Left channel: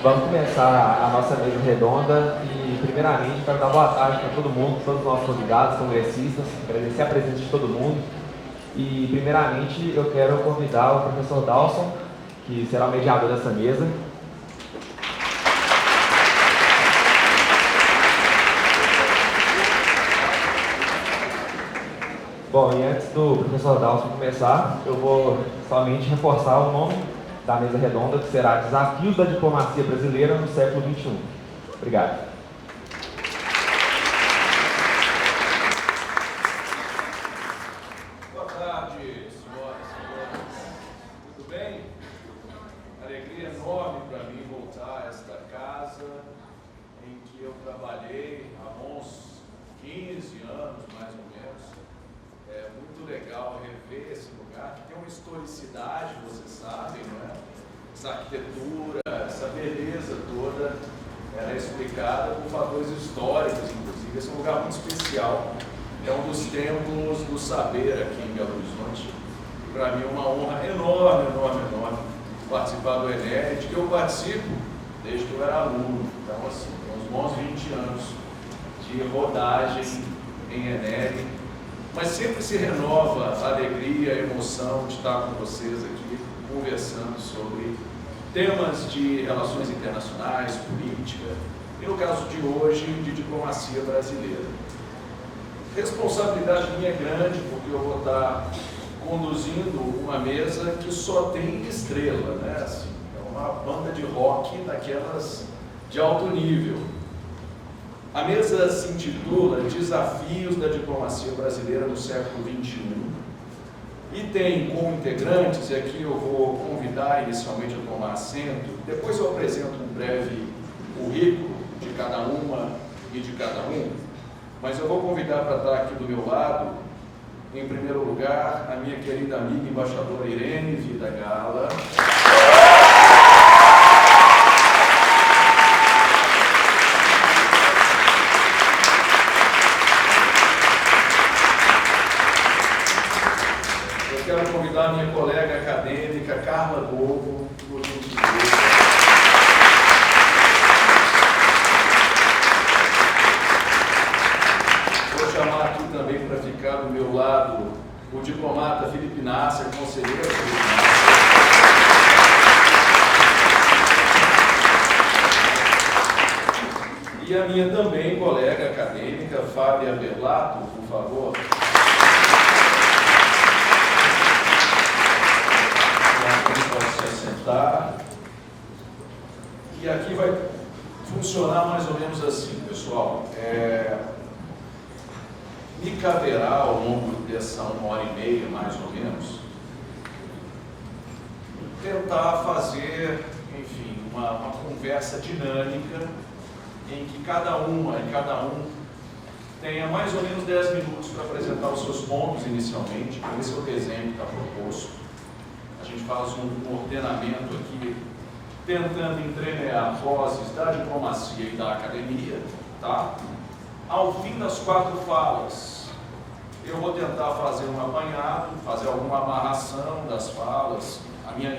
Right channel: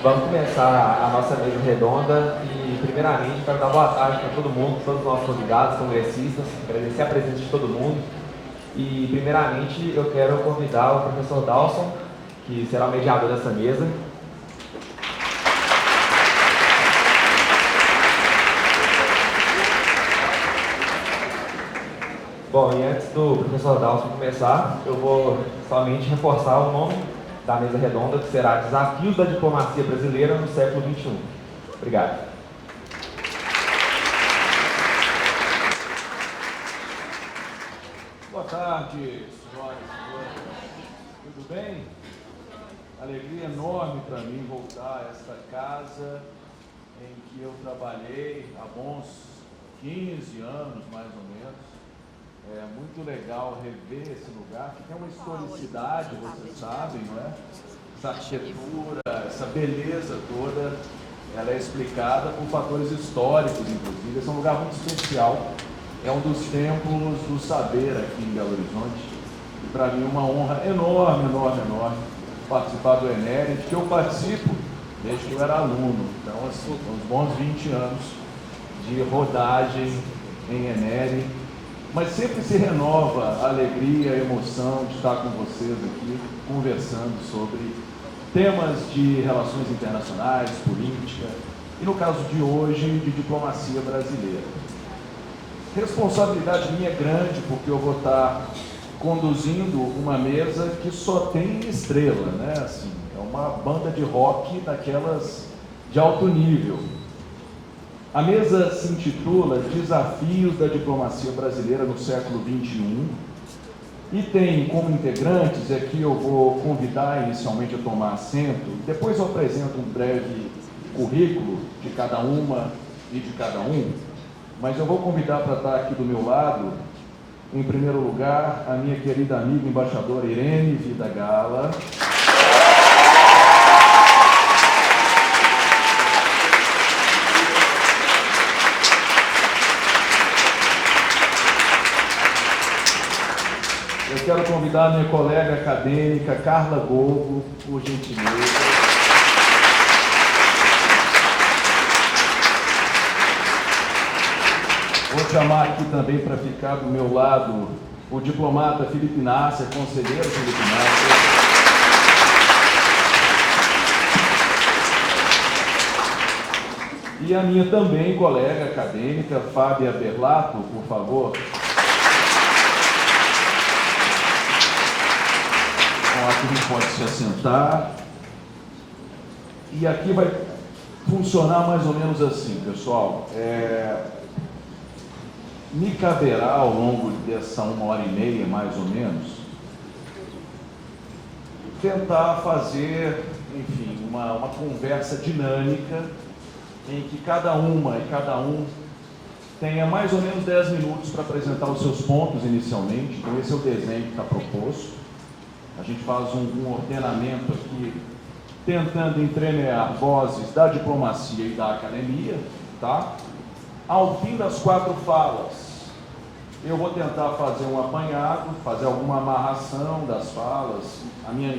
Vamos começar a nossa mesa redonda e, primeiramente, quero dar boa tarde para todo mundo, todos os nossos convidados, congressistas, agradecer a presença de todo mundo. E, primeiramente, eu quero convidar o professor Dawson, que será o mediador dessa mesa. Bom, e antes do professor Dawson começar, eu vou somente reforçar o nome da mesa redonda, que será Desafios da Diplomacia Brasileira no Século XXI. Obrigado. Boa tarde, senhoras e senhores. Tudo bem? Alegria enorme para mim voltar a esta casa em que eu trabalhei há bons 15 anos, mais ou menos. É muito legal rever esse lugar, que tem uma historicidade, vocês sabem, não é? Essa arquitetura, essa beleza toda, ela é explicada por fatores históricos, inclusive. Esse é um lugar muito especial. É um dos templos do saber aqui em Belo Horizonte. E para mim é uma honra enorme, enorme, enorme participar do ENERE, de que eu participo desde que eu era aluno. Então, assim, uns bons 20 anos de rodagem em ENERE. Mas sempre se renova a alegria, a emoção de estar com vocês aqui, conversando sobre temas de relações internacionais, política, e no caso de hoje, de diplomacia brasileira. Responsabilidade minha é grande, porque eu vou estar conduzindo uma mesa que só tem estrela, né? Assim, é uma banda de rock daquelas de alto nível. A mesa se intitula Desafios da Diplomacia Brasileira no Século XXI e tem como integrantes, e aqui eu vou convidar inicialmente a tomar assento, depois eu apresento um breve currículo de cada uma e de cada um, mas eu vou convidar para estar aqui do meu lado, em primeiro lugar, a minha querida amiga embaixadora Irene Vidagallo. Eu quero convidar a minha colega acadêmica Carla Golbo, por gentileza. Vou chamar aqui também para ficar do meu lado o diplomata Felipe Nasser, conselheiro Felipe Nasser. E a minha também colega acadêmica, Fábia Berlato, por favor. Aqui pode se assentar. E aqui vai funcionar mais ou menos assim, pessoal. Me caberá ao longo dessa 1h30, mais ou menos, tentar fazer, enfim, uma conversa dinâmica em que cada uma e cada um tenha mais ou menos 10 minutos para apresentar os seus pontos inicialmente. Então esse é o desenho que está proposto. A gente faz um ordenamento aqui, tentando entremear vozes da diplomacia e da academia, tá? Ao fim das 4 falas, eu vou tentar fazer um apanhado, fazer alguma amarração das falas, a minha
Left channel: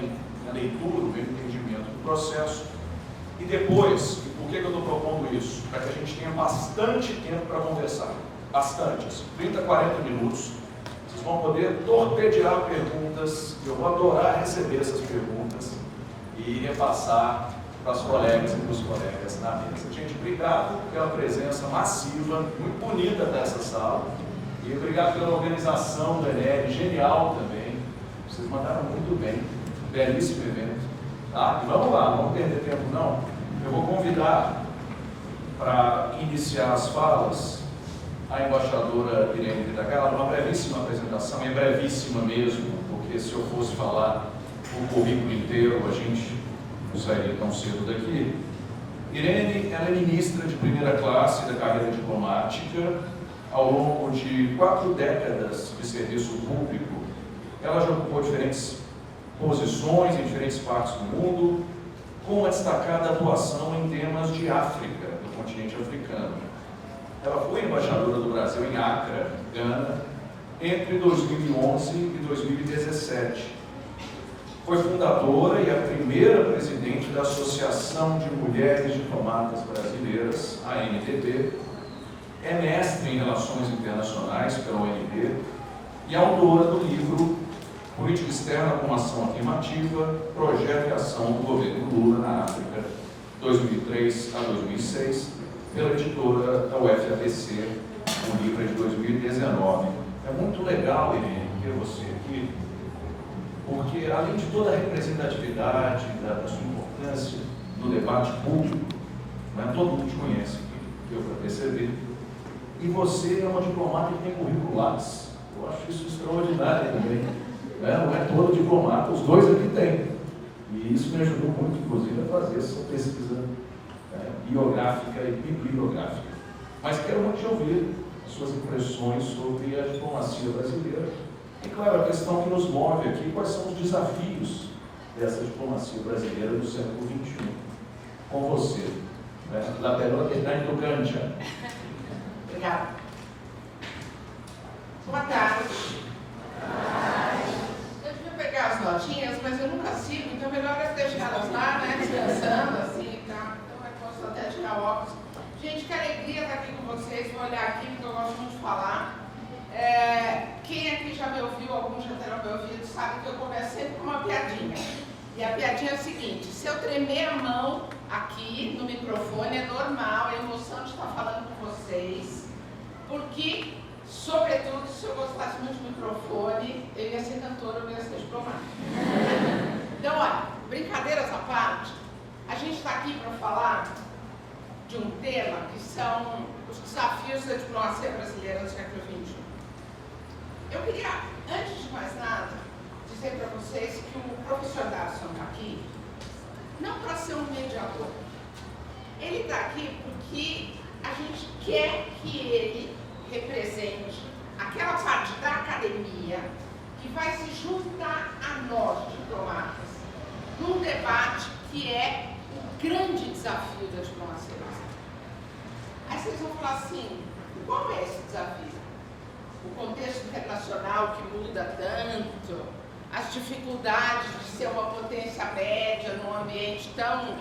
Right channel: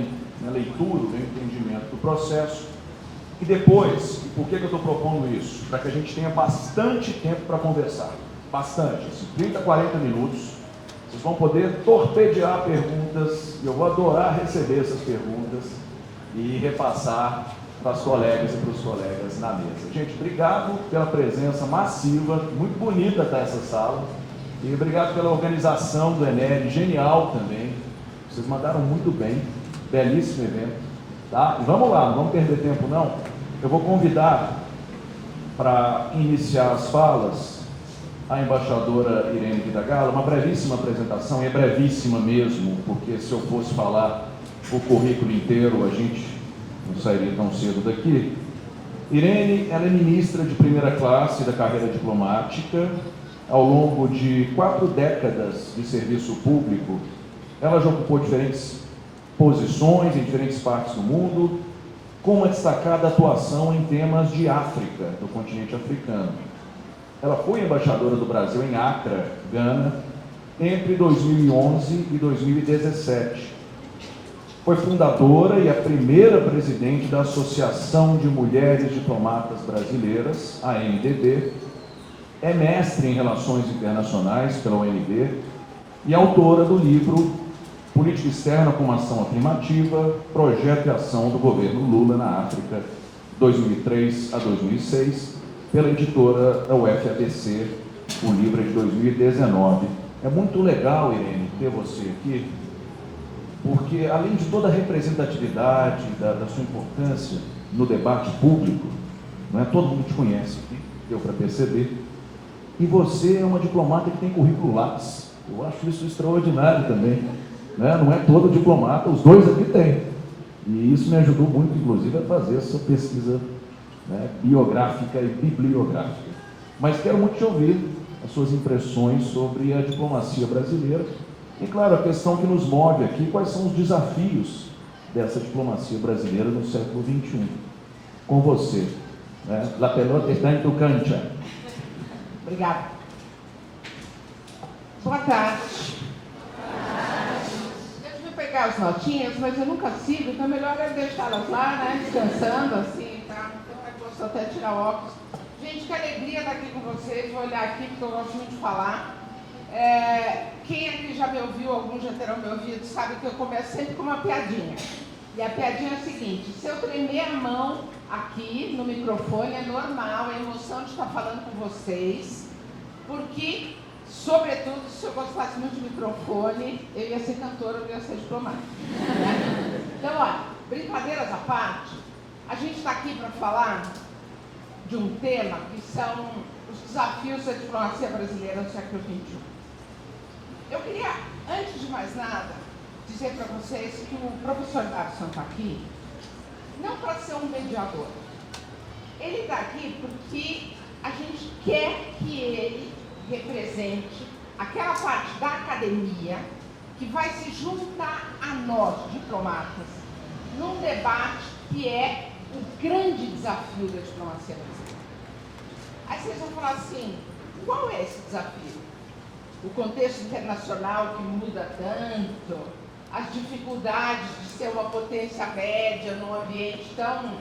leitura, o meu entendimento do processo. E depois, por que eu estou propondo isso? Para que a gente tenha bastante tempo para conversar. Bastante, assim, 30, 40 minutos. Vocês vão poder torpedear perguntas, eu vou adorar receber essas perguntas e repassar para as colegas e para os colegas na mesa. Gente, obrigado pela presença massiva, muito bonita dessa sala, e obrigado pela organização do ENERE, genial também, vocês mandaram muito bem, belíssimo evento, tá? E vamos lá, não vamos perder tempo não, eu vou convidar para iniciar as falas a embaixadora Irene Vidagallo, uma brevíssima apresentação, e é brevíssima mesmo, porque se eu fosse falar o currículo inteiro, a gente não sairia tão cedo daqui. Irene, ela é ministra de primeira classe da carreira diplomática. Ao longo de 4 décadas de serviço público, ela já ocupou diferentes posições em diferentes partes do mundo, com uma destacada atuação em temas de África, do continente africano. Ela foi embaixadora do Brasil em Accra, Gana, entre 2011 e 2017. Foi fundadora e a primeira presidente da Associação de Mulheres Diplomatas Brasileiras, a AMDB, é mestre em Relações Internacionais pela UNB e autora do livro Política Externa com Ação Afirmativa, Projeto e Ação do Governo Lula na África, 2003 a 2006, pela editora da UFABC, o livro é de 2019. É muito legal, Irene, ter você aqui, porque além de toda a representatividade da sua importância no debate público, não é? Todo mundo te conhece aqui, deu para perceber, e você é uma diplomata que tem currículo Lattes. Eu acho isso extraordinário também. Não é todo diplomata, os dois aqui têm. E isso me ajudou muito, inclusive, a fazer essa pesquisa, né, biográfica e bibliográfica. Mas quero muito te ouvir as suas impressões sobre a diplomacia brasileira e, claro, a questão que nos move aqui, quais são os desafios dessa diplomacia brasileira no século XXI. Com você. Né? La pelota está em tu cancha. Obrigada. Boa tarde. Eu devia pegar as notinhas, mas eu nunca sigo, então melhor eu deixá-las lá, né, descansando assim, tá? Então eu posso até tirar o óculos. Gente, que alegria estar aqui com vocês. Vou olhar aqui porque eu gosto muito de falar. Quem aqui já me ouviu, alguns já terão me ouvido, sabe que eu começo sempre com uma piadinha. E a piadinha é a seguinte: se eu tremer a mão aqui no microfone é normal, é a emoção de estar falando com vocês, porque, sobretudo, se eu gostasse muito de microfone, eu ia ser cantora, eu ia ser diplomata. Então, olha, brincadeiras à parte, a gente está aqui para falar de um tema que são os desafios da diplomacia brasileira no século XXI. Eu queria, antes de mais nada, dizer para vocês que o professor Darson está aqui não para ser um mediador. Ele está aqui porque a gente quer que ele represente aquela parte da academia que vai se juntar a nós, diplomatas, num debate que é o grande desafio da diplomacia brasileira. Aí vocês vão falar assim: qual é esse desafio? O contexto internacional que muda tanto, as dificuldades de ser uma potência média num ambiente tão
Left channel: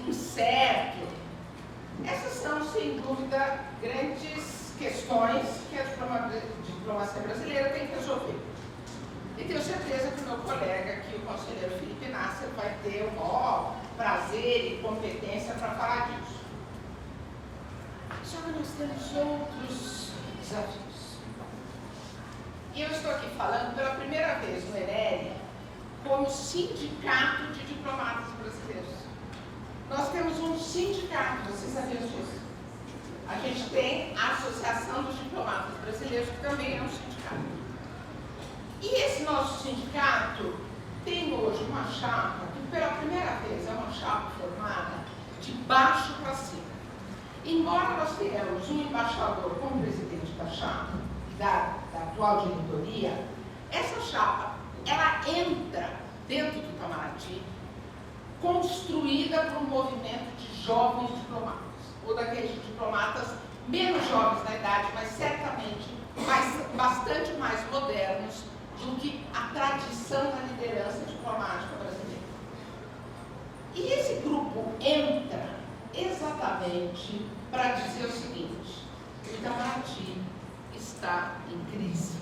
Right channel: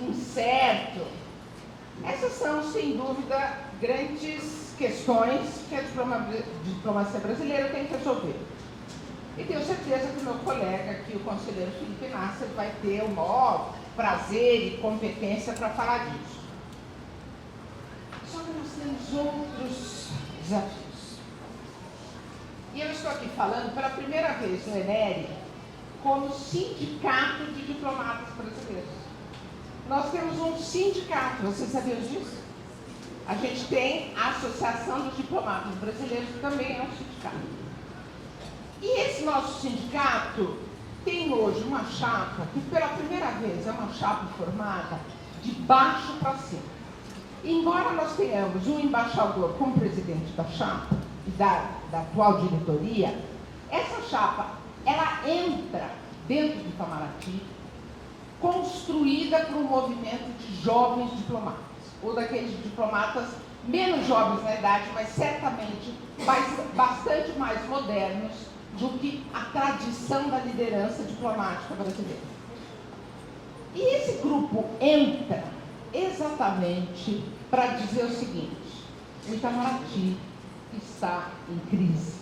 incerto. Essas são, sem dúvida, grandes questões que a diplomacia brasileira tem que resolver. E tenho certeza que meu colega aqui, o conselheiro Felipe Nasser, vai ter o maior prazer e competência para falar disso. Só que nós temos outros desafios. E eu estou aqui falando pela primeira vez no ENERE como sindicato de diplomatas brasileiros. Nós temos um sindicato, vocês sabiam disso? A gente tem a Associação dos Diplomatas Brasileiros, que também é um sindicato. E esse nosso sindicato tem hoje uma chapa, que pela primeira vez é uma chapa formada de baixo para cima. Embora nós tenhamos um embaixador como presidente da chapa, da atual diretoria, essa chapa, ela entra dentro do Itamaraty construída para um movimento de jovens diplomatas, ou daqueles diplomatas menos jovens na idade, mas certamente bastante mais modernos do que a tradição da liderança diplomática brasileira. E esse grupo entra exatamente para dizer o seguinte: o Itamaraty está em crise.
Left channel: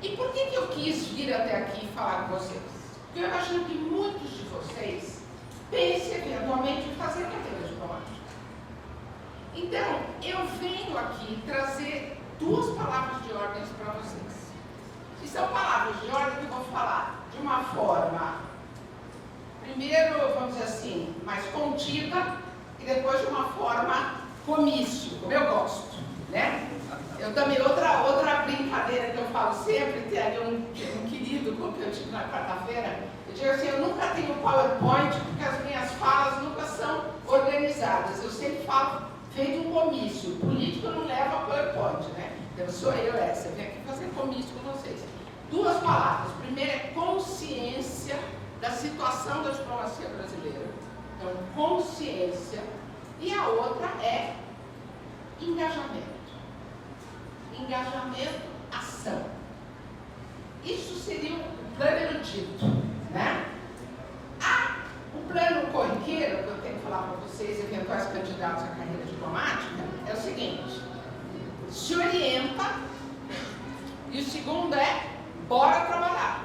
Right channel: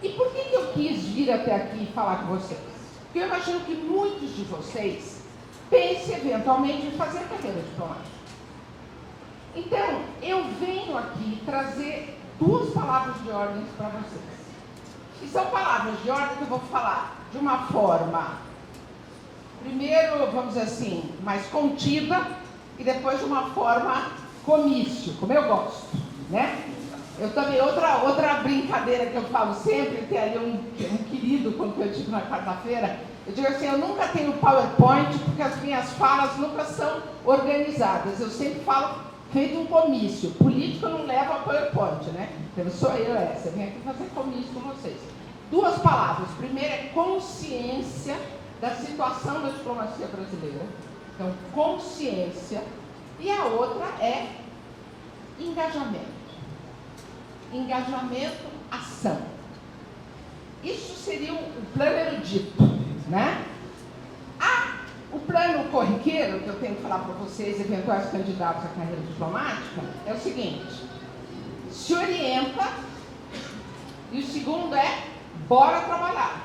E por que eu quis vir até aqui falar com vocês? Porque eu imagino que muitos de vocês pensem eventualmente em fazer carreira diplomática. Então, eu venho aqui trazer duas palavras de ordem para vocês. E são palavras de ordem que eu vou falar de uma forma, primeiro, vamos dizer assim, mais contida, e depois de uma forma comício, como eu gosto, né? Eu também, outra brincadeira que eu falo sempre, tem ali um querido com que eu tive na quarta-feira, eu digo assim: eu nunca tenho PowerPoint porque as minhas falas nunca são organizadas, eu sempre falo feito um comício. Político não leva PowerPoint, né? Então sou eu essa, eu venho aqui fazer comício com vocês. Duas palavras: primeiro é consciência da situação da diplomacia brasileira, então consciência, e a outra é engajamento. Engajamento, ação. E Isso seria o plano erudito, né? O plano corriqueiro, que eu tenho que falar para vocês, eventuais candidatos à carreira diplomática, é o seguinte: se orienta, e o segundo é bora trabalhar.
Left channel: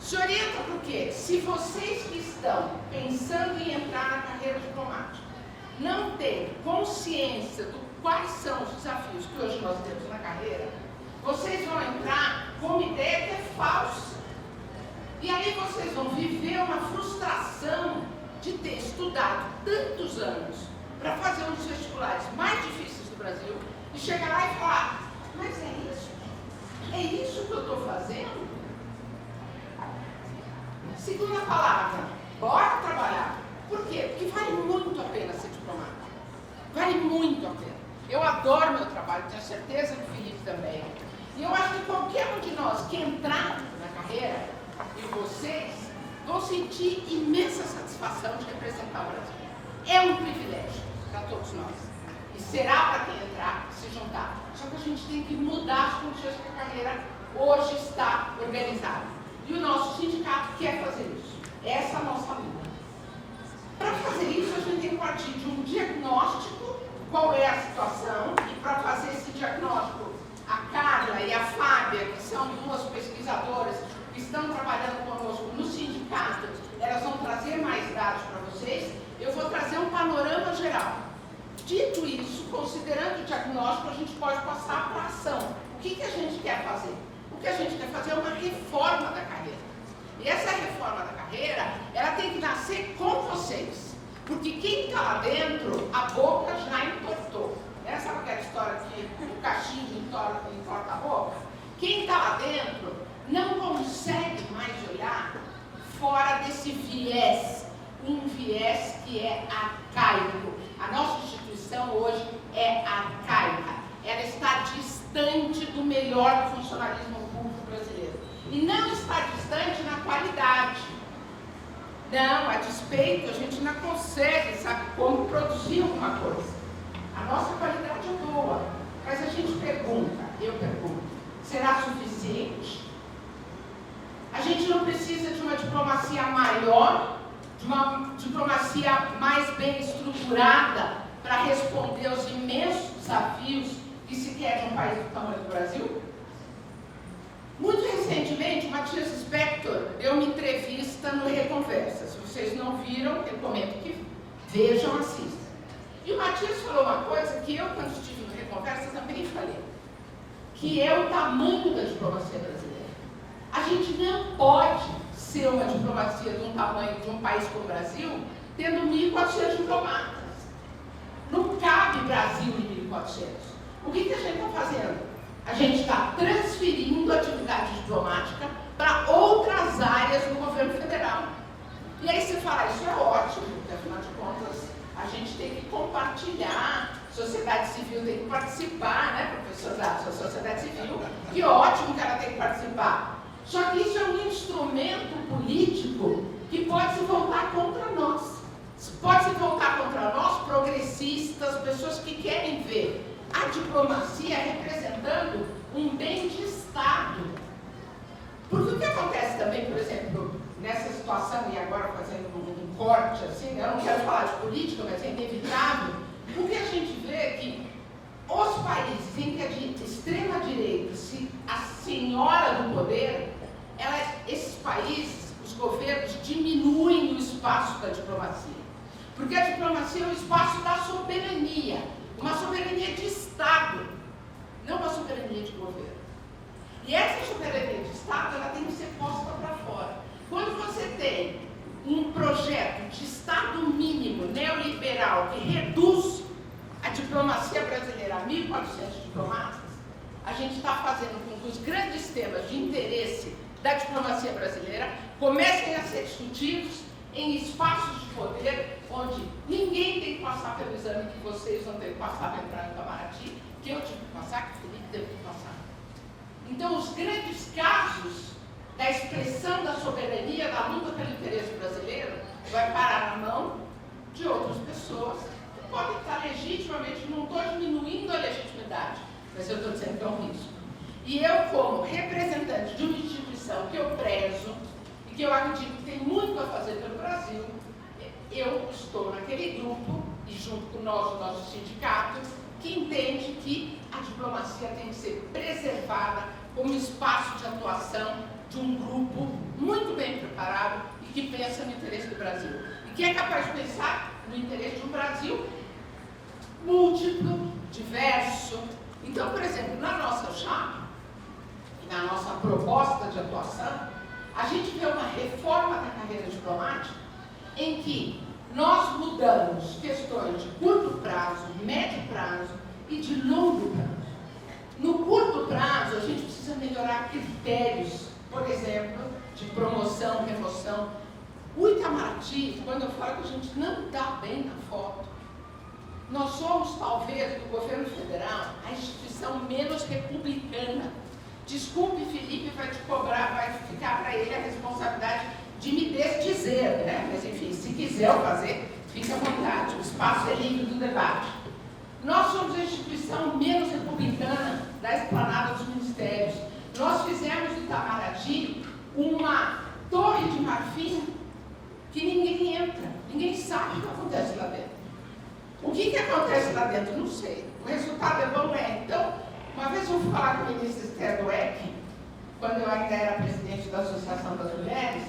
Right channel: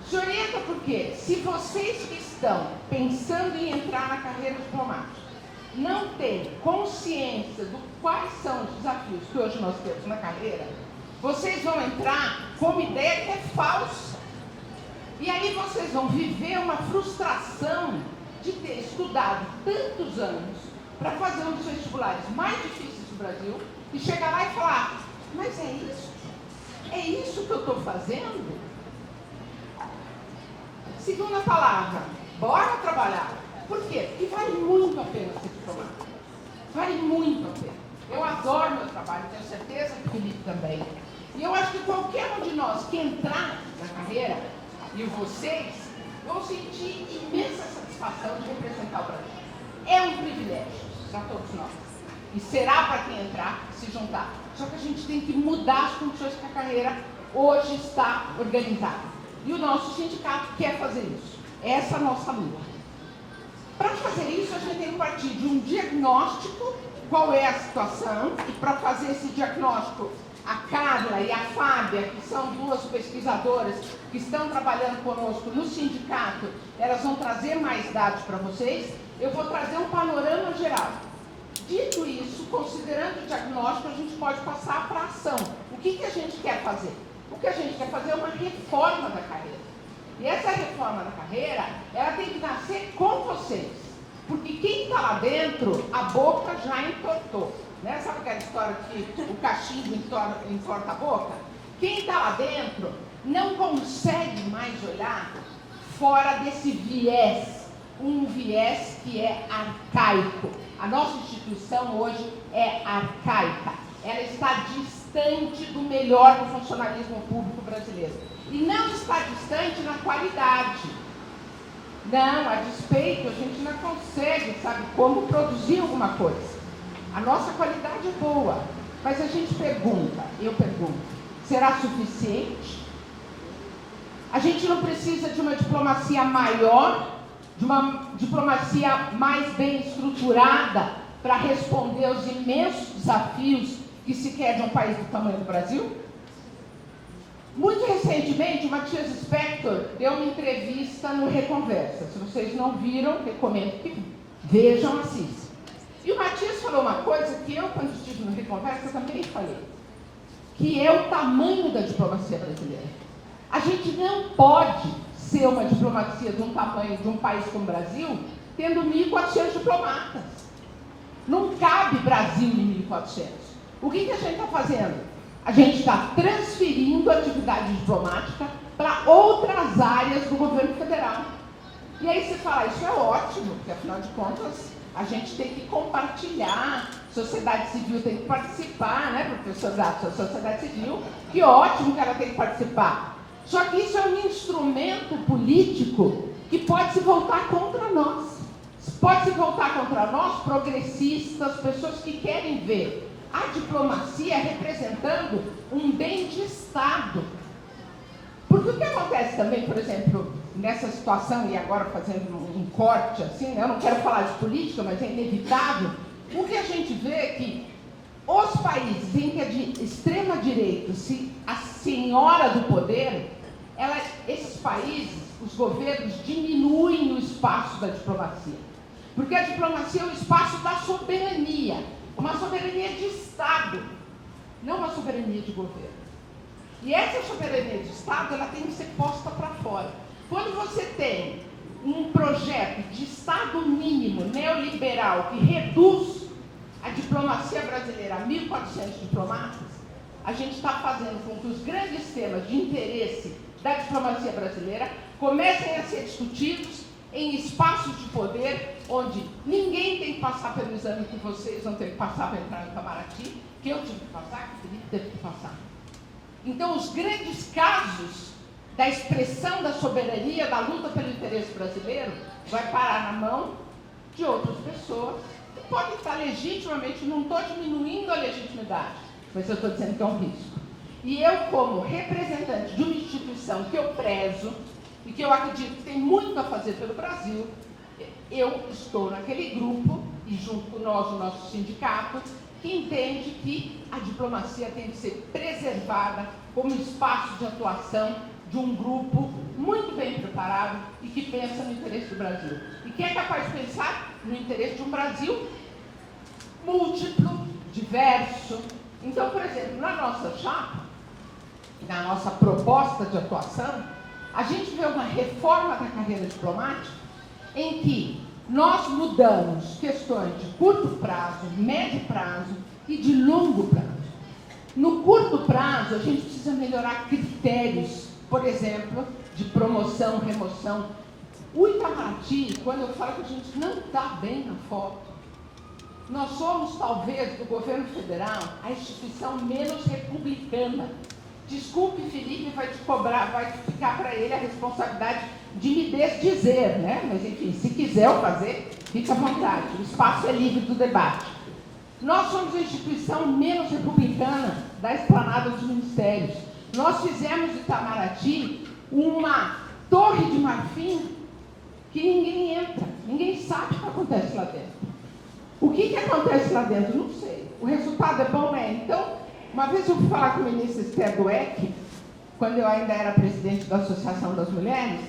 Se orienta porque, se vocês que estão pensando em entrar na carreira diplomática não têm consciência de quais são os desafios que hoje nós temos na carreira, vocês vão entrar com uma ideia que é falsa. E aí vocês vão viver uma frustração de ter estudado tantos anos para fazer um dos vestibulares mais difíceis do Brasil e chegar lá e falar: mas é isso? É isso que eu estou fazendo? Segunda palavra, bora trabalhar. Por quê? Porque vale muito a pena ser diplomata. Vale muito a pena. Eu adoro meu trabalho, tenho certeza que o Felipe também. E eu acho que qualquer um de nós que entrar na carreira, e vocês, vão sentir imensa satisfação de representar o Brasil. É um privilégio para todos nós. E será para quem entrar se juntar. Só que a gente tem que mudar as condições que a carreira hoje está organizada. E o nosso sindicato quer fazer isso. Essa é a nossa luta. Para fazer isso, a gente tem que partir de um diagnóstico, qual é a situação, e para fazer esse diagnóstico, a Carla e a Fábia, que são duas pesquisadoras que estão trabalhando conosco no sindicato, elas vão trazer mais dados para vocês. Eu vou trazer um panorama geral. Dito isso, considerando o diagnóstico, a gente pode passar para a ação. O que a gente quer fazer? O que a gente quer fazer é uma reforma da carreira. E essa reforma da carreira, ela tem que nascer com vocês. Porque quem está lá dentro, a boca já entortou. Né? Sabe aquela história que o cachimbo entorta a boca? Quem está lá dentro não consegue mais olhar fora desse viés. Um viés que é arcaico. A nossa instituição hoje é arcaica. Ela está distante do melhor do funcionalismo público brasileiro. E não está distante na qualidade. Não, a despeito, a gente não consegue, sabe, como produzir alguma coisa. A nossa qualidade é boa, mas a gente pergunta, eu pergunto, será suficiente? A gente não precisa de uma diplomacia maior, de uma diplomacia mais bem estruturada para responder aos imensos desafios que se quer de um país do tamanho do Brasil? Muito recentemente, o Matias Spector deu uma entrevista no Reconversa. Se vocês não viram, recomendo que vejam, assistam. E o Matias falou uma coisa que eu, quando estive no Reconversa, também falei, que é o tamanho da diplomacia brasileira. A gente não pode ser uma diplomacia de um tamanho de um país como o Brasil, tendo 1.400 diplomatas. Não cabe Brasil em 1.400. O que a gente está fazendo? A gente está transferindo a atividade diplomática para outras áreas do governo federal. E aí você fala, isso é ótimo, porque afinal de contas a gente tem que compartilhar, sociedade civil tem que participar, né, professor Zato, sociedade civil, que ótimo que ela tem que participar. Só que isso é um instrumento político que pode se voltar contra nós. Pode se voltar contra nós, progressistas, pessoas que querem ver a diplomacia representando um bem de Estado. Porque o que acontece também, por exemplo, nessa situação, e agora fazendo um corte assim, né? Eu não quero falar de política, mas é inevitável, o que a gente vê é que os países em que é de extrema direita, a senhora do poder, esses países, os governos diminuem o espaço da diplomacia. Porque a diplomacia é um espaço da soberania, uma soberania de Estado, não uma soberania de governo. E essa soberania de Estado, ela tem que ser posta para fora. Quando você tem um projeto de Estado mínimo neoliberal que reduz a diplomacia brasileira a 1.400 diplomatas, a gente está fazendo com que os grandes temas de interesse da diplomacia brasileira comecem a ser discutidos em espaços de poder onde ninguém tem que passar pelo exame que vocês não têm que passar para entrar no Itamaraty, que eu tive que passar, que o Felipe teve que passar. Então, os grandes casos da expressão da soberania, da luta pelo interesse brasileiro, vai parar na mão de outras pessoas que podem estar legitimamente, não estou diminuindo a legitimidade, mas eu estou dizendo que é um risco. E eu, como representante de uma instituição que eu prezo e que eu acredito que tem muito a fazer pelo Brasil, eu estou naquele grupo, e junto com nós, o nosso sindicato, que entende que a diplomacia tem que ser preservada como espaço de atuação de um grupo muito bem preparado e que pensa no interesse do Brasil. E que é capaz de pensar no interesse de um Brasil múltiplo, diverso. Então, por exemplo, na nossa chapa, na nossa proposta de atuação, a gente vê uma reforma da carreira diplomática em que nós mudamos questões de curto prazo, médio prazo e de longo prazo. No curto prazo, a gente precisa melhorar critérios, por exemplo, de promoção, remoção. O Itamaraty, quando eu falo que a gente não está bem na foto, nós somos, talvez, do governo federal, a instituição menos republicana. Desculpe, Felipe, vai te cobrar, vai ficar para ele a responsabilidade de me desdizer, né? Mas, enfim, se quiser eu fazer, fica à vontade. O espaço é livre do debate. Nós somos a instituição menos republicana da esplanada dos ministérios. Nós fizemos do Itamaraty uma torre de marfim que ninguém entra, ninguém sabe o que acontece lá dentro. O que acontece lá dentro? Não sei. O resultado é bom, né? Então, uma vez eu fui falar com a ministra Esther Dweck, quando eu ainda era presidente da Associação das Mulheres,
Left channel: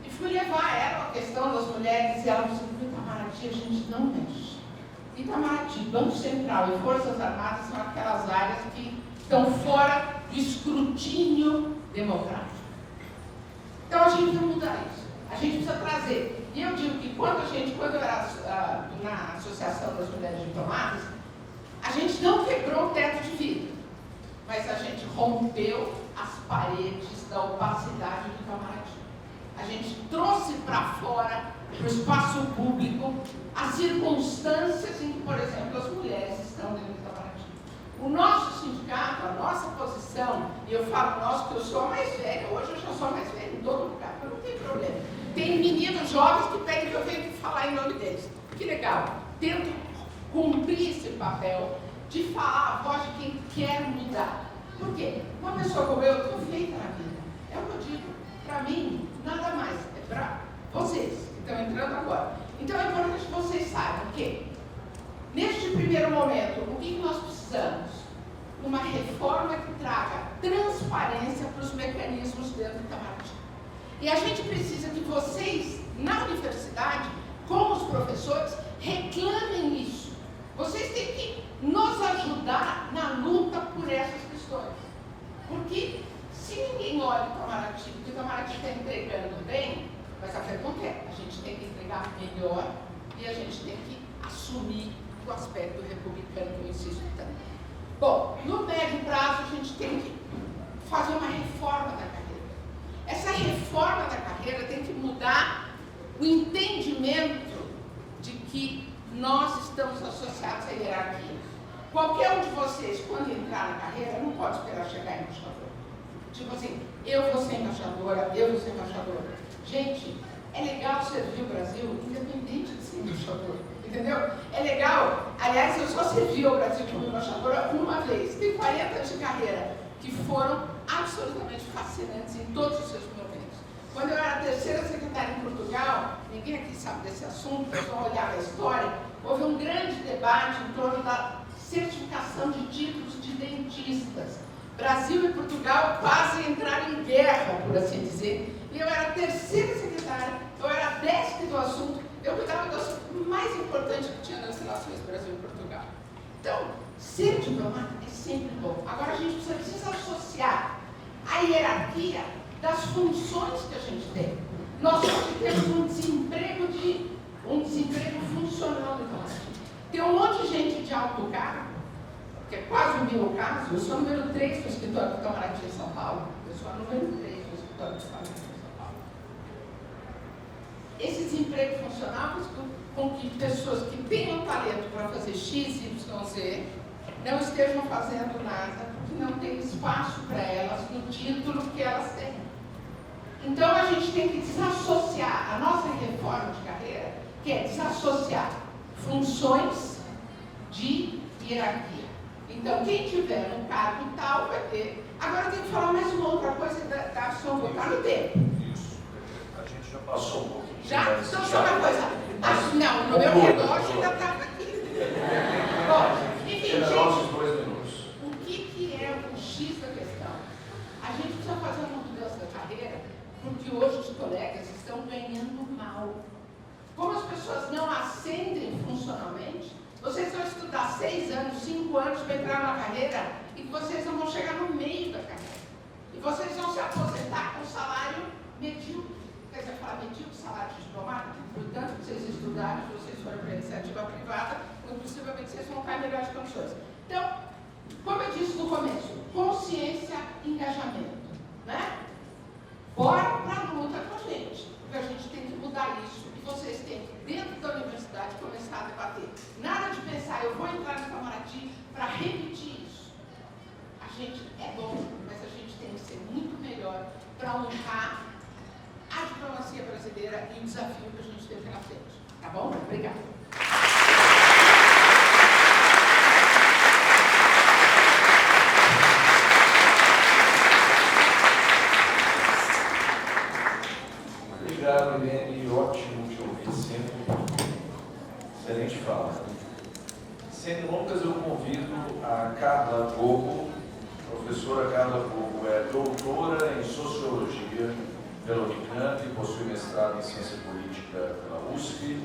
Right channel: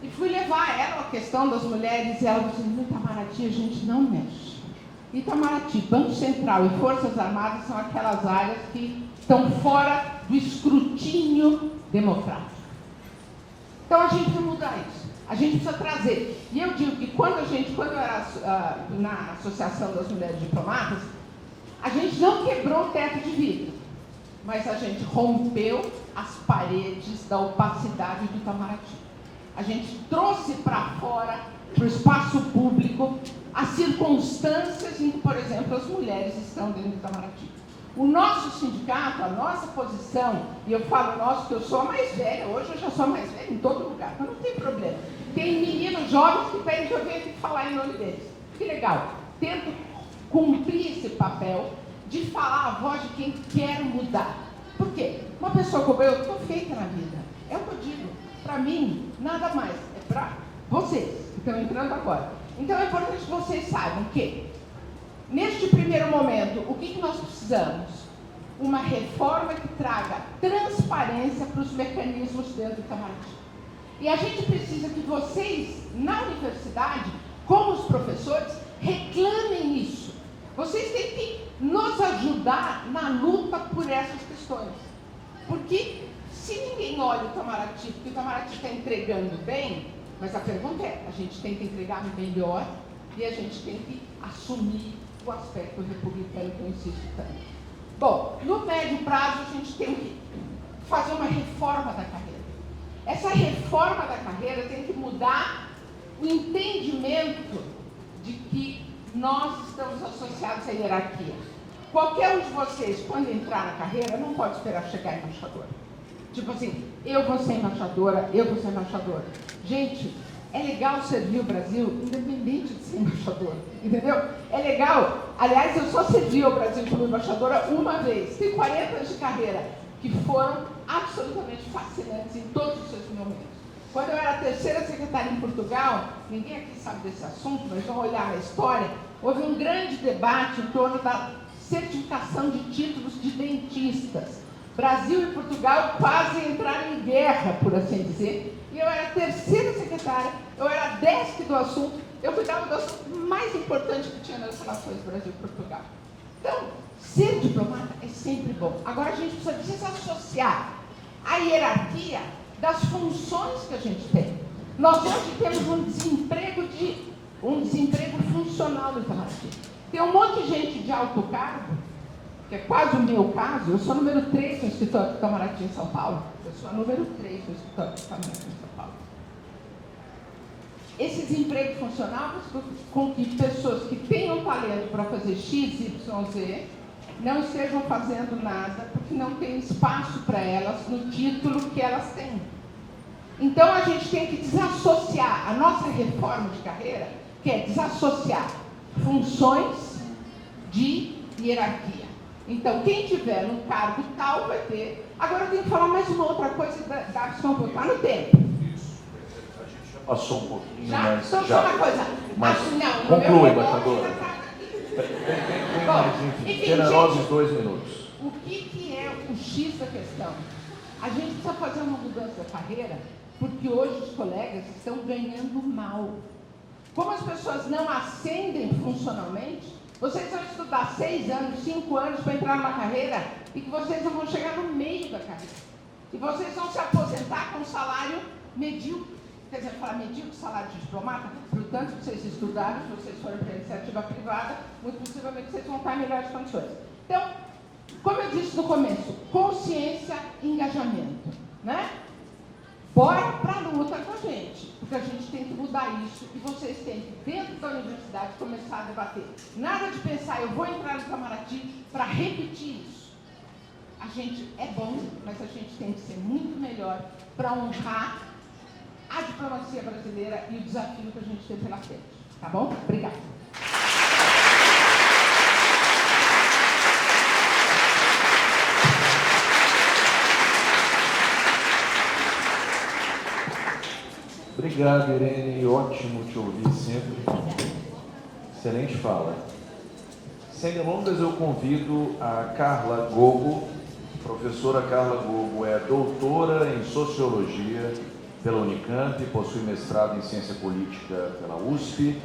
e fui levar a ela a questão das mulheres, e ela disse, no Itamaraty a gente não mexe. Itamaraty, Banco Central e Forças Armadas são aquelas áreas que estão fora do escrutínio democrático. Então a gente precisa mudar isso, a gente precisa trazer. E eu digo que quando eu era na Associação das Mulheres Diplomatas, a gente não quebrou o teto de vidro, mas a gente rompeu as paredes da opacidade do Itamaraty. A gente trouxe para fora, para o espaço público, as circunstâncias em que, por exemplo, as mulheres estão dentro do Itamaraty. O nosso sindicato, a nossa posição, e eu falo nosso porque eu sou a mais velha, hoje eu já sou a mais velha em todo lugar, mas não tem problema. Tem meninos jovens que pedem que eu venha falar em nome deles. Que legal. Tento cumprir esse papel de falar a voz de quem quer mudar. Por quê? Uma pessoa como eu estou feita na vida. É o que eu digo. Para mim, nada mais. É para vocês que estão entrando agora. Então é importante que vocês saibam que, neste primeiro momento, o que nós precisamos? Uma reforma que traga transparência para os mecanismos dentro do Itamaraty. E a gente precisa que vocês, na universidade, como os professores, reclamem isso. Vocês têm que nos ajudar na luta por essas questões. Porque se ninguém olha o Itamaraty, porque o Itamaraty está entregando bem, mas a pergunta é, a gente tem que entregar melhor e a gente tem que assumir o aspecto republicano que eu insisto tanto. Bom, no médio prazo a gente tem que fazer uma reforma da carreira. Essa reforma da carreira tem que mudar o entendimento de que nós estamos associados à hierarquia. Qualquer um de vocês, quando entrar na carreira, não pode esperar chegar embaixador. Tipo assim, eu vou ser embaixadora, eu vou ser embaixadora. Gente, é legal servir o Brasil independente de ser embaixador, entendeu? É legal. Aliás, eu só servi o Brasil como embaixadora uma vez. Tem 40 anos de carreira que foram absolutamente fascinantes em todos os seus momentos. Quando eu era terceira secretária em Portugal, ninguém aqui sabe desse assunto, mas vamos olhar na história, houve um grande debate em torno da certificação de títulos de dentistas. Brasil e Portugal quase entraram em guerra, por assim dizer, e eu era terceira secretária, eu era desk do assunto, eu cuidava do assunto mais importante que tinha nas relações Brasil e Portugal. Então, ser diplomata é sempre bom. Agora a gente precisa desassociar a hierarquia das funções que a gente tem. Nós hoje temos um desemprego funcional no Itamaraty. Tem um monte de gente de alto cargo, que é quase o meu caso, eu sou número 3 no escritório do Itamaraty em São Paulo. Eu sou a número 3 no escritório do Itamaraty em São Paulo. Esse desemprego funcional faz com que pessoas que tenham talento para fazer X, Y, Z, não estejam fazendo nada, porque não tem espaço para elas no título que elas têm. Então a gente tem que desassociar a nossa reforma de carreira, que é desassociar funções de hierarquia. Então, quem tiver no cargo tal vai ter. Agora eu tenho que falar mais uma outra coisa da ação voltar no tempo. Isso. A gente já passou um pouquinho. Já? Mas Então, já. só uma coisa. Mas Não, no meu conclui, relógio embaixador. ainda estava aqui. Tem Bom, mais, enfim, generosos gente, 2 minutos. o que é o X da questão? A gente precisa fazer uma mudança da carreira, porque hoje os colegas estão ganhando mal. Como as pessoas não ascendem funcionalmente, vocês vão estudar 6 anos, 5 anos para entrar numa carreira e que vocês não vão chegar no meio da carreira. E vocês vão se aposentar com um salário medíocre. Quer dizer, falar medíocre, salário de diplomata, portanto, que vocês estudaram, se vocês forem para a iniciativa privada, muito possivelmente vocês vão estar em melhores condições. Então, como eu disse no começo, consciência e engajamento, né? Bora para a luta com a gente, porque a gente tem que mudar isso e vocês têm que, dentro da universidade, começar a debater. Nada de pensar, eu vou entrar no Itamaraty para repetir isso. A gente é bom, mas a gente tem que ser muito melhor para honrar a diplomacia brasileira e o desafio que a gente tem pela frente. Tá bom? Obrigada. Obrigado, Irene. Ótimo te ouvir sempre. Excelente fala. Sem delongas, eu convido a Carla Gogo. Professora Carla Gogo é doutora em Sociologia pela Unicamp, possui mestrado em Ciência Política pela USP,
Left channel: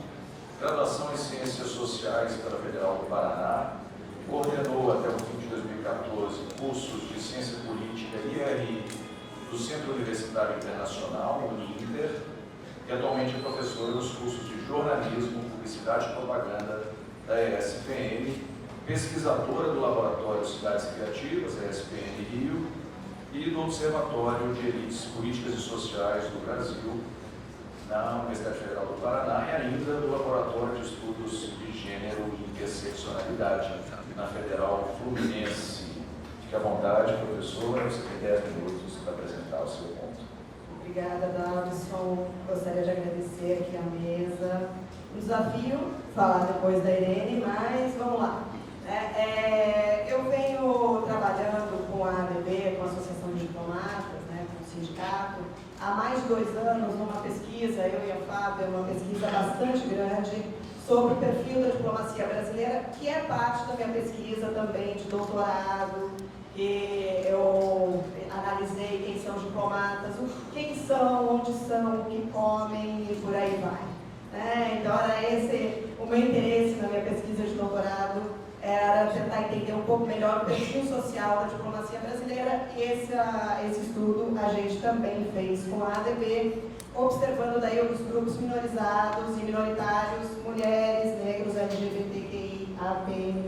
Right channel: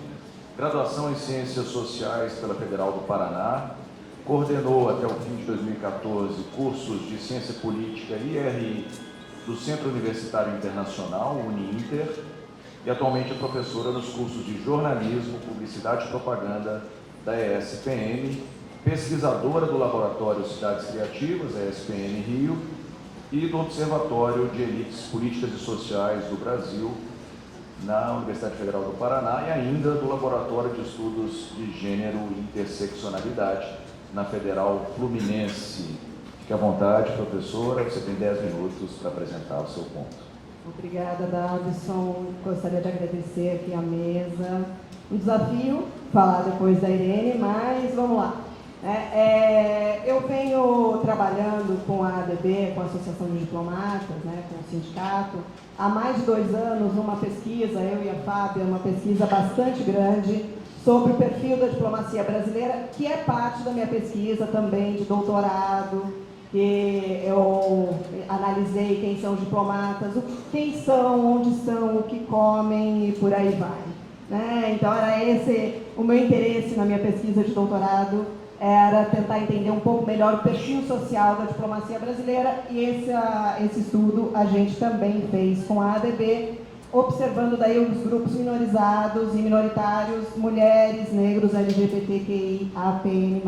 graduação em Ciências Sociais pela Federal do Paraná, coordenou até o fim de 2014 cursos de Ciência Política IRI do Centro Universitário Internacional, UniInter, e atualmente é professora dos cursos de Jornalismo, Publicidade e Propaganda da ESPM, pesquisadora do Laboratório Cidades Criativas, a ESPM Rio, e do Observatório de Elites Políticas e Sociais do Brasil, na Universidade Federal do Paraná, e ainda do Laboratório de Estudos de Gênero e Interseccionalidade, na Federal Fluminense. Fique à vontade, professora, você tem 10 minutos para apresentar o seu ponto. Obrigada, Davison. Gostaria de agradecer aqui a mesa. Um desafio falar depois da Irene, mas vamos lá. Eu venho trabalhando com a ADB, com a Associação de Diplomatas, com o sindicato, há mais de 2 anos, numa pesquisa, eu e a Fábia, uma pesquisa bastante grande sobre o perfil da diplomacia brasileira, que é parte da minha pesquisa também de doutorado, que eu analisei quem são os diplomatas, quem são, onde são, o que comem e por aí vai. Então, era esse o meu interesse na minha pesquisa de doutorado, era tentar entender um pouco melhor o perfil social da diplomacia brasileira, e esse estudo a gente também fez com a ADB, observando daí os grupos minorizados e minoritários, mulheres, negros, LGBTQI, APM+.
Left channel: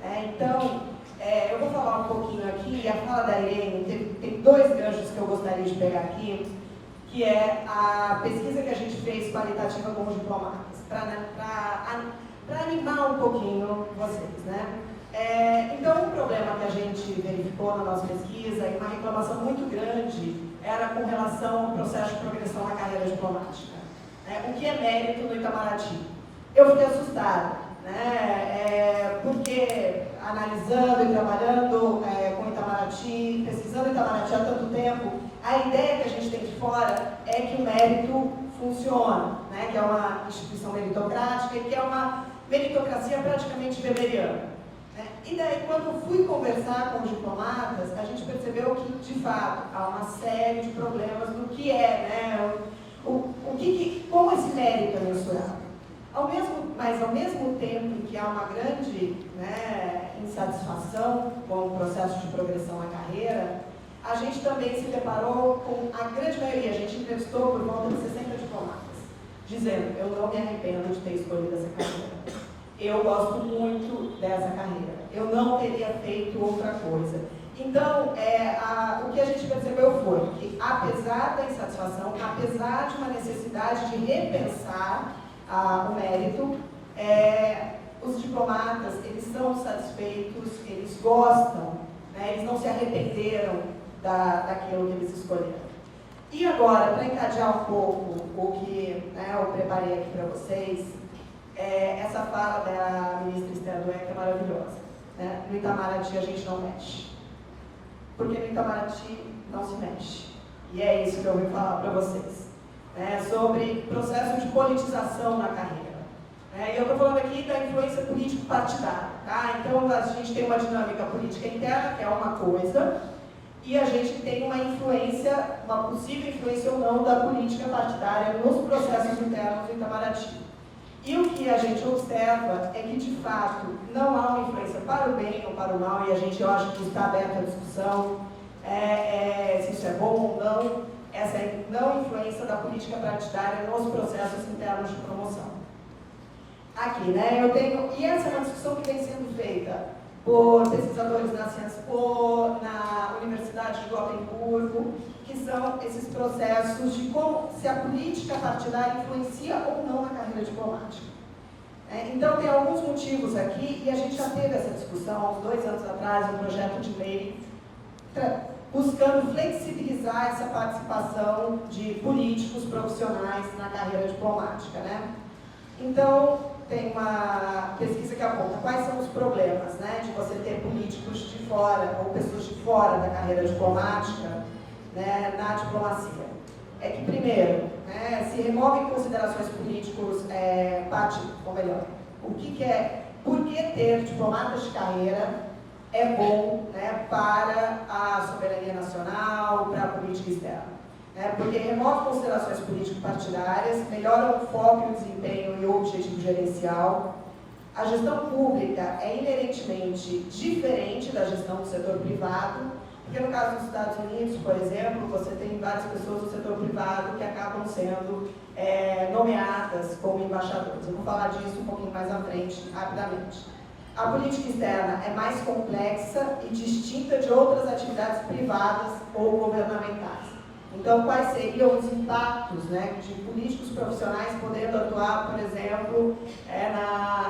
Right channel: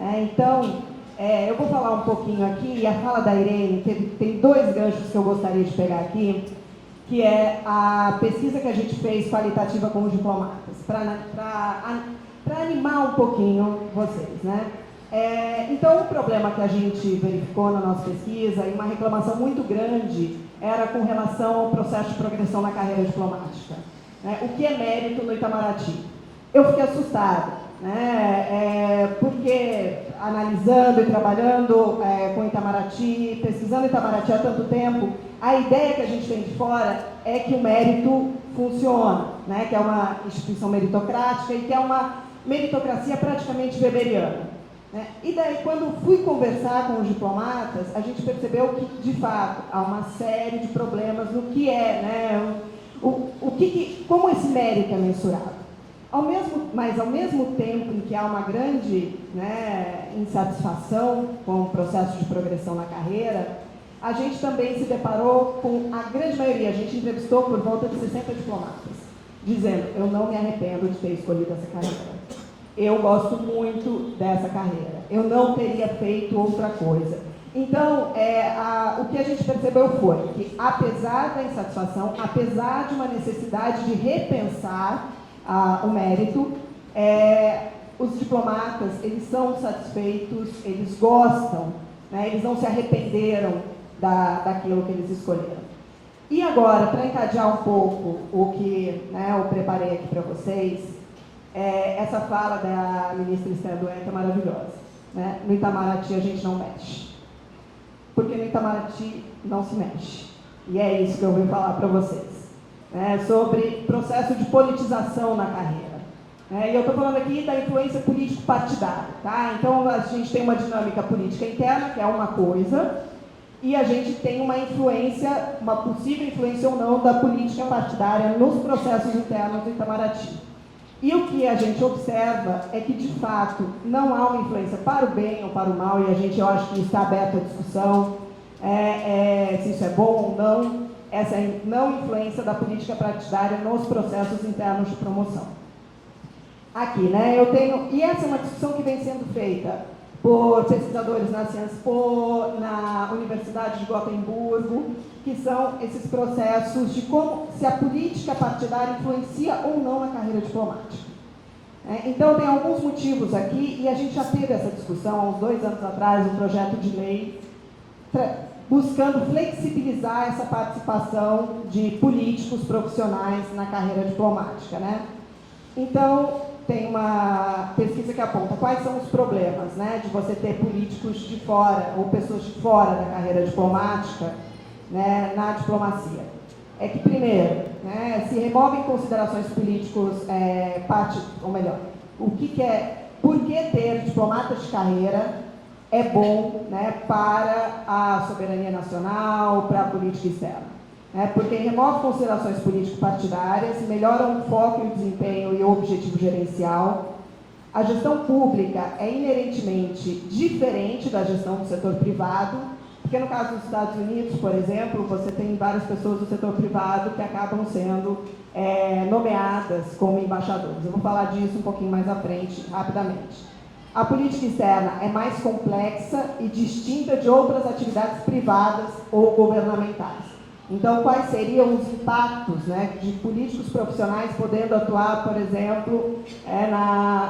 Então, eu vou falar um pouquinho aqui, e a fala da Irene, tem 2 ganchos que eu gostaria de pegar aqui, que é a pesquisa que a gente fez qualitativa com os diplomatas, para animar um pouquinho vocês, Então, o problema que a gente verificou na nossa pesquisa, e uma reclamação muito grande, era com relação ao processo de progressão na carreira diplomática. O que é mérito no Itamaraty? Eu fiquei assustada, porque analisando e trabalhando com Itamaraty, pesquisando Itamaraty há tanto tempo, a ideia que a gente tem de fora é que o mérito funciona, que é uma instituição meritocrática e que é uma meritocracia praticamente weberiana. E daí, quando fui conversar com os diplomatas, a gente percebeu que, de fato, há uma série de problemas no que como esse mérito é mensurado. Mas, ao mesmo tempo em que há uma grande insatisfação com o processo de progressão na carreira, a gente também se deparou com a grande maioria, a gente entrevistou por volta de 60 diplomatas, dizendo: eu não me arrependo de ter escolhido essa carreira. Eu gosto muito dessa carreira. Eu não teria feito outra coisa. Então, o que a gente percebeu foi que, apesar da insatisfação, apesar de uma necessidade de repensar o mérito, os diplomatas, eles são satisfeitos, eles gostam, eles não se arrependeram daquilo que eles escolheram. E agora, para encadear um pouco o que eu preparei aqui para vocês, essa fala da ministra Esther Dueck é maravilhosa. né? No Itamaraty a gente não mexe. Porque no Itamaraty não se mexe. E é isso que eu vou falar para vocês. Sobre processo de politização na carreira. E eu estou falando aqui da influência político-partidária. Tá? Então a gente tem uma dinâmica política interna, que é uma coisa, e a gente tem uma influência, uma possível influência ou não, da política partidária nos processos internos do Itamaraty. E o que a gente observa é que, de fato, não há uma influência para o bem ou para o mal, e eu acho que isso está aberto à discussão, se isso é bom ou não, essa não influência da política partidária nos processos internos de promoção. Aqui, e essa é uma discussão que vem sendo feita por pesquisadores na Cienspô, na Universidade de Gotemburgo, que são esses processos de como se a política partidária influencia ou não na carreira diplomática. Então, tem alguns motivos aqui, e a gente já teve essa discussão há uns 2 anos atrás, um projeto de lei, buscando flexibilizar essa participação de políticos profissionais na carreira diplomática. Então, tem uma pesquisa que aponta quais são os problemas de você ter políticos de fora ou pessoas de fora da carreira diplomática na diplomacia. É que, primeiro, se removem considerações políticos, por que ter diplomatas de carreira é bom para a soberania nacional, para a política externa. Porque remove considerações político-partidárias, melhora o foco e o desempenho e o objetivo gerencial. A gestão pública é inerentemente diferente da gestão do setor privado, porque no caso dos Estados Unidos, por exemplo, você tem várias pessoas do setor privado que acabam sendo nomeadas como embaixadores. Eu vou falar disso um pouquinho mais à frente, rapidamente. A política externa é mais complexa e distinta de outras atividades privadas ou governamentais. Então, quais seriam os impactos de políticos profissionais podendo atuar, por exemplo,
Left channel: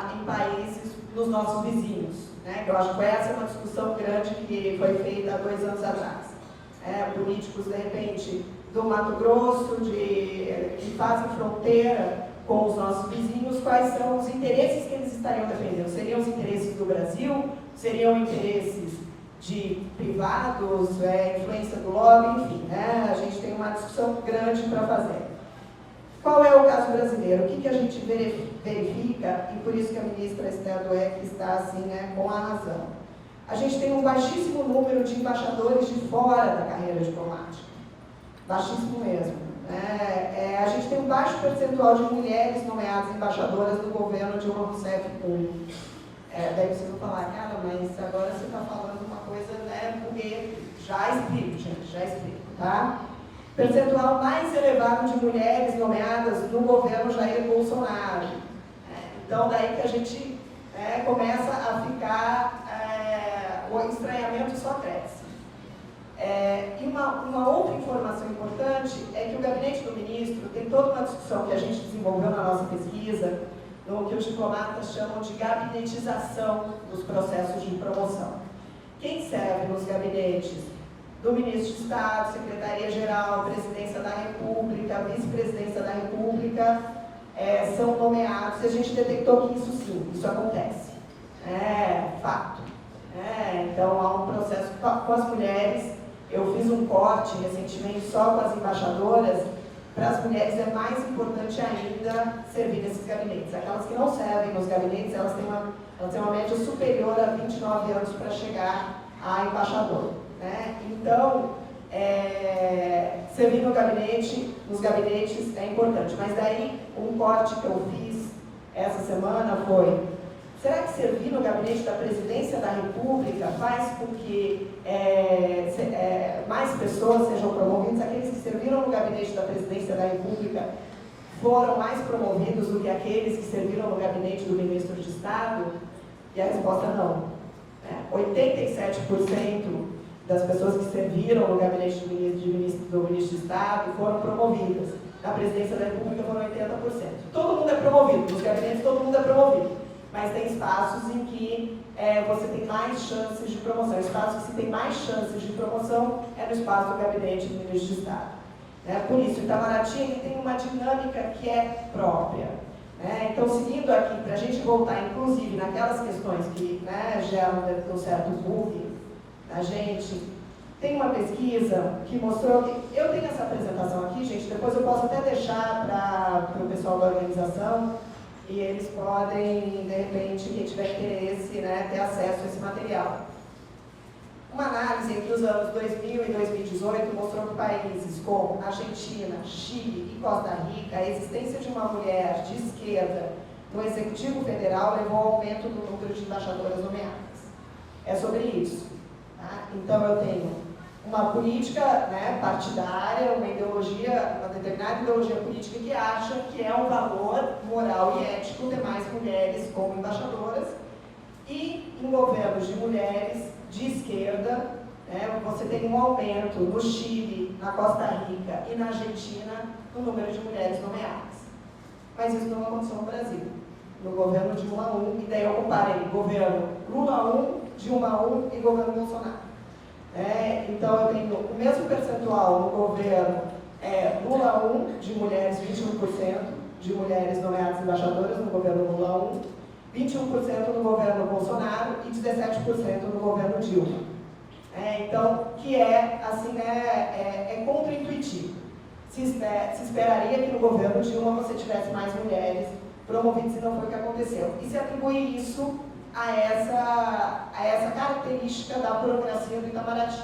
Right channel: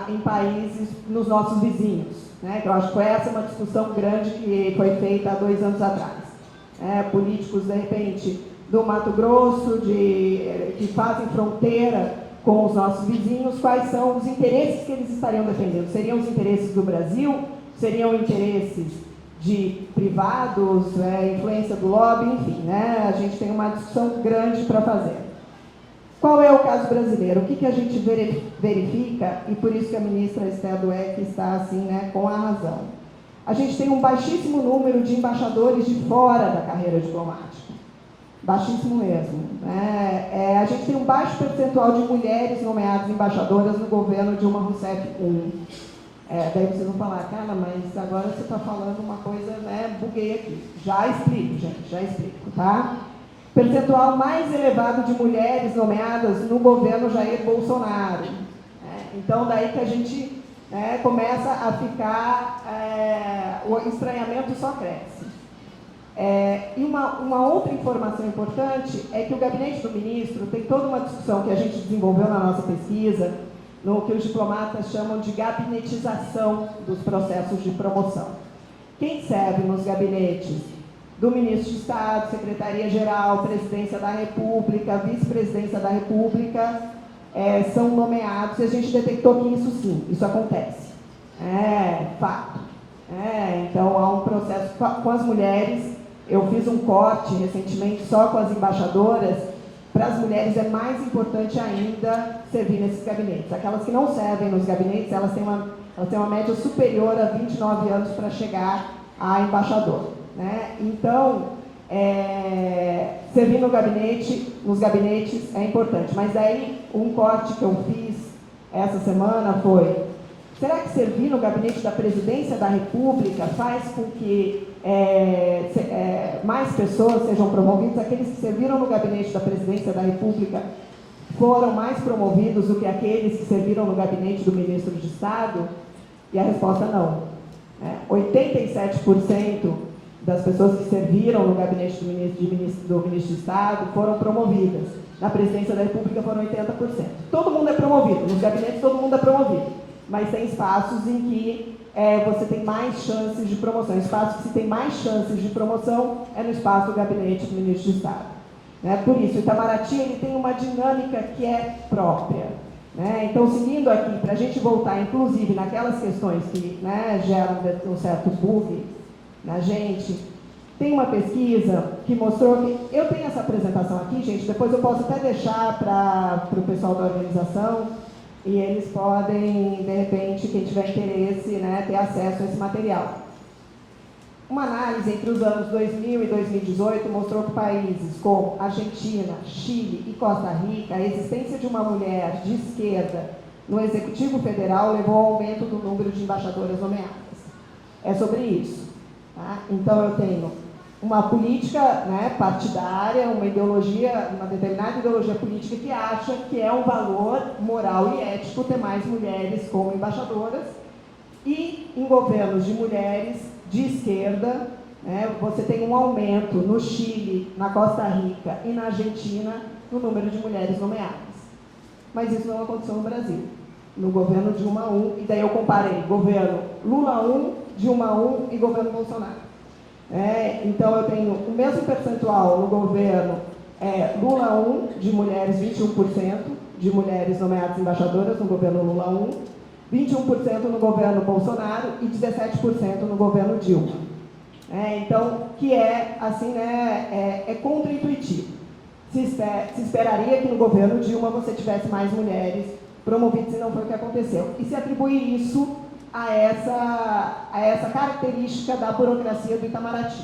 em países, nos nossos vizinhos? Que eu acho que essa é uma discussão grande que foi feita há 2 anos atrás. Políticos, de repente, do Mato Grosso, que fazem fronteira com os nossos vizinhos, quais são os interesses que eles estariam defendendo? Seriam os interesses do Brasil? Seriam interesses de privados, influência do lobby, enfim, a gente tem uma discussão grande para fazer. Qual é o caso brasileiro? O que a gente verifica, e por isso que a ministra Esther Dweck está assim, com a razão. A gente tem um baixíssimo número de embaixadores de fora da carreira diplomática. Baixíssimo mesmo. A gente tem um baixo percentual de mulheres nomeadas embaixadoras no governo Dilma Rousseff I. Daí vocês vão falar, cara, mas agora você está falando uma coisa, buguei aqui. Já explico, gente, já explico, tá? Percentual mais elevado de mulheres nomeadas no governo Jair Bolsonaro. Então, daí que a gente começa a ficar, o estranhamento só cresce. E uma outra informação importante é que o gabinete do ministro tem toda uma discussão que a gente desenvolveu na nossa pesquisa, no que os diplomatas chamam de gabinetização dos processos de promoção. Quem serve nos gabinetes do ministro de Estado, Secretaria-Geral, Presidência da República, Vice-Presidência da República, são nomeados, e a gente detectou que isso sim, isso acontece. Fato. Então, há um processo com as mulheres. Eu fiz um corte recentemente só com as embaixadoras. Para as mulheres é mais importante ainda servir nesses gabinetes. Aquelas que não servem nos gabinetes, elas têm uma média superior a 29 anos para chegar a embaixador. Então, servir nos gabinetes é importante. Mas daí, um corte que eu fiz essa semana foi: será que servir no gabinete da Presidência da República faz com que mais pessoas sejam promovidas? Aqueles que serviram no gabinete da Presidência da República foram mais promovidos do que aqueles que serviram no gabinete do Ministro de Estado? E a resposta não. 87% das pessoas que serviram no gabinete do Ministro de Estado foram promovidas. Na Presidência da República foram 80%. Todo mundo é promovido, nos gabinetes todo mundo é promovido. Mas tem espaços em que você tem mais chances de promoção. O espaço que se tem mais chances de promoção é no espaço do gabinete do Ministro de Estado. Por isso, o Itamaraty ele tem uma dinâmica que é própria. Né? Então, seguindo aqui, para a gente voltar, inclusive, naquelas questões que, né, geram um certo bug na gente, tem uma pesquisa que mostrou que... Eu tenho essa apresentação aqui, gente, depois eu posso até deixar para o pessoal da organização, e eles podem, de repente, quem tiver interesse, né, ter acesso a esse material. Uma análise entre os anos 2000 e 2018 mostrou que países como Argentina, Chile e Costa Rica, a existência de uma mulher de esquerda no Executivo Federal levou ao aumento do número de embaixadoras nomeadas. É sobre isso. Tá? Então, eu tenho uma política, né, partidária, uma ideologia, uma determinada ideologia política que acha que é um valor moral e ético ter mais mulheres como embaixadoras, e em governos de mulheres de esquerda, né, você tem um aumento no Chile, na Costa Rica e na Argentina no número de mulheres nomeadas. Mas isso não aconteceu no Brasil, no governo Dilma 1, e daí eu comparei governo Lula 1, Dilma 1 e governo Bolsonaro. Então eu tenho o mesmo percentual no governo Lula 1, de mulheres, 21% de mulheres nomeadas embaixadoras no governo Lula 1, 21% no governo Bolsonaro e 17% no governo Dilma. Então, que é, assim, né, é contra-intuitivo. Se esperaria que no governo Dilma você tivesse mais mulheres promovidas, e não foi o que aconteceu. E se atribui isso a essa característica da burocracia do Itamaraty.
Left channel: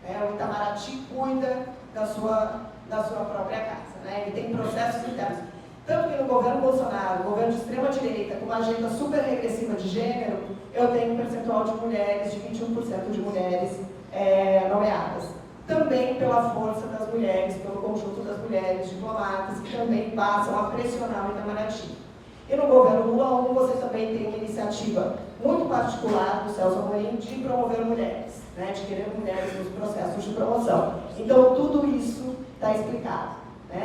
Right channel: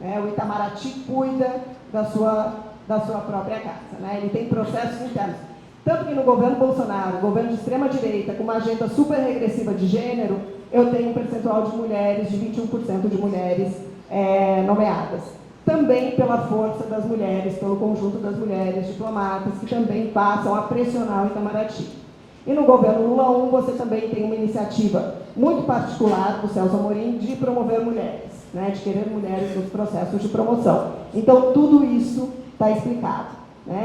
O Itamaraty cuida da sua própria casa. Né? Ele tem processos internos. Tanto que no governo Bolsonaro, governo de extrema-direita, com uma agenda super regressiva de gênero, eu tenho um percentual de mulheres, de 21% de mulheres nomeadas. Também pela força das mulheres, pelo conjunto das mulheres diplomatas, que também passam a pressionar o Itamaraty. E no governo Lula 1, você também tem uma iniciativa muito particular do Celso Amorim de promover mulheres, né, de querer mulheres nos processos de promoção. Então, tudo isso está explicado.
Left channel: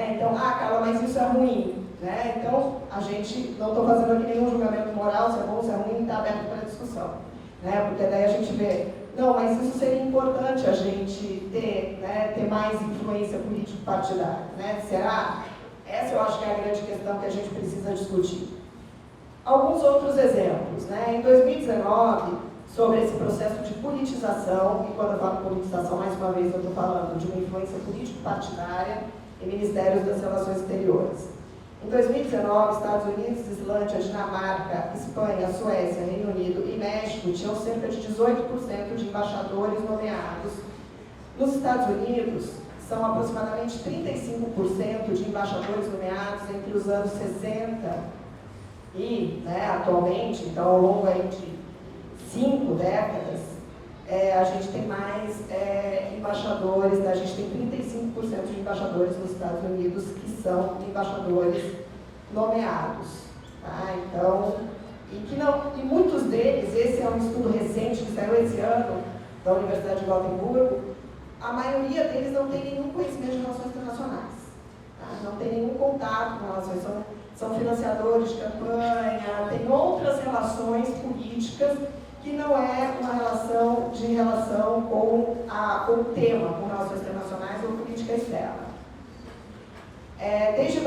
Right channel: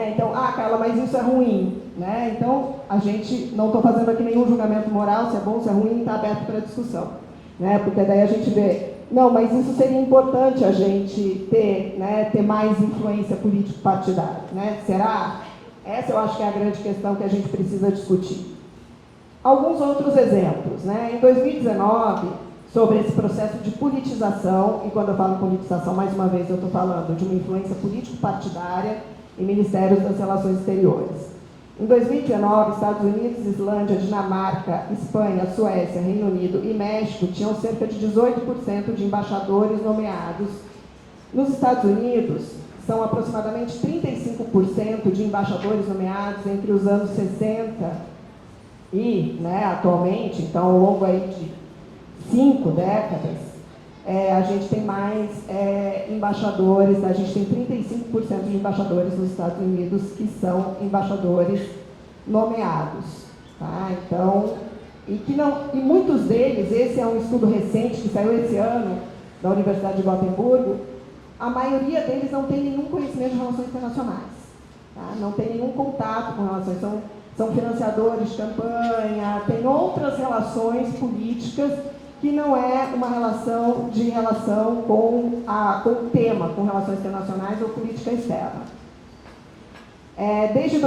Então, Carla, mas isso é ruim. Então, a gente, não estou fazendo aqui nenhum julgamento moral, se é bom, se é ruim, está aberto para discussão. Porque daí a gente vê, não, mas isso seria importante a gente ter mais influência político-partidária. Será? Essa eu acho que é a grande questão que a gente precisa discutir. Alguns outros exemplos. Em 2019, sobre esse processo de politização, e quando eu falo politização, mais uma vez eu estou falando de uma influência político-partidária em ministérios das relações exteriores. Em 2019, Estados Unidos, Islândia, Dinamarca, Espanha, Suécia, Reino Unido e México tinham cerca de 18% de embaixadores nomeados. Nos Estados Unidos, são aproximadamente 35% de embaixadores nomeados entre os anos 60 e, atualmente, então ao longo aí de 5 décadas, a gente tem mais embaixadores, a gente tem 35% de embaixadores nos Estados Unidos que são embaixadores nomeados. Tá? Então, e muitos deles, esse é um estudo recente que saiu esse ano da Universidade de Gotemburgo, a maioria deles não tem nenhum conhecimento de relações internacionais. Tá? Não tem nenhum contato com relações, são financiadores de campanha, tem outras relações políticas que não é uma relação com o tema, com relações internacionais ou política externa. Desde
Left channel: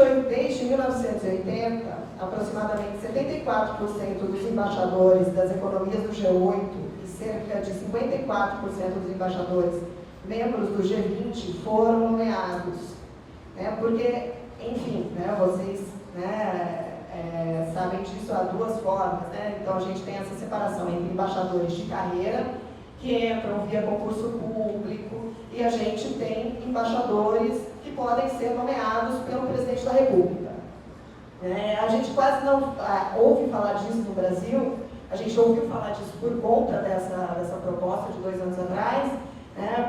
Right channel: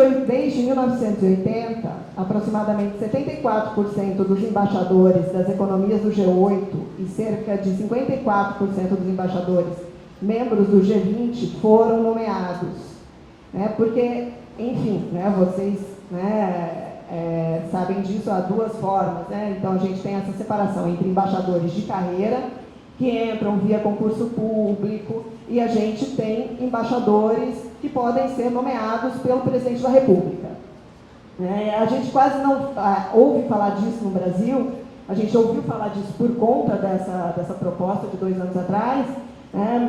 1980, aproximadamente 74% dos embaixadores das economias do G8 e cerca de 54% dos embaixadores membros do G20 foram nomeados. Porque, enfim, vocês sabem disso, há duas formas. Então, a gente tem essa separação entre embaixadores de carreira, que entram via concurso público, e a gente tem embaixadores que podem ser nomeados pelo presidente da República. A gente quase não ouve falar disso no Brasil, a gente ouviu falar disso por conta dessa proposta de 2 anos atrás,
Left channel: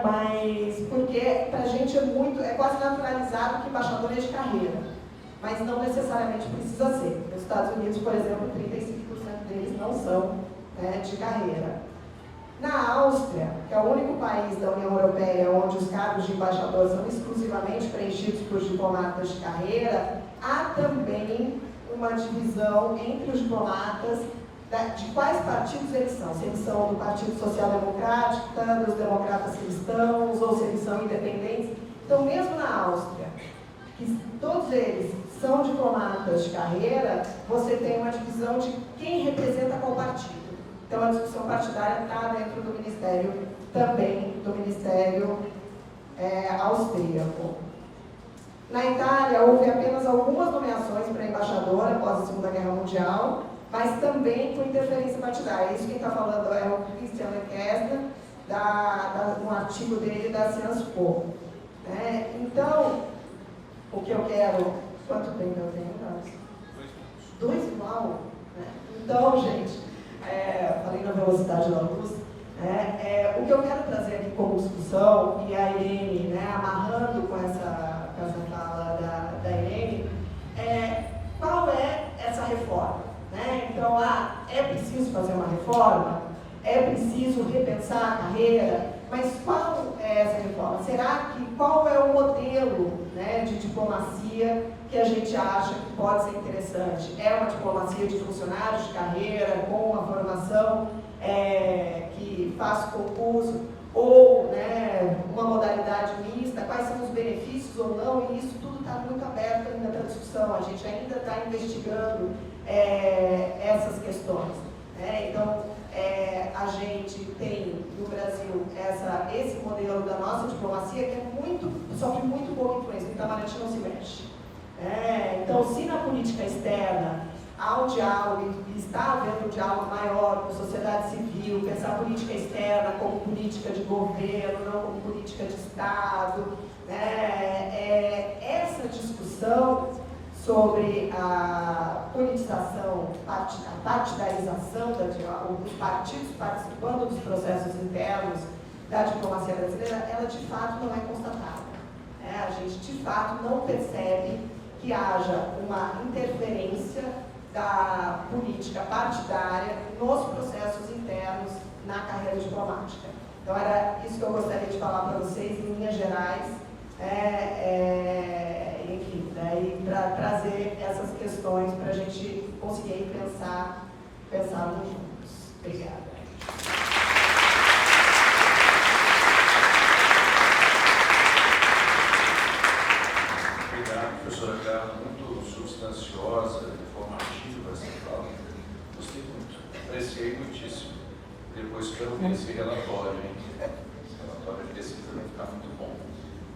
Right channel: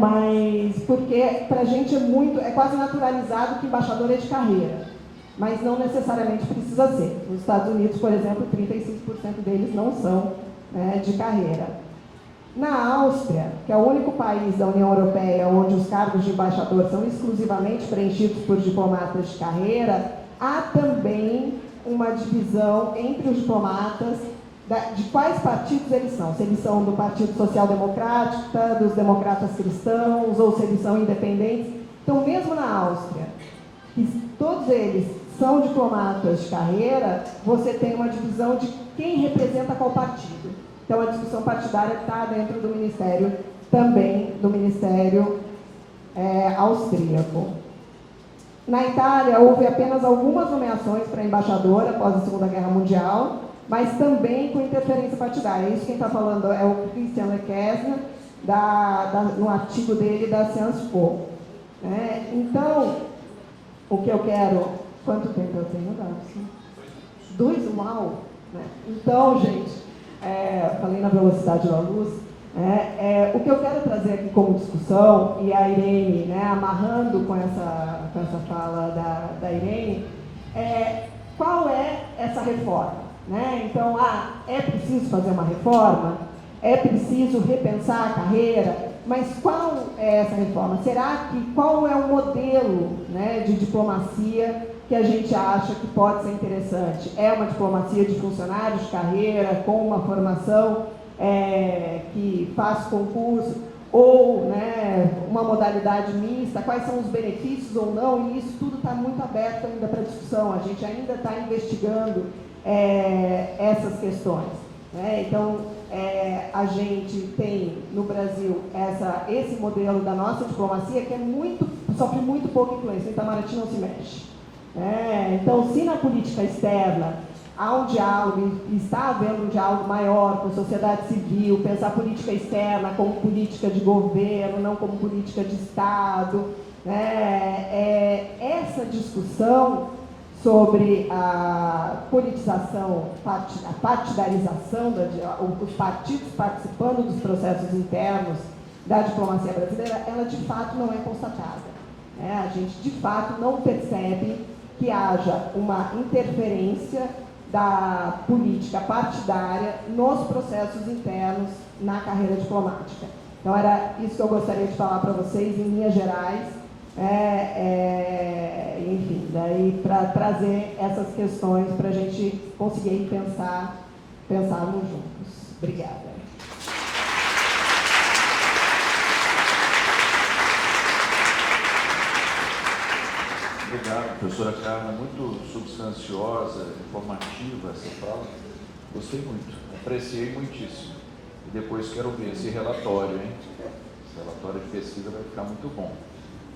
mas porque para a gente é quase naturalizado que embaixador é de carreira, mas não necessariamente precisa ser. Nos Estados Unidos, por exemplo, 35% deles não são de carreira. Na Áustria, que é o único país da União Europeia onde os cargos de embaixador são exclusivamente preenchidos por diplomatas de carreira, há também uma divisão entre os diplomatas de quais partidos eles são. Se eles são do Partido Social Democrático, dos democratas cristãos, ou se eles são independentes. Então, mesmo na Áustria, que todos eles são diplomatas de carreira, você tem uma divisão de quem representa qual partido. Então, a discussão partidária está dentro do Ministério, também do Ministério austríaco. Na Itália, houve apenas algumas nomeações para embaixadora após a Segunda Guerra Mundial, mas também com interferência partidária. Isso quem está falando é o Christian Lekesner, no artigo dele da Sciences Po. Então, o que eu quero... Quanto tempo eu tenho, Darcy? 2? Uau! Então, gente, falei na velocidade da luz, o que eu quero trazer aqui como discussão, e a Irene, amarrando com essa fala da Irene, qual é essa reforma? Então, é preciso fazer uma reforma? É preciso repensar a carreira? Mas qual é essa reforma? Qual é o modelo de diplomacia que a gente acha que pode ser interessante? É uma diplomacia de funcionários de carreira, com uma formação que faz concurso, ou uma modalidade mista? Quais são os benefícios ou não? E isso tudo está muito aberto ainda para discussão. A gente ainda está investigando essas questões. Então, a gente tem no Brasil esse modelo da nossa diplomacia que sofre muito pouco influência. O Itamaraty não se mexe. Então, se na política externa há um diálogo, está havendo um diálogo maior com a sociedade civil, pensar política externa como política de governo, não como política de Estado, essa discussão sobre a politização, a partidarização, os partidos participando dos processos internos da diplomacia brasileira, ela de fato não é constatada. A gente de fato não percebe que haja uma interferência da política partidária nos processos internos na carreira diplomática. Então, era isso que eu gostaria de falar para vocês, em linhas gerais, enfim, daí para trazer essas questões para a gente conseguir pensarmos juntos. Obrigada. Obrigado, professora Carla, muito substanciosa, informativa essa fala. Gostei muito, apreciei muitíssimo. Depois quero ver esse relatório, hein? Esse relatório de pesquisa vai ficar muito bom.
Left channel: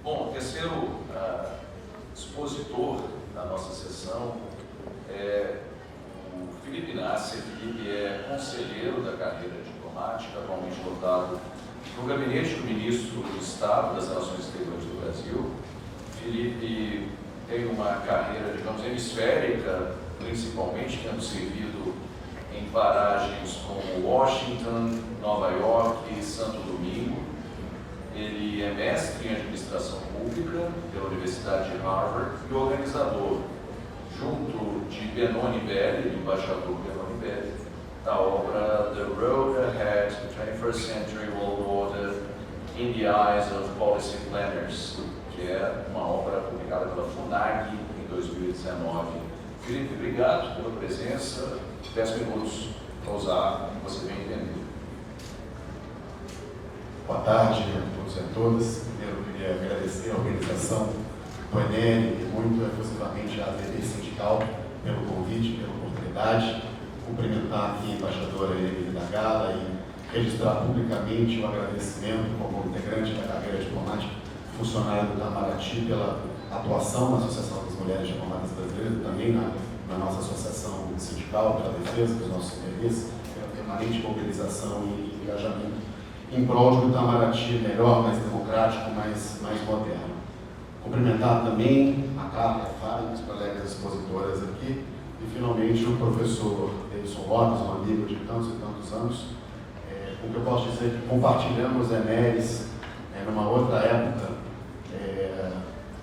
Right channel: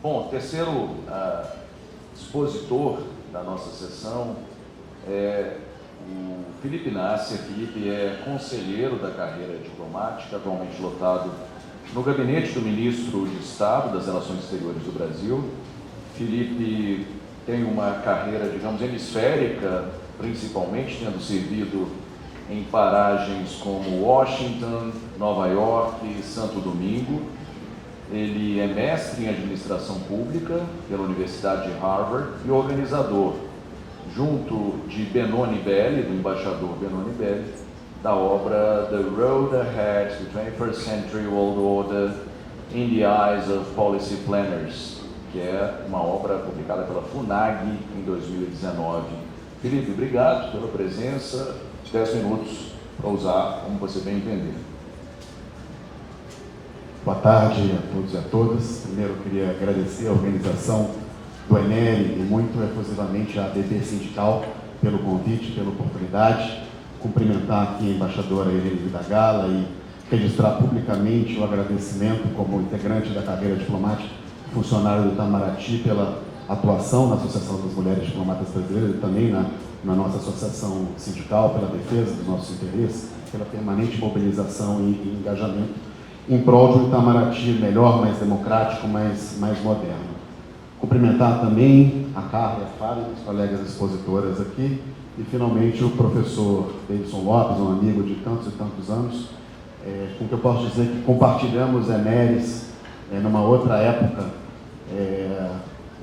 Bom, terceiro expositor da nossa sessão é o Felipe Nasser. Felipe é conselheiro da carreira diplomática, atualmente lotado no gabinete do Ministro de Estado das Relações Exteriores do Brasil. Felipe tem uma carreira, digamos, hemisférica, principalmente tendo servido em paragens como Washington, Nova York e Santo Domingo. Ele é mestre em administração pública pela Universidade de Harvard e organizador, junto de Benoni Belli, do embaixador Benoni Belli, da obra The Road Ahead, the 21st Century World Order in the Eyes of Policy Planners, que é uma obra publicada pela FUNAG em 2019. Felipe, obrigado pela presença. 10 minutos para usar como você bem entender. Boa tarde a todos e a todas. Primeiro, eu queria agradecer a organização do ENERI e muito efusivamente a ABB Sindical pelo convite, pela oportunidade. Cumprimentar aqui a embaixadora Irene Vidagala e registrar publicamente o agradecimento como integrante da carreira diplomática, funcionário do Itamaraty, pela atuação na Associação das Mulheres Diplomatas Brasileiras e também na nossa associação sindical, pela defesa dos nossos interesses, pela permanente mobilização e engajamento em prol de um Itamaraty melhor, mais democrático, mais moderno. Cumprimentar também a Carla e a Fábio, as colegas expositoras aqui, e finalmente o professor Davidson Lopes, um amigo de tantos e tantos anos, com que eu posso dizer que compartilhamos EMERES numa outra época,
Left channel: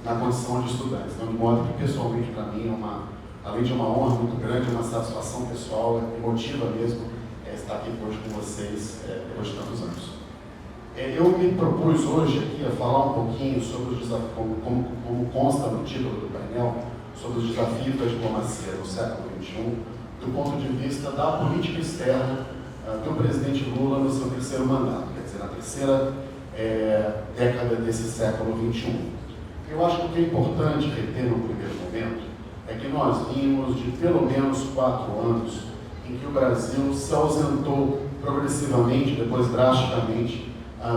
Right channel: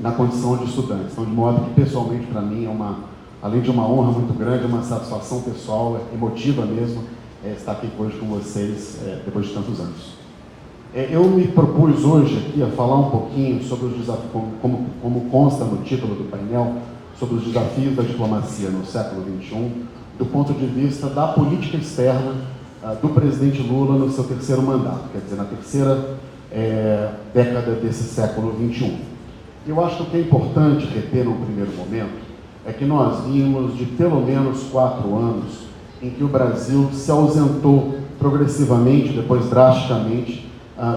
na condição de estudantes. Então, de modo que, pessoalmente, para mim, além de uma honra muito grande, uma satisfação pessoal, emotiva mesmo, estar aqui hoje com vocês, depois de tantos anos. Eu me propus hoje aqui a falar um pouquinho sobre os desafios, como consta no título do painel, sobre os desafios da diplomacia no século XXI, do ponto de vista da política externa do presidente Lula no seu terceiro mandato, quer dizer, na terceira década desse século XXI. Eu acho que o que é importante reter no primeiro momento é que nós vimos de pelo menos 4 anos em que o Brasil se ausentou progressivamente, depois drasticamente,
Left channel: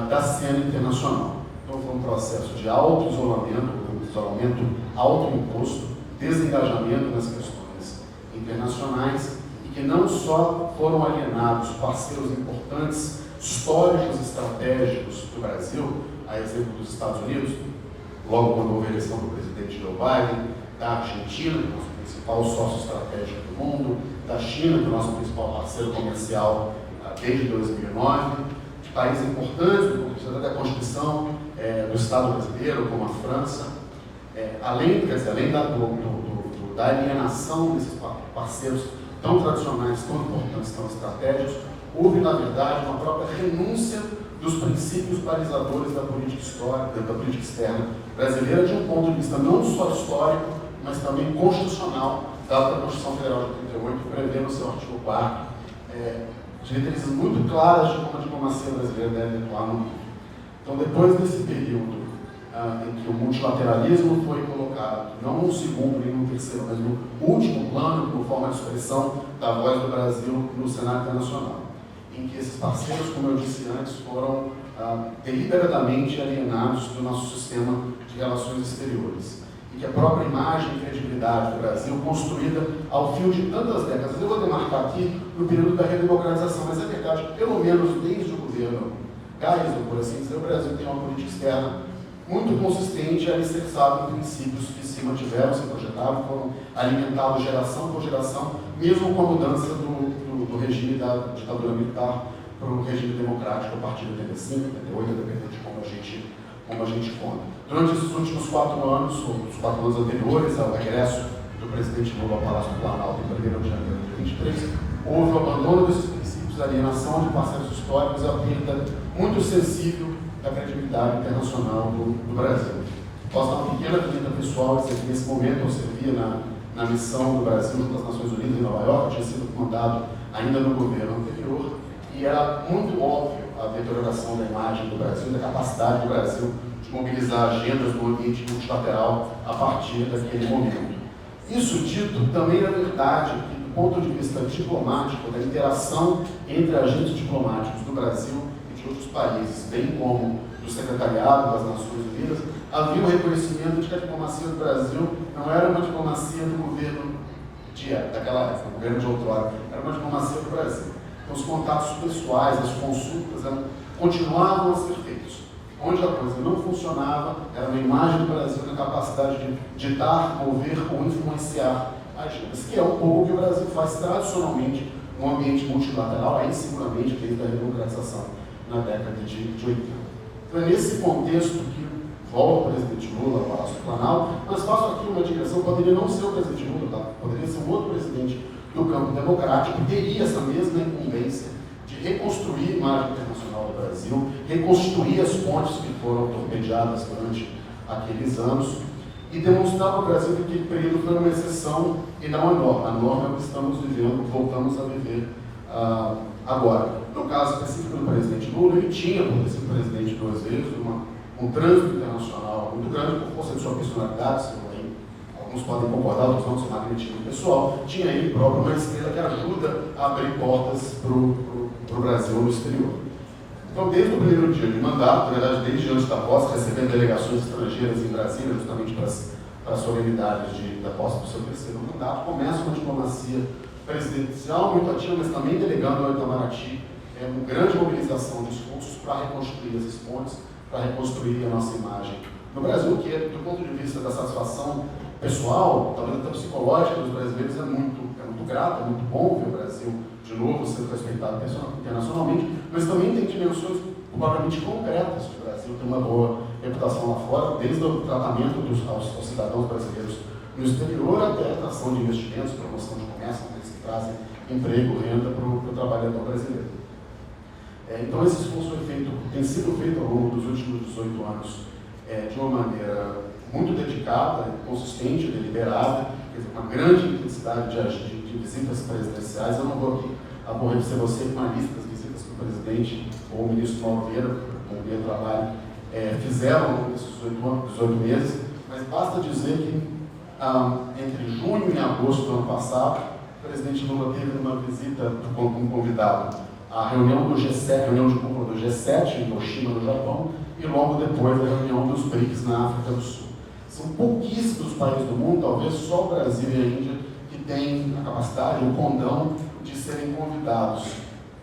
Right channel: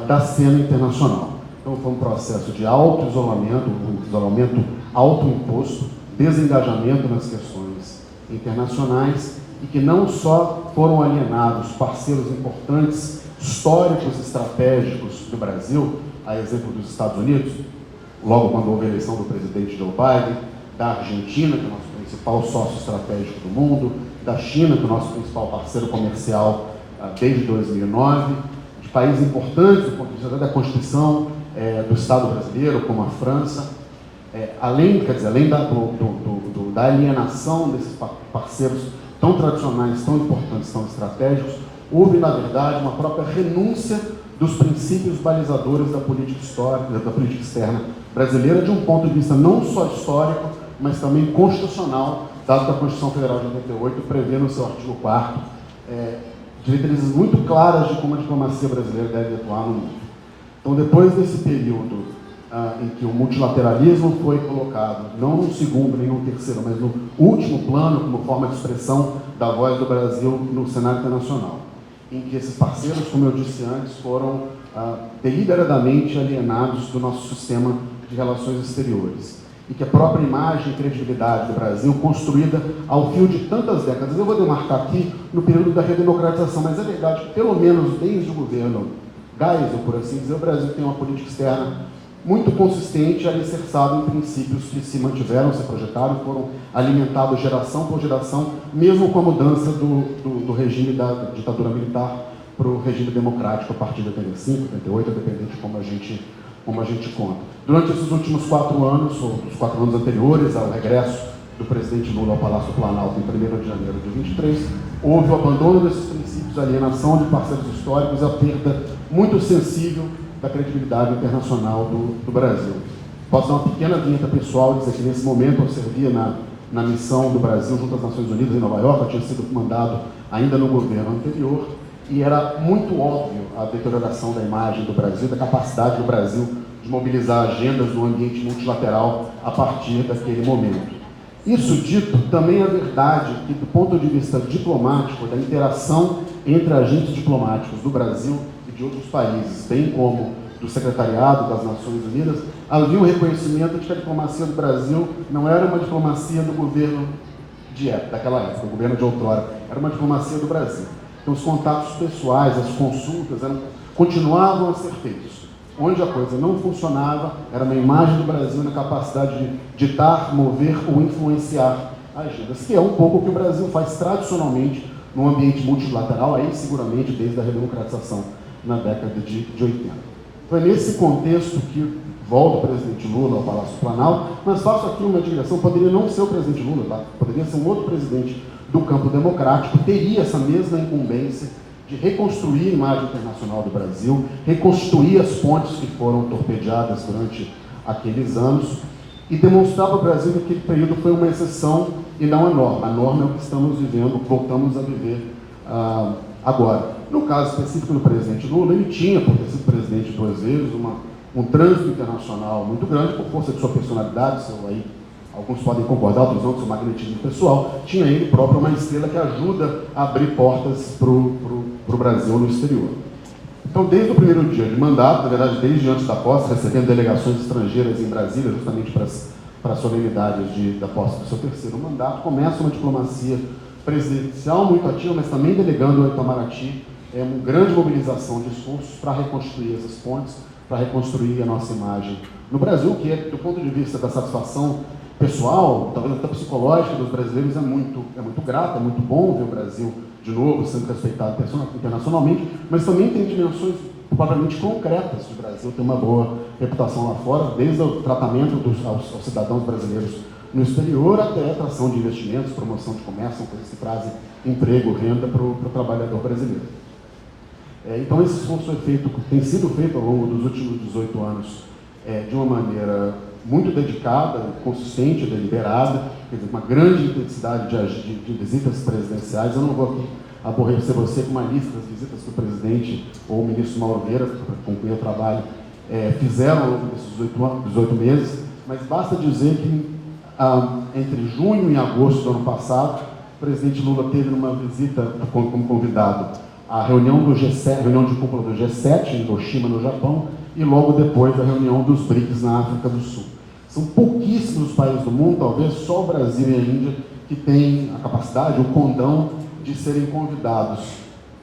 da cena internacional. Então foi um processo de auto-isolamento, isolamento autoimposto, desengajamento nas questões internacionais, e que não só foram alienados parceiros importantes, históricos, estratégicos do Brasil, a exemplo dos Estados Unidos, logo quando houve a eleição do presidente Joe Biden, da Argentina, que é o nosso principal sócio estratégico do mundo, da China, que é o nosso principal parceiro comercial desde 2009, de países importantes do ponto de vista da Constituição do Estado brasileiro, como a França, além da alienação desses parceiros tão tradicionais, tão importantes, tão estratégicos, houve, na verdade, uma própria renúncia dos princípios balizadores da política histórica, da política externa brasileira, de um ponto de vista não só histórico, mas também constitucional, dado que a Constituição Federal de 88 prevê no seu artigo 4º diretrizes muito claras de como a diplomacia brasileira deve atuar no mundo. Então, depois desse período em que o multilateralismo foi colocado, não no segundo nem no terceiro, mas no último plano, como forma de expressão da voz do Brasil no cenário internacional, em que esses parceiros, como eu disse antes, foram deliberadamente alienados do nosso sistema de relações exteriores, e que a própria imagem e credibilidade do Brasil, construída ao fio de tantas décadas, eu vou demarcar aqui no período da redemocratização, mas é verdade que, pelo menos desde o governo Geisel, por assim dizer, o Brasil tem uma política externa muito consistente, alicerçada em princípios que se mantiveram, se projetaram, foram alimentados geração por geração, mesmo com a mudança do regime da ditadura militar para o regime democrático a partir de 85, 88, dependendo de como a gente conta. Durante esses últimos 4 anos, ou os 4 anos anteriores ao regresso do presidente Lula ao Palácio Planalto em 1º de janeiro de 23, houve o abandono desses princípios, a alienação de parceiros históricos, a perda muito sensível da credibilidade internacional do Brasil. Posso dar uma pequena vinheta pessoal, dizer que nesse momento eu servia na missão do Brasil junto às Nações Unidas em Nova York, eu tinha sido mandado ainda no governo anterior, e era muito óbvio a deterioração da imagem do Brasil, da capacidade do Brasil de mobilizar agendas no ambiente multilateral a partir daquele momento. Isso dito, também é verdade que, do ponto de vista diplomático, da interação entre agentes diplomáticos do Brasil e de outros países, bem como do Secretariado das Nações Unidas, havia um reconhecimento de que a diplomacia do Brasil não era uma diplomacia do governo daquela época, do governo de outrora, era uma diplomacia do Brasil. Então, os contatos pessoais, as consultas, continuavam a ser feitos. Onde a coisa não funcionava, era uma imagem do Brasil na capacidade de ditar, mover ou influenciar agendas, que é um pouco o que o Brasil faz tradicionalmente num ambiente multilateral, aí seguramente desde a redemocratização na década de 80. Foi nesse contexto que volta o presidente Lula ao Palácio Planalto, mas faço aqui uma digressão, poderia não ser o presidente Lula, tá? Poderia ser um outro presidente do campo democrático, que teria essa mesma incumbência de reconstruir a imagem internacional do Brasil, reconstruir as pontes que foram torpedeadas durante aqueles anos e demonstrar para o Brasil que aquele período foi uma exceção e não a norma. A norma é o que estamos vivendo, voltamos a viver agora. No caso específico do presidente Lula, ele tinha, por ter sido presidente 2 vezes, um trânsito internacional muito grande, por força de sua personalidade, alguns podem concordar, outros não, seu magnetismo pessoal, tinha ele próprio uma estrela que ajuda a abrir portas para o Brasil no exterior. Então, desde o primeiro dia de mandato, na verdade, desde antes da posse, recebendo delegações estrangeiras em Brasília, justamente para a solenidade da posse do seu 3º mandato, começa uma diplomacia presidencial muito ativa, mas também delegando ao Itamaraty uma grande mobilização de esforços para reconstruir essas pontes, para reconstruir a nossa imagem no Brasil, que é, do ponto de vista da satisfação pessoal, talvez até psicológica dos brasileiros, é muito grato, é muito bom ver o Brasil de novo sendo respeitado internacionalmente, mas também tem dimensões provavelmente concretas do Brasil, tem uma boa reputação lá fora, desde o tratamento aos cidadãos brasileiros no exterior até a atração de investimentos, promoção de comércio, que trazem emprego, renda para o trabalhador brasileiro. Então, esse esforço tem sido feito ao longo dos últimos 18 anos de uma maneira muito dedicada, consistente, deliberada, quer dizer, uma grande intensidade de visitas presidenciais. Eu não vou aqui aborrecer você com uma lista das visitas que o presidente ou o ministro Mauro Vieira, com quem eu trabalho, fizeram ao longo desses 18 meses, mas basta dizer que entre junho e agosto do ano passado, o presidente Lula teve uma visita como convidado à reunião do G7, reunião de cúpula do G7 em Hiroshima, no Japão, e logo depois a reunião dos BRICS na África do Sul. São pouquíssimos países do mundo, talvez só o Brasil e a Índia, que têm a capacidade, o condão de serem convidados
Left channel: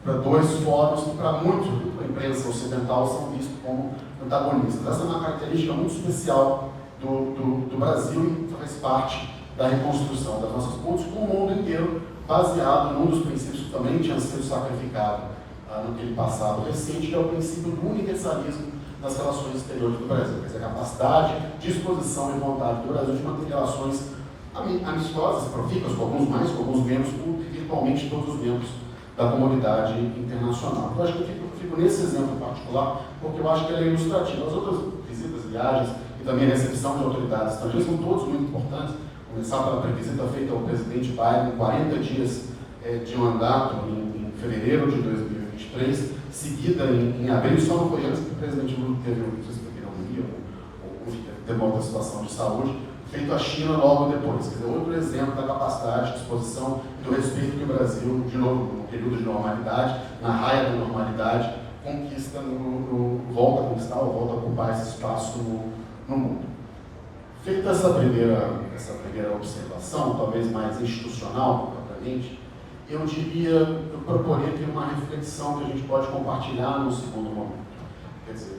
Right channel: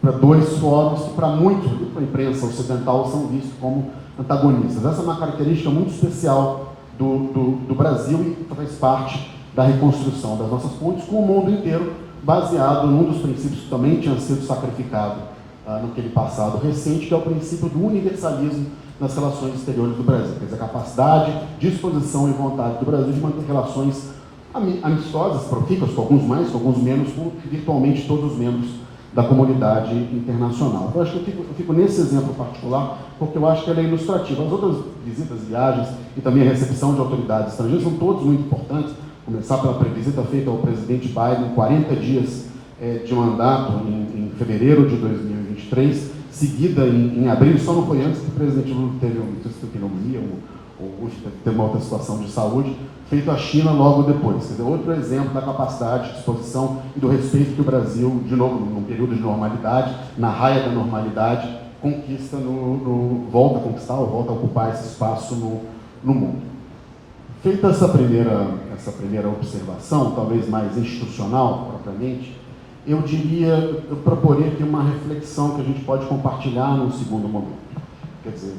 para dois fóruns que, para muitos, para a imprensa ocidental, são vistos como antagonistas. Essa é uma característica muito especial do Brasil e faz parte da reconstrução das nossas pontes com o mundo inteiro, baseado num dos princípios que também tinha sido sacrificado naquele passado recente, que é o princípio do universalismo nas relações exteriores do Brasil. Quer dizer, a capacidade, disposição e vontade do Brasil de manter relações amistosas, profícuas, com alguns mais, com alguns menos, com virtualmente todos os membros da comunidade internacional. Eu acho que eu fico nesse exemplo particular, porque eu acho que ele é ilustrativo. As outras visitas, viagens e também a recepção de autoridades estrangeiras são todos muito importantes. Começar pela visita feita ao presidente Biden, 40 dias de mandato em fevereiro de 2023, seguida em abril, só não foi antes que o presidente Lula teve uma outra situação de saúde, feito a China logo depois. Quer dizer, outro exemplo da capacidade, disposição e do respeito que o Brasil, de novo, num período de normalidade, na raia da normalidade, conquista, volta a conquistar ou volta a ocupar esse espaço no mundo. Feita essa primeira observação, talvez mais institucional, propriamente, eu proporia aqui uma reflexão que a gente pode compartilhar num segundo momento. Quer dizer,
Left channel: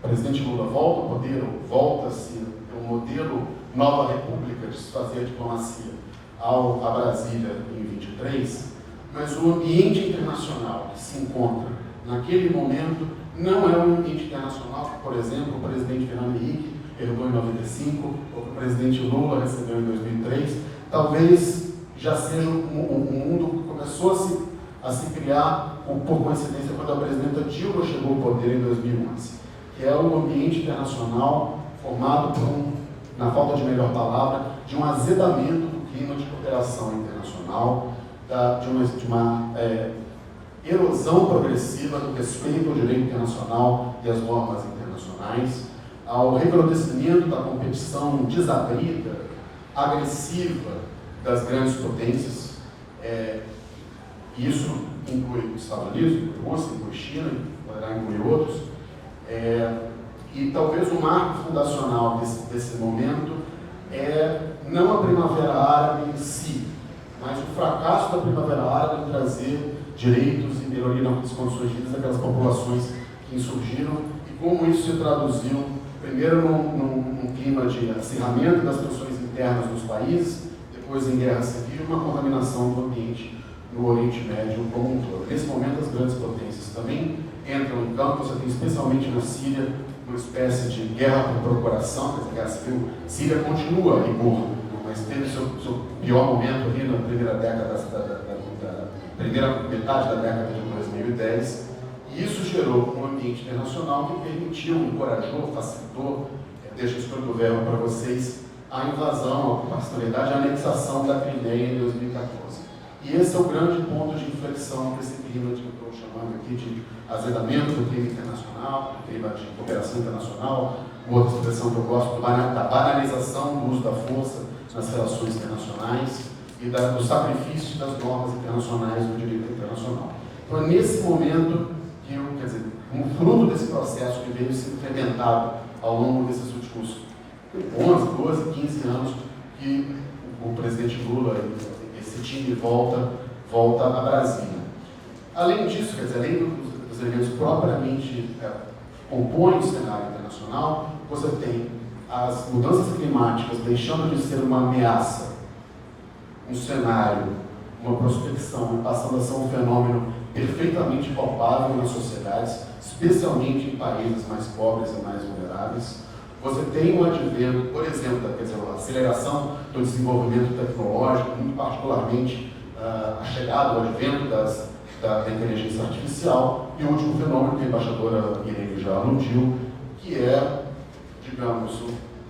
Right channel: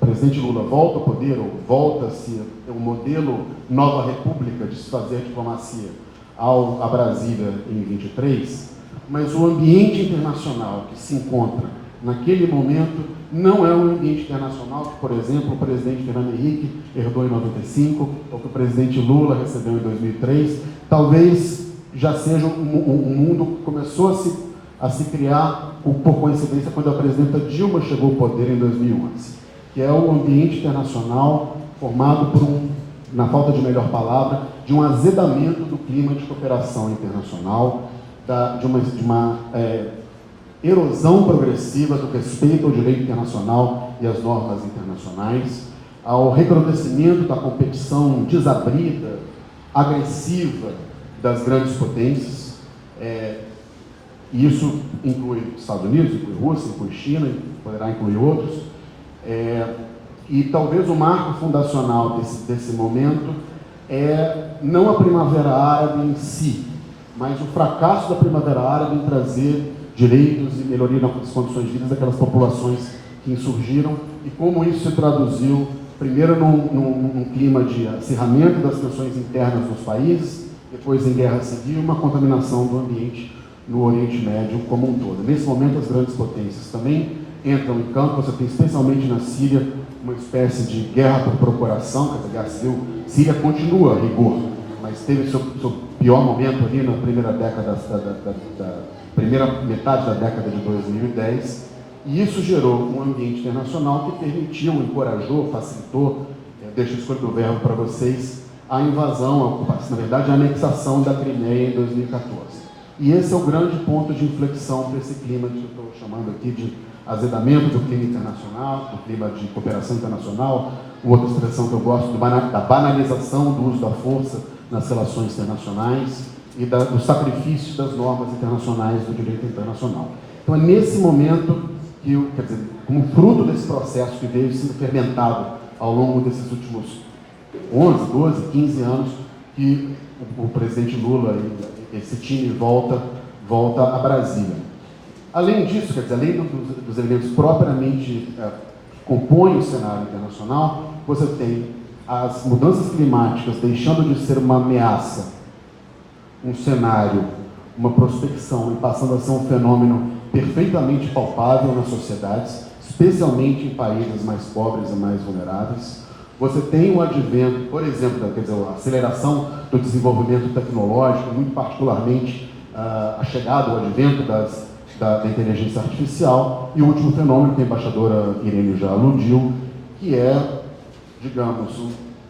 o presidente Lula volta ao poder, ou volta-se um modelo Nova República de se fazer a diplomacia a Brasília em 23, mas o ambiente internacional que se encontra naquele momento não é um ambiente internacional que, por exemplo, o presidente Fernando Henrique herdou em 95, ou que o presidente Lula recebeu em 2003, talvez já seja um mundo que começou a se criar, por coincidência, quando a presidenta Dilma chegou ao poder em 2011, que é um ambiente internacional formado por na falta de melhor palavra, de um azedamento do clima de cooperação internacional, de uma erosão progressiva do respeito ao direito internacional e às normas internacionais, ao recrudescimento da competição desabrida, agressiva das grandes potências, e isso inclui Estados Unidos, inclui Rússia, inclui China, poderá incluir outros, e talvez o marco fundacional desse momento é não a Primavera Árabe em si, mas o fracasso da Primavera Árabe em trazer direitos e melhoria das condições de vida daquelas populações que insurgiram e como isso se traduziu, primeiro num clima de acirramento das tensões internas dos países, depois em guerra civil e uma contaminação do ambiente no Oriente Médio como um todo. Nesse momento, as grandes potências também entram em campo. Você tem, especialmente na Síria, uma espécie de guerra por procuração, quer dizer, a guerra civil síria continua a rigor, mas teve seu pior momento ali na primeira década, primeira metade da década de 2010, e isso gerou um ambiente internacional que permitiu, encorajou, facilitou, deixa eu escolher o verbo para vocês, a invasão, a ocupação, na verdade, a anexação da Crimeia em 2014. E esse é o grande ponto de inflexão para esse clima que eu estou chamando aqui de azedamento do clima internacional, do clima de cooperação internacional, outra expressão que eu gosto, da banalização do uso da força nas relações internacionais e do sacrifício das normas internacionais do direito internacional. Então é nesse momento que, quer dizer, como fruto desse processo que veio sendo fermentado ao longo desses últimos 11, 12, 15 anos, que o presidente Lula e esse time volta a Brasília. Além disso, quer dizer, além dos elementos propriamente que compõem o cenário internacional, você tem as mudanças climáticas deixando de ser uma ameaça, um cenário, uma prospecção, e passando a ser um fenômeno perfeitamente palpável nas sociedades, especialmente em países mais pobres e mais vulneráveis. Você tem o advento, por exemplo, quer dizer, a aceleração do desenvolvimento tecnológico, muito particularmente a chegada, o advento da inteligência artificial, e o último fenômeno que a embaixadora Irene já aludiu, que é, digamos,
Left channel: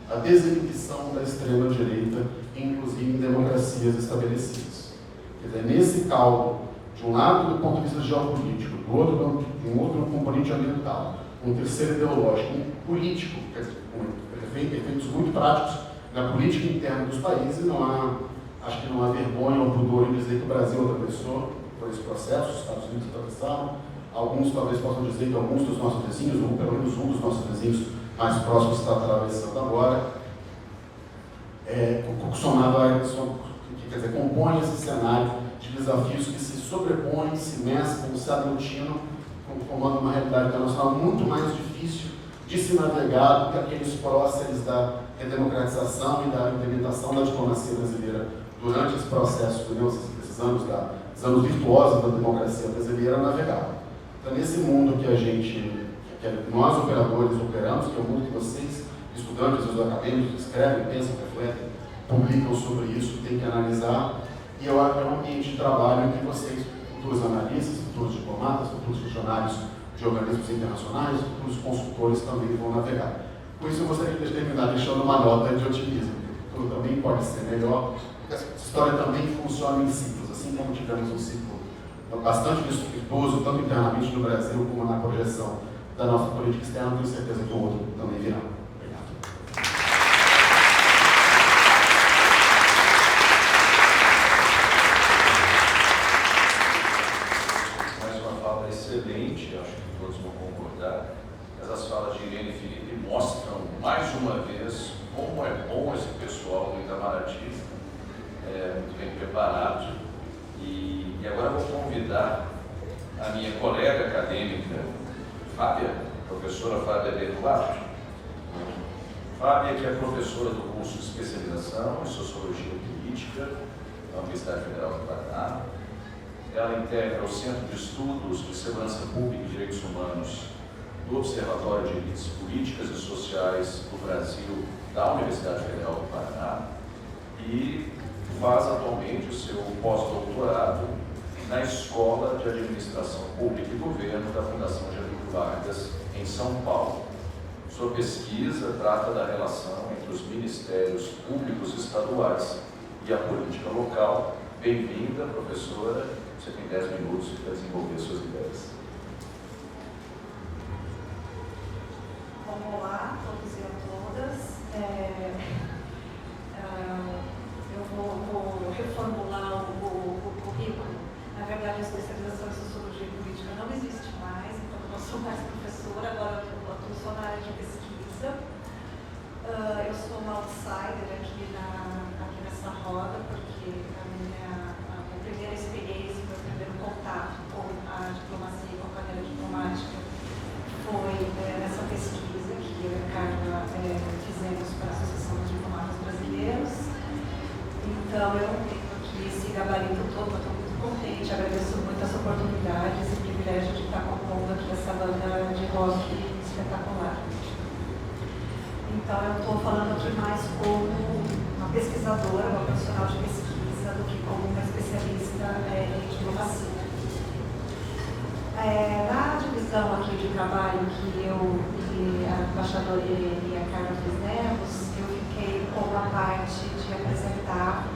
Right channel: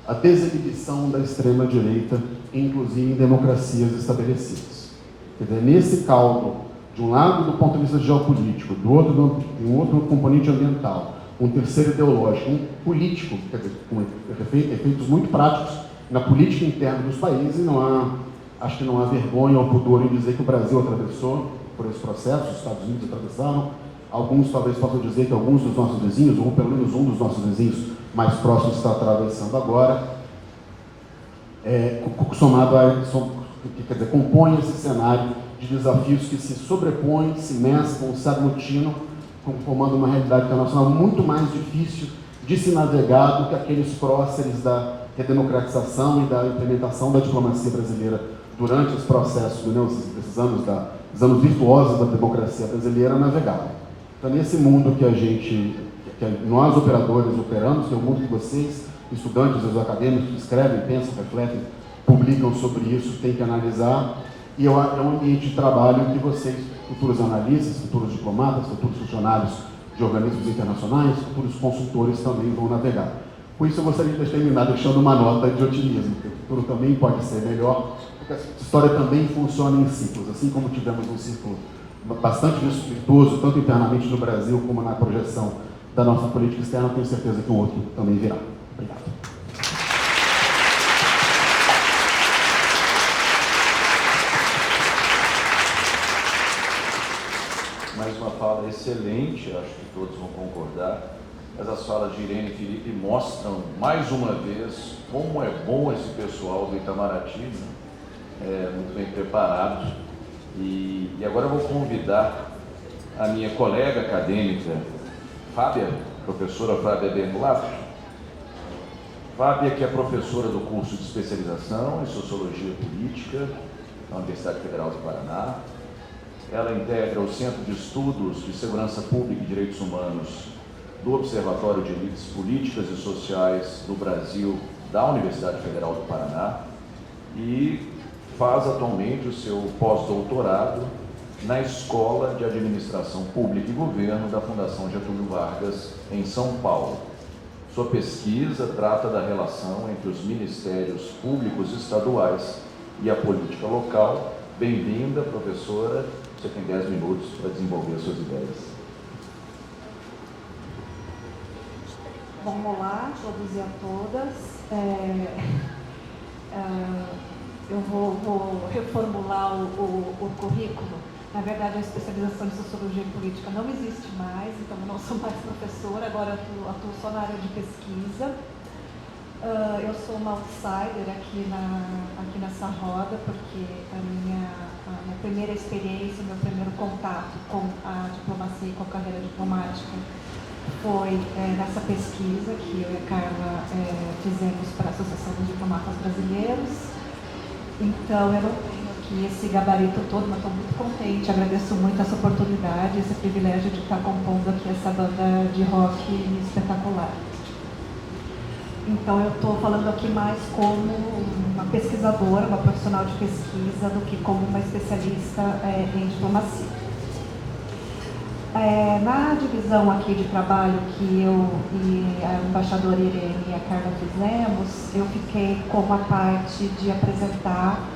a desinibição da extrema-direita, inclusive em democracias estabelecidas. Quer dizer, nesse caldo, de um lado do ponto de vista geopolítico, do outro tem um outro componente ambiental, um terceiro ideológico, um político, quer dizer, com efeitos muito práticos na política interna dos países, e acho que não há vergonha ou pudor em dizer que o Brasil atravessou por esse processo, os Estados Unidos atravessaram. Alguns talvez possam dizer que alguns dos nossos vizinhos, ou pelo menos um dos nossos vizinhos mais próximos, está atravessando agora, somado quer dizer, compõe esse cenário de desafios que se sobrepõem, se mesclam, se aglutinam, formando uma realidade internacional muito mais difícil de se navegar do que aqueles próceres da redemocratização e da implementação da diplomacia brasileira durante os processos, esses anos virtuosos da democracia brasileira navegavam. Então, nesse mundo que nós operadores operamos, que é o mundo que vocês, estudantes, os acadêmicos, escrevem, pensam, refletem, publicam sobre isso, têm que analisar, e é um ambiente de trabalho em que vocês, futuros analistas, futuros diplomatas, futuros funcionários de organismos internacionais, futuros consultores também vão navegar. Por isso eu gostaria de terminar deixando uma nota de otimismo, porque o futuro também pode ser melhor, porque essa história também funciona em ciclos, assim como tivemos um ciclo bastante virtuoso, tanto internamente no Brasil como na projeção da nossa política externa, tenho certeza que o outro também virá. Obrigado. Mais uma fala excelente, acho que todos vão concordar. Essas falas de Irene e Felipe mostram, mais uma vez, como é bom esse pessoal do Itamaraty, muito bem preparado. E agora eu vou convidar a minha colega acadêmica, professora Fábia Bernolato. Fábia, que é professora do curso de especialização em Sociologia Política na Universidade Federal do Paraná. Ela integra o Centro de Estudos de Segurança Pública e Direitos Humanos do Observatório de Elites Políticas e Sociais do Brasil da Universidade Federal do Paraná e faz atualmente o seu pós-doutorado na Escola de Administração Pública e Governo da Fundação Getúlio Vargas, em São Paulo. Sua pesquisa trata da relação entre os ministérios públicos estaduais e a política local. Bem-vinda, professora. Você tem 10 minutos para desenvolver suas ideias. Bom, olá a todos e a todas. Eu vou reformular o currículo. Na verdade, a especialização em Sociologia e Política não existe mais, então eu não sou mais professora, agora eu atuo só na área de pesquisa. Eu sou uma outsider aqui nessa roda, porque a minha primeira experiência, meu primeiro contato com a diplomacia e com a carreira diplomática foi nessa pesquisa que eu e a Carla fizemos para a Associação dos Diplomatas Brasileiros. Então, eu não tenho aqui esse gabarito todo, mas estou muito contente, agradeço muito essa oportunidade, esse privilégio de estar compondo aqui essa banda de rock espetacular. Então, eu estou falando aqui mais como uma pesquisadora, uma profissional de pesquisa, do que como uma especialista em diplomacia. Na divisão aqui de trabalho que eu e a embaixadora Irene e a Carla fizemos, eu fiquei com a parte de apresentar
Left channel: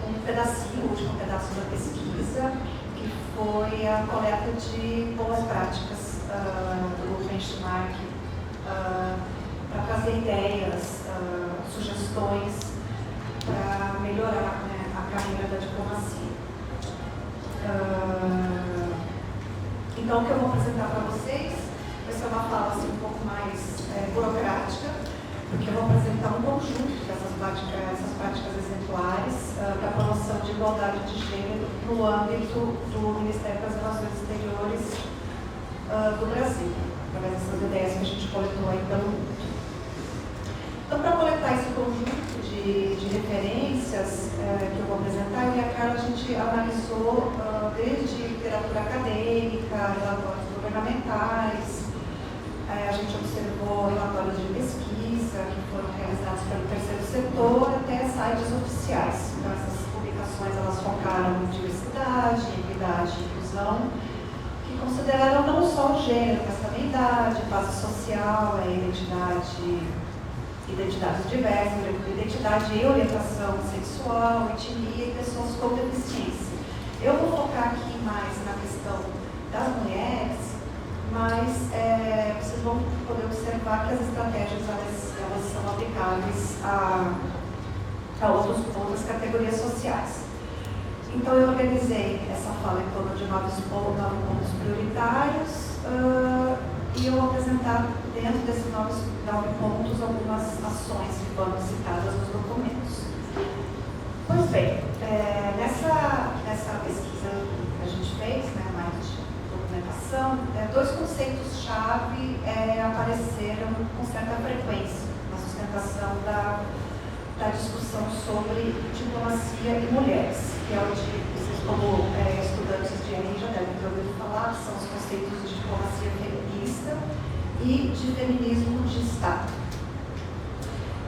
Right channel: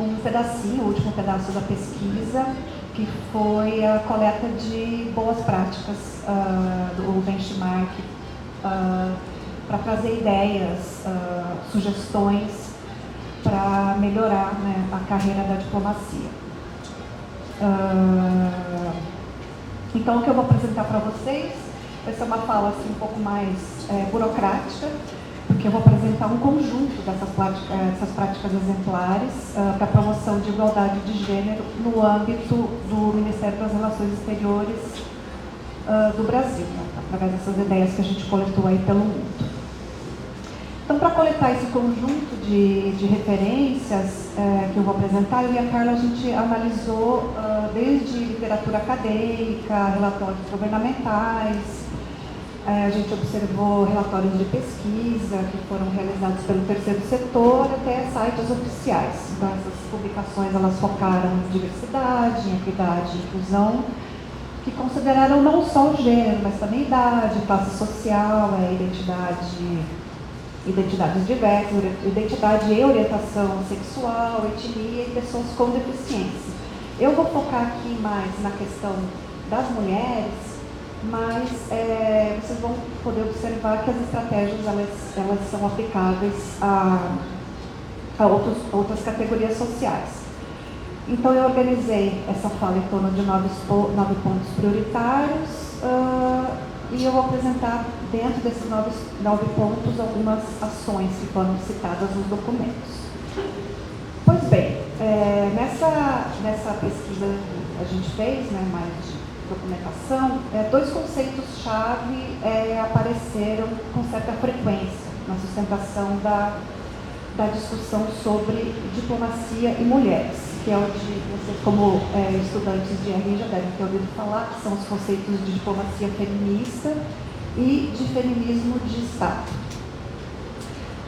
um pedacinho, o último pedaço da pesquisa, que foi a coleta de boas práticas do benchmark, para trazer ideias, sugestões para melhorar, né, a carreira da diplomacia. Então, o que eu vou apresentar para vocês vai ser uma fala assim, um pouco mais burocrática, porque eu vou apresentar um conjunto dessas práticas exemplares para a promoção de igualdade de gênero no âmbito do Ministério das Relações Exteriores do Brasil, através dessas ideias que a gente coletou aí pelo mundo. Então, para coletar esse conjunto de referências que eu vou apresentar, eu e a Carla, a gente analisou desde literatura acadêmica, relatórios governamentais, a gente observou relatórios de pesquisa que foram realizados pelo terceiro setor, até sites oficiais. Então, essas publicações, elas focaram em diversidade, em equidade e inclusão, que consideraram não só o gênero, mas também idade, classe social, identidades diversas, identidade e orientação sexual, etnia e pessoas com deficiência. Eu vou focar aqui mais na questão das mulheres, mas vocês vão poder observar que as estratégias elas são aplicáveis a a outras categorias sociais. Então, eu organizei essa fala em torno de 9 pontos prioritários e eu vou apresentar, dentro desses 9 pontos, algumas ações que foram citadas nos documentos. Pois bem, nessa pesquisa que a gente fez, né, mais de documentação, 2 conceitos-chave apareceram com certa frequência na sustentação da discussão sobre diplomacia e mulheres, que é o de vocês, como estudantes de RI, já devem ter ouvido falar, que são os conceitos de diplomacia feminista e de feminismo de Estado.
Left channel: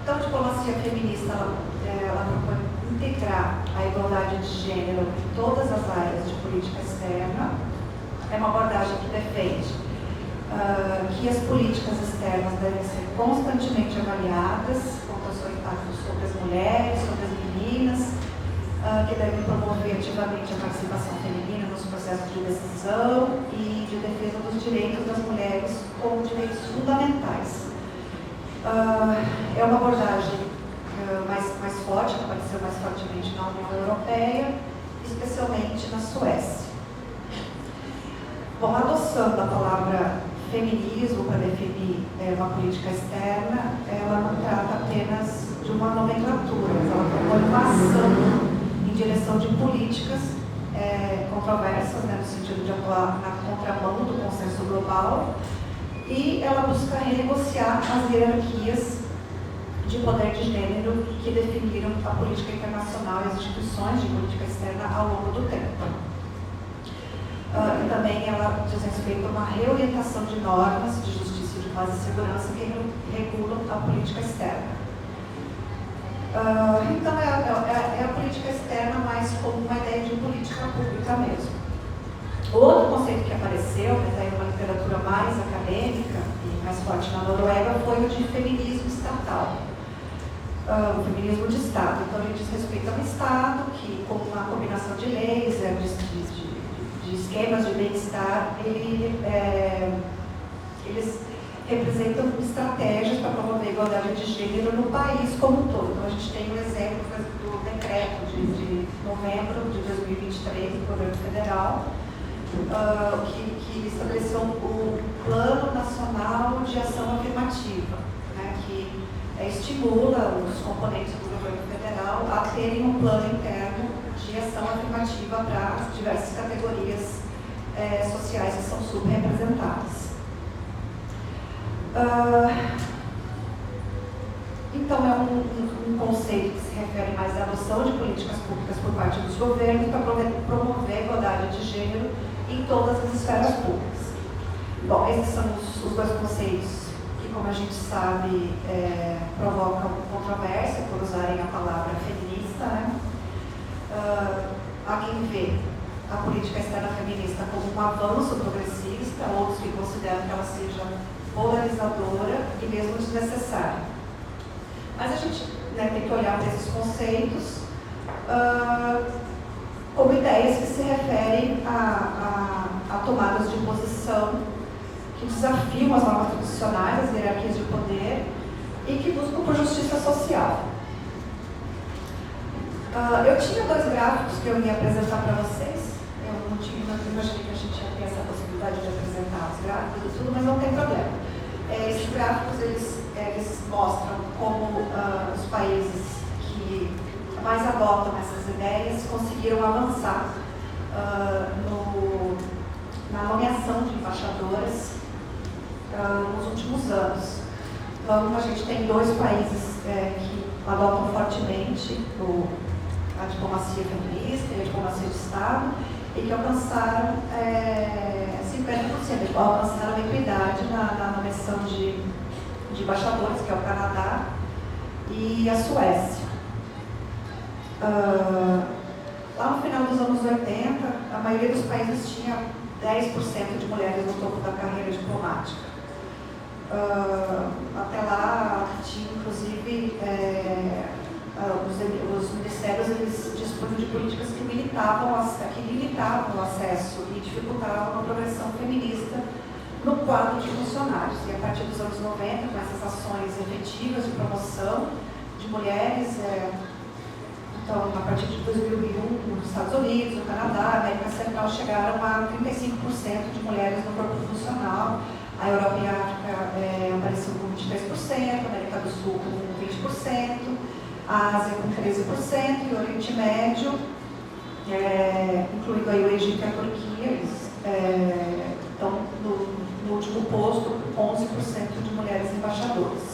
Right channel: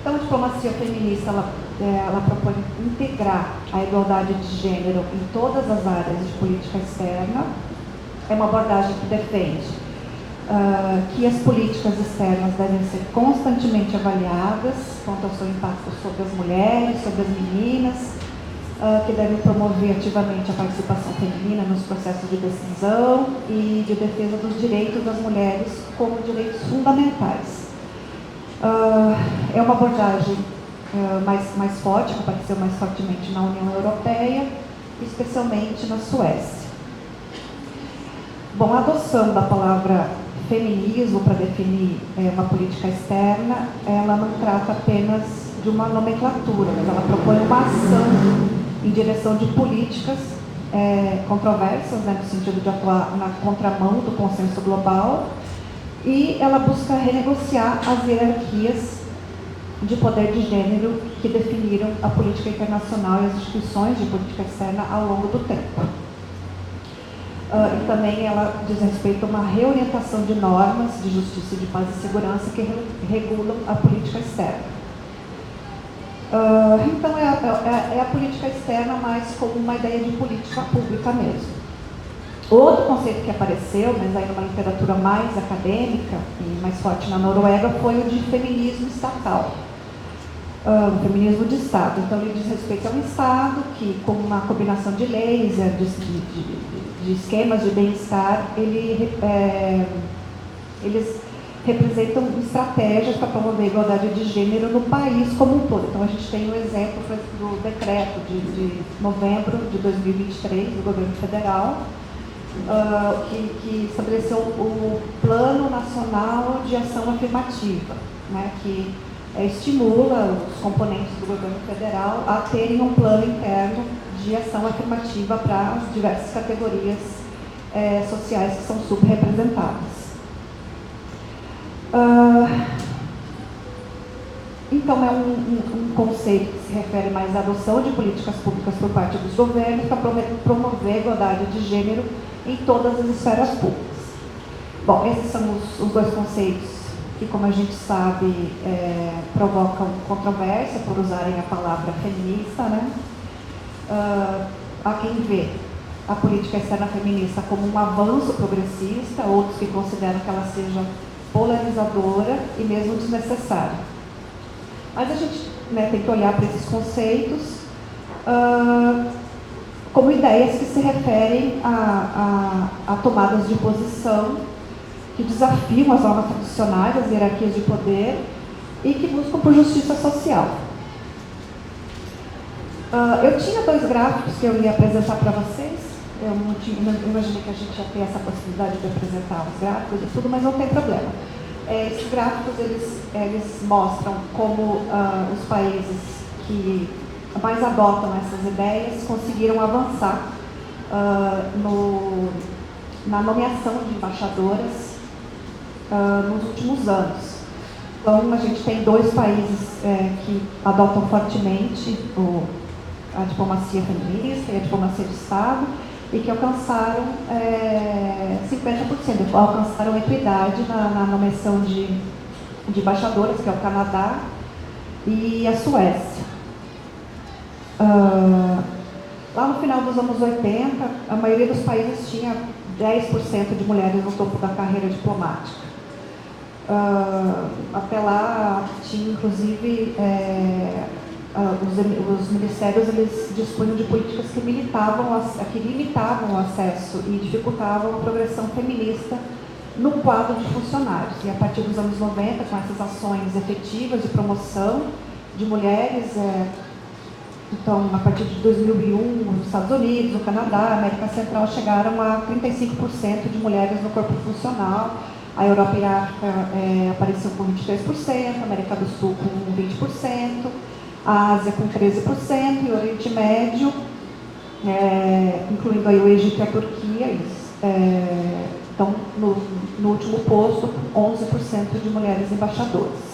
Então, a diplomacia feminista, ela propõe integrar a igualdade de gênero em todas as áreas de política externa. É uma abordagem que defende que as políticas externas devem ser constantemente avaliadas quanto ao seu impacto sobre as mulheres, sobre as meninas, que devem promover ativamente a participação feminina nos processos de decisão e de defesa dos direitos das mulheres como direitos fundamentais. É uma abordagem mais forte, que apareceu mais fortemente na União Europeia, especialmente na Suécia. Bom, a adoção da palavra feminismo para definir uma política externa, ela não trata apenas de uma nomenclatura, mas ela propõe uma ação em direção de políticas controversas, né, no sentido de atuar na contramão do consenso global, e ela busca renegociar as hierarquias de poder de gênero que definiram a política internacional e as instituições de política externa ao longo do tempo. E também ela diz respeito a uma reorientação de normas de justiça, de paz e segurança que regulam a política externa. Então, é a política externa mais como uma ideia de política pública mesmo. O outro conceito que apareceu, mas aí uma literatura mais acadêmica e mais forte na Noruega, foi o de feminismo estatal. Feminismo de Estado. Então, ele diz respeito a um Estado que, com uma combinação de leis, de esquemas de bem-estar, eles representam estratégias para promover a igualdade de gênero no país como um todo. Então, a gente tem o exemplo do decreto de novembro de 2023 do governo federal, que estabeleceu o Plano Nacional de Ação Afirmativa, né, que estimula os componentes do governo federal a terem um plano interno de ação afirmativa para as diversas categorias sociais que são subrepresentadas. Então, é um conceito que se refere mais à adoção de políticas públicas por parte dos governos para promover a igualdade de gênero em todas as esferas públicas. Bom, esses são os 2 conceitos que, como a gente sabe, provocam controvérsia por usarem a palavra feminista, né? Há quem vê a política externa feminista como um avanço progressista, outros que consideram que ela seja polarizadora e mesmo desnecessária. Mas a gente, né, tem que olhar para esses conceitos como ideias que se referem a tomadas de posição que desafiam as normas tradicionais, as hierarquias de poder e que buscam por justiça social. Eu tinha 2 gráficos que eu ia apresentar para vocês. Eu imaginei que a gente ia ter essa possibilidade de apresentar os gráficos e tudo, mas não tem problema. Esses gráficos, eles mostram como os países que mais adotam essas ideias conseguiram avançar na nomeação de embaixadoras nos últimos anos. Então, a gente tem 2 países que adotam fortemente a diplomacia feminista e a diplomacia de Estado e que alcançaram 50%, alcançaram equidade na nomeação de embaixadoras, que é o Canadá e a Suécia. Lá no final dos anos 80, a maioria dos países tinha 10% de mulheres no topo da carreira diplomática. Até lá, tinha inclusive os ministérios, eles dispunham de políticas que limitavam o acesso e dificultavam a progressão feminista no quadro de funcionários. E a partir dos anos 90, com essas ações efetivas de promoção de mulheres Então, a partir de 2001, nos Estados Unidos, no Canadá, América Central chegaram a 35% de mulheres no corpo funcional. A Europa e a África apareciam com 23%, a América do Sul com 20%, a Ásia com 13% e o Oriente Médio, incluindo aí o Egito e a Turquia, eles estão no último posto, 11% de mulheres embaixadoras.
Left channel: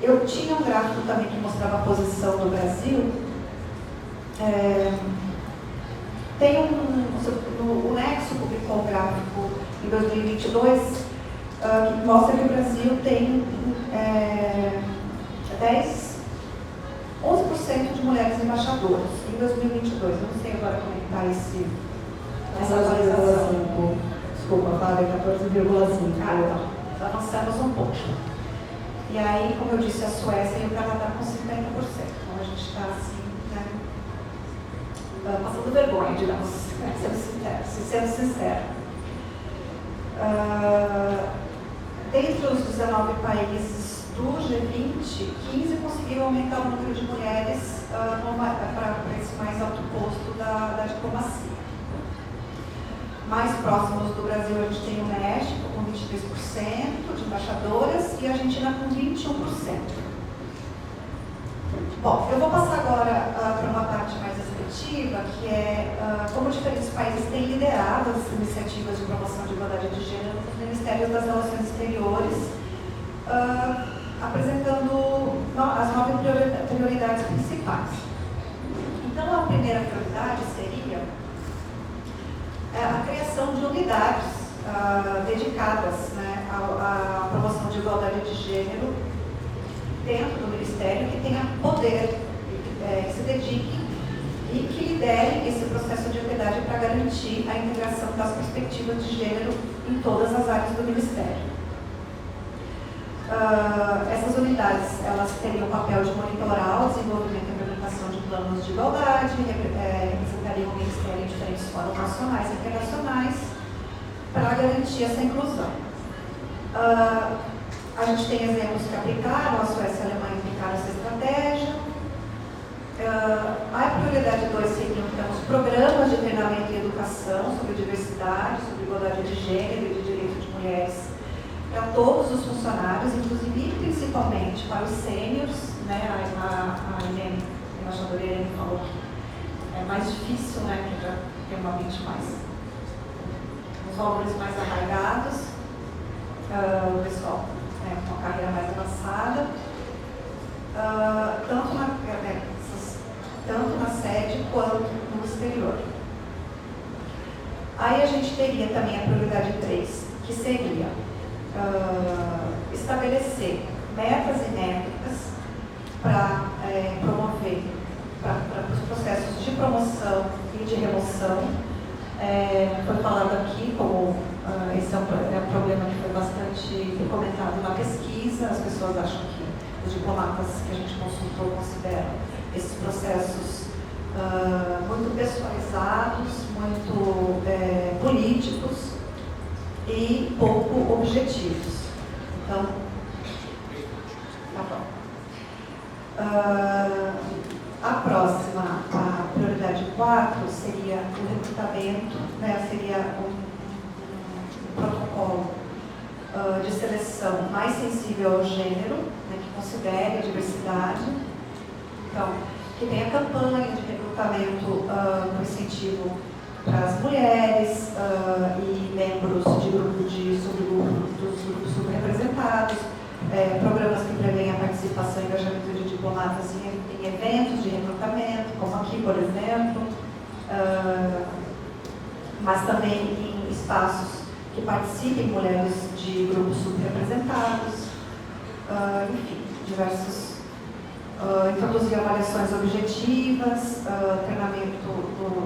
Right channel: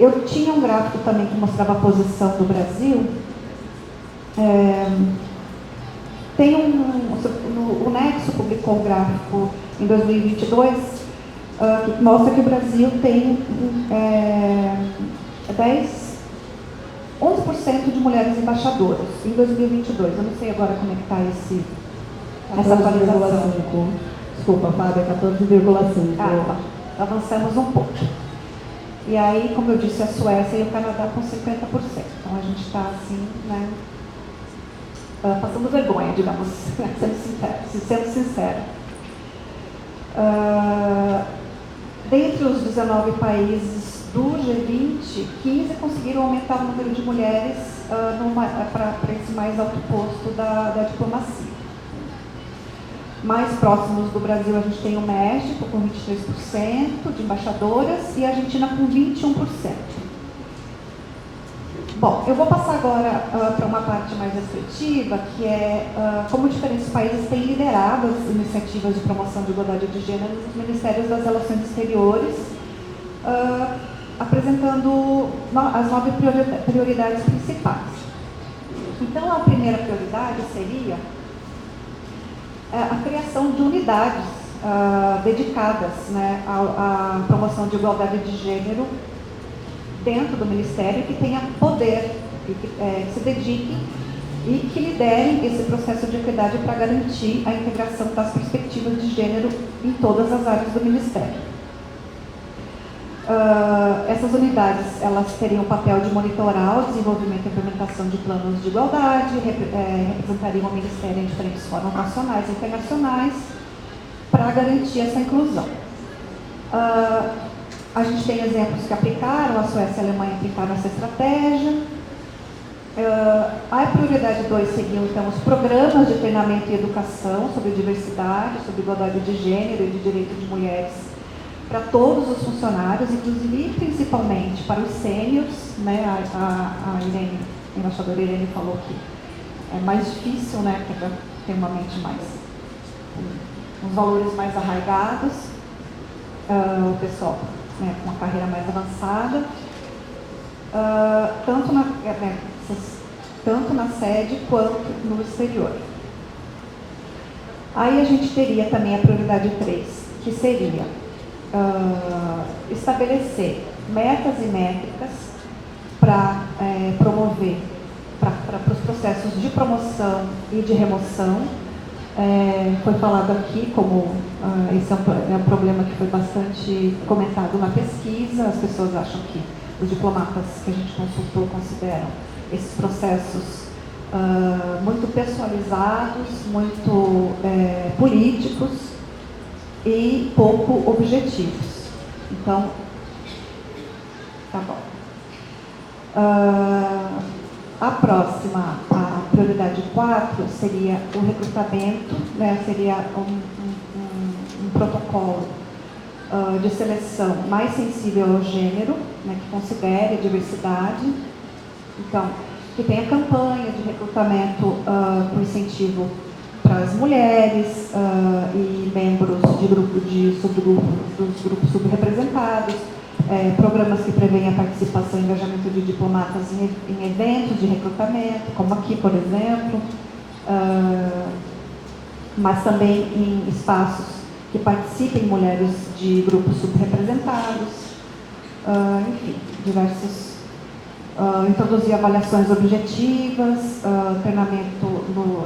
Eu tinha um gráfico também que mostrava a posição do Brasil. O Nexo publicou um gráfico em 2022 que mostra que o Brasil tem 11% de mulheres embaixadoras em 2022. Eu não sei agora como é que está essa atualização. Desculpa, Fábio, 14,5%. Avançamos um pouco. E aí, como eu disse, a Suécia e o Canadá com 50%. Então a gente está assim, né, passando vergonha, digamos, sendo sincero. Dentre os 19 países do G20, 15 conseguiram aumentar o número de mulheres para esse mais alto posto da diplomacia. Mais próximos do Brasil, a gente tem o México com 23% de embaixadoras e a Argentina com 21%. Bom, eu vou passar agora para uma parte mais efetiva, que é como diferentes países têm liderado as iniciativas de promoção de igualdade de gênero nos Ministérios das Relações Exteriores, apresentando as 9 prioridades principais. Então, a primeira prioridade seria a criação de unidades dedicadas, né, à promoção de igualdade de gênero dentro do Ministério, que tenha poder, que se dediquem e que liderem esse processo de equidade para garantir a integração das perspectivas de gênero em todas as áreas do Ministério. Essas unidades, elas teriam o papel de monitorar o desenvolvimento e implementação de planos de igualdade, representariam o Ministério em diferentes fóruns nacionais e internacionais para garantir essa inclusão. A gente tem exemplos que aplicaram, a Suécia e a Alemanha aplicaram essa estratégia. A prioridade 2 seriam, então, os programas de treinamento e educação sobre diversidade, sobre igualdade de gênero e de direito de mulheres para todos os funcionários, inclusive e principalmente para os sêniors, né? A embaixadora Irene falou que é mais difícil, né? Que já tem uma mente mais, uns valores mais arraigados, o pessoal, né, com uma carreira mais avançada, tanto na sede quanto no exterior. Aí a gente teria também a prioridade 3, que seria estabelecer metas e métricas para promover para os processos de promoção e de remoção. Foi falado aqui como esse é um problema que foi bastante comentado na pesquisa. As pessoas acham que os diplomatas que a gente consultou consideram esses processos muito pessoalizados, muito políticos e pouco objetivos. Então, tá bom. A próxima, a prioridade 4, seria o recrutamento, né, seria um protocolo de seleção mais sensível ao gênero, né, que considere a diversidade. Então, que tenha campanha de recrutamento com incentivo para as mulheres e membros dos grupos subrepresentados, programas que prevêem a participação e engajamento de diplomatas em eventos de recrutamento, como aqui, por exemplo, mas também em espaços que participem mulheres de grupos subrepresentados, enfim, diversos. Introduzir avaliações objetivas, treinamento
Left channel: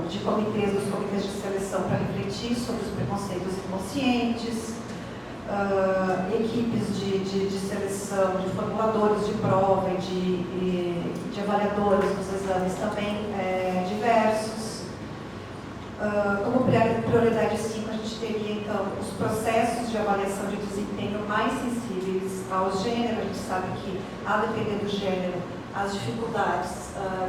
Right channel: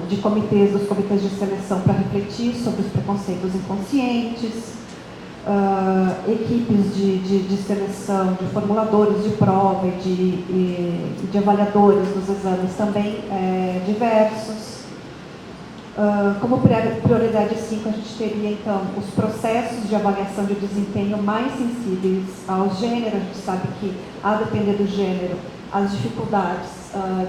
dos comitês de seleção para refletir sobre os preconceitos inconscientes, equipes de seleção, de formuladores de prova e de avaliadores dos exames também diversos. Como prioridade 5, a gente teria, então, os processos de avaliação de desempenho mais sensíveis ao gênero. A gente sabe que, a depender do gênero, as dificuldades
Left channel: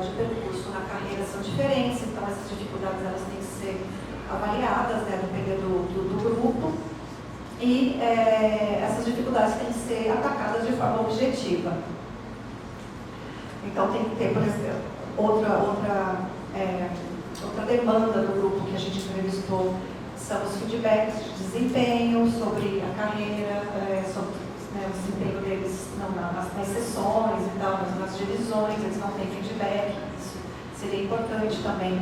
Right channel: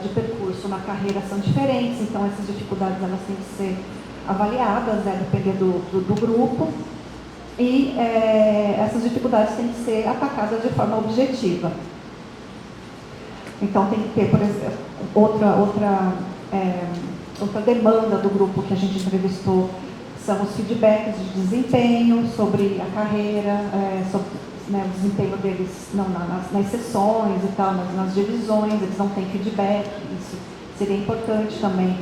de percurso na carreira são diferentes, então essas dificuldades elas têm que ser avaliadas, né, dependendo do grupo, e essas dificuldades têm que ser atacadas de forma objetiva. Então tem que ter, por exemplo, outra demanda do grupo que a gente entrevistou são os feedbacks de desempenho sobre a carreira, sobre, né, o desempenho deles nas sessões e tal, nas divisões. Eles não têm feedback, isso seria importante também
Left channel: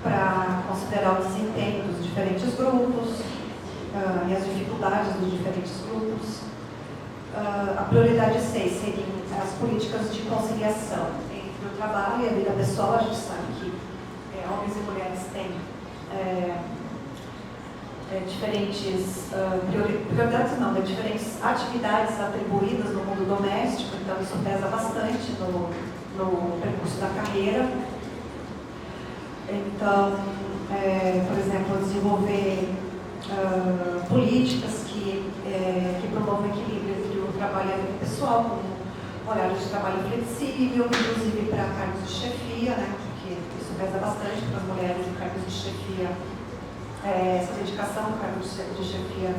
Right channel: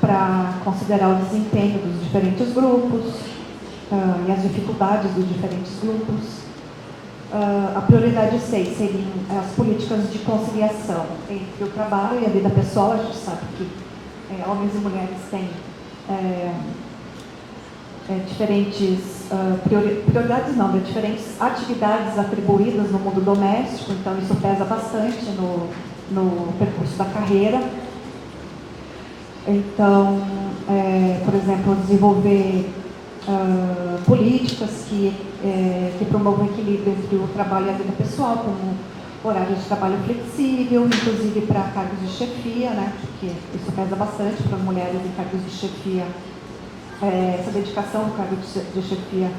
para considerar o desempenho dos diferentes grupos e as dificuldades dos diferentes grupos. A prioridade 6 seriam as políticas de conciliação entre o trabalho e a vida pessoal. A gente sabe que homens e mulheres têm diferentes prioridades, não, diferentes atividades atribuídas no mundo doméstico, então isso pesa bastante no percurso da carreira. Então, por exemplo, desenvolver políticas que promovam o equilíbrio entre o trabalho e a vida pessoal, como horário de trabalho flexível, inclusive para cargos de chefia, né, porque isso pesa bastante para mulheres em cargos de chefia. Essa dedicação ao cargo de chefia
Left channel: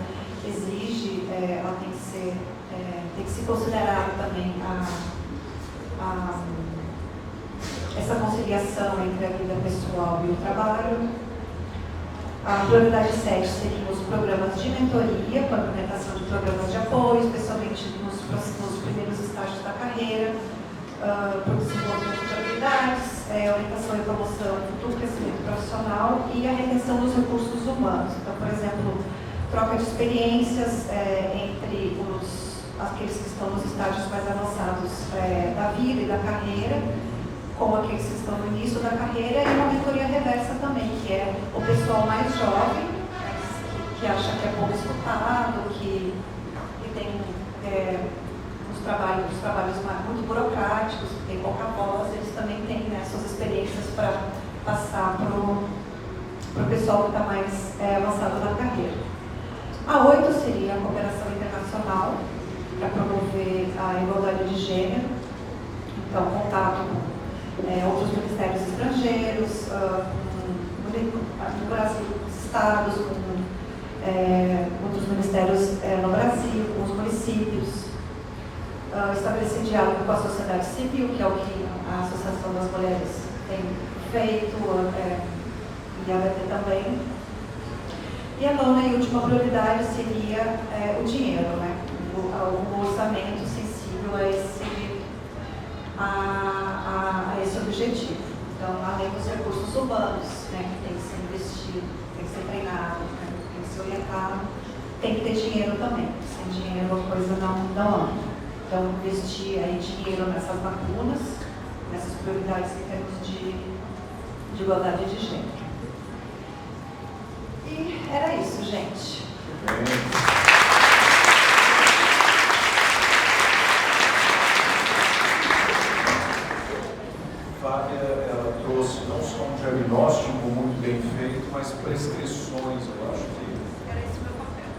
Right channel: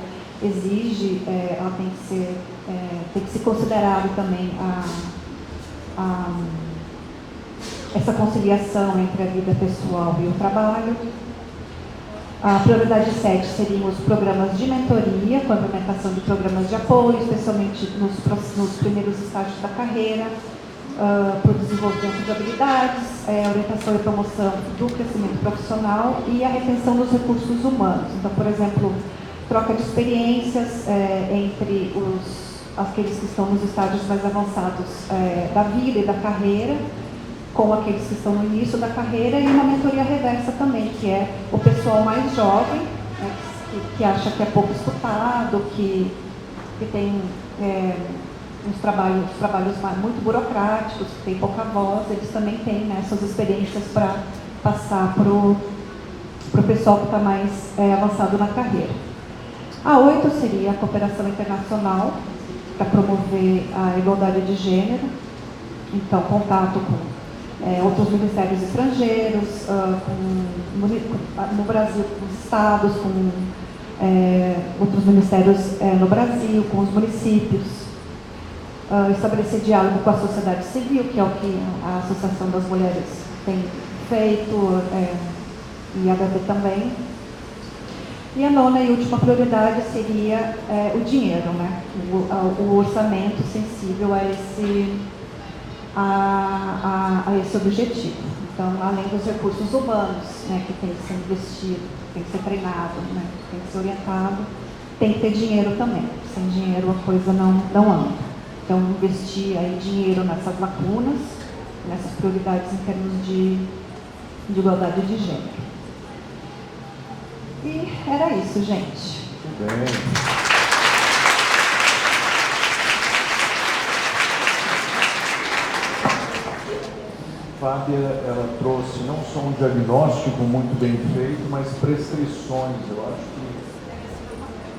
exige, ela tem que se considerar também essa conciliação entre a vida pessoal e o trabalho. A prioridade 7 seriam os programas de mentoria, com a implementação de programas de apoio, especialmente nos primeiros estágios da carreira, para o desenvolvimento de habilidades, orientação e promoção do crescimento profissional e a retenção dos recursos humanos. Então, por exemplo, troca de experiências entre aqueles que estão nos estágios mais avançados da vida e da carreira, com aqueles que estão no início da carreira, e uma mentoria reversa também, que é o pessoal mais jovem, né, que acha que é pouco escutado, que tem uns trabalhos muito burocráticos, que tem pouca voz. Eles também têm, né, essas experiências para passar para o pessoal que está mais avançado na carreira. A 8 seria a cooperação internacional, para promover a igualdade de gênero, então contato com outros ministérios estrangeiros, no Brasil, com os estados, com outros ministérios no Brasil, com os municípios. Estabelecer diálogo com a sociedade civil, que é o que a Associação das Mulheres tem feito, e a HT também. E a 9ª e última prioridade seria o dinheiro, né? O orçamento sensível a esse objetivo. Então, além dos recursos humanos, né, que tem que ser investido, tem que ser treinado, né, tem que ser orientado, tem que ter dinheiro também. Sem dinheiro a coisa não anda. Então, investir aí dinheiro nessas lacunas, nessas prioridades em termos de igualdade de gênero. E era isso, gente. Bem. Fábia, ela trouxe não só um diagnóstico muito bem feito, mas prescrições. Eu acho que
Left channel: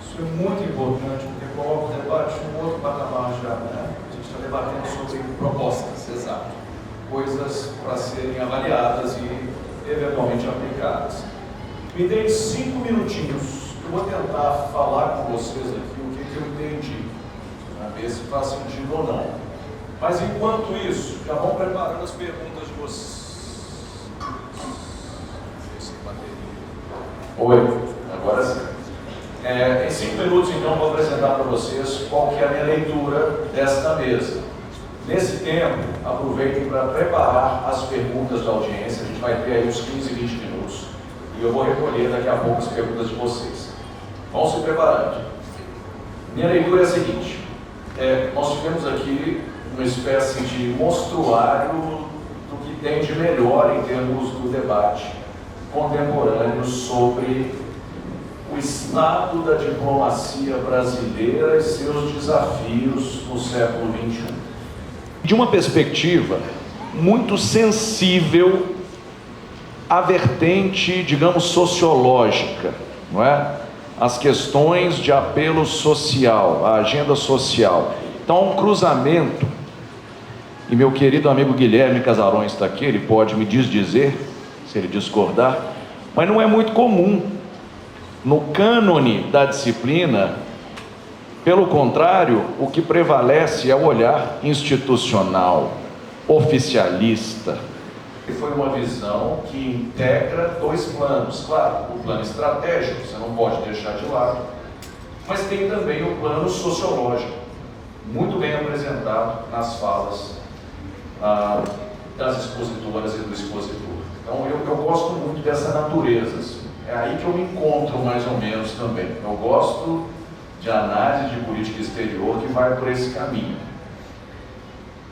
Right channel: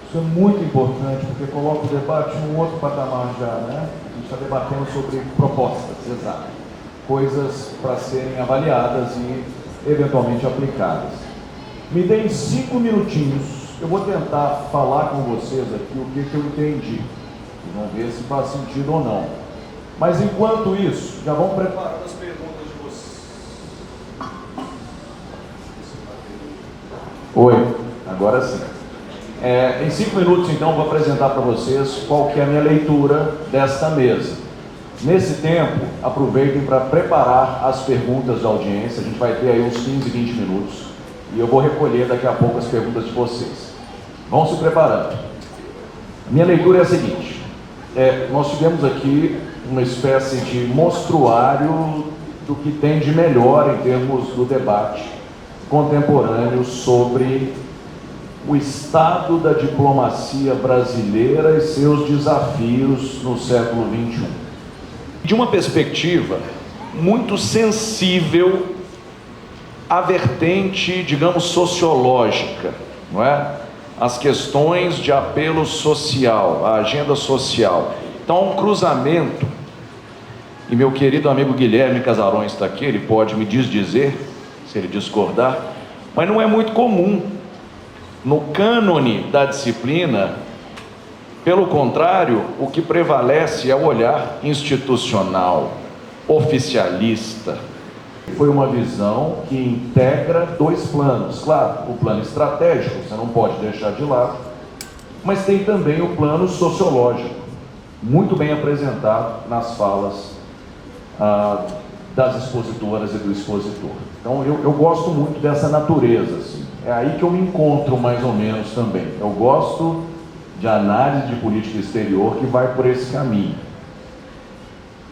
isso é muito importante, porque coloca o debate em um outro patamar já, né? A gente está debatendo sobre propostas, exato. Coisas para serem avaliadas e eventualmente aplicadas. Me deem 5 minutinhos, eu vou tentar falar com vocês aqui o que eu entendi. Vamos ver se faz sentido ou não. Mas enquanto isso, já vão preparando as perguntas de vocês. Oi, agora sim. Em 5 minutos, então, vou apresentar para vocês qual que é a minha leitura desta mesa. Nesse tempo, aproveitem para preparar as perguntas da audiência. A gente vai ter aí uns 15, 20 minutos. E eu vou recolher daqui a pouco as perguntas de vocês. Vão se preparando. Minha leitura é a seguinte. Nós tivemos aqui uma espécie de mostruário do que tem de melhor em termos do debate contemporâneo sobre o estado da diplomacia brasileira e seus desafios no século XXI. De uma perspectiva muito sensível a vertente, digamos, sociológica, não é? As questões de apelo social, a agenda social. Então, há um cruzamento, e meu querido amigo Guilherme Casarões está aqui, ele pode me desdizer, se ele discordar, mas não é muito comum no cânone da disciplina. Pelo contrário, o que prevalece é o olhar institucional, oficialista. Foi uma visão que integra dois planos. Claro, o plano estratégico, você não pode deixar de lado, mas tem também o plano sociológico, muito bem apresentado nas falas das expositoras e do expositor. Então, eu gosto muito dessa natureza, assim. É aí que eu me encontro mais ou menos também. Eu gosto de análise de política exterior que vai por esse caminho.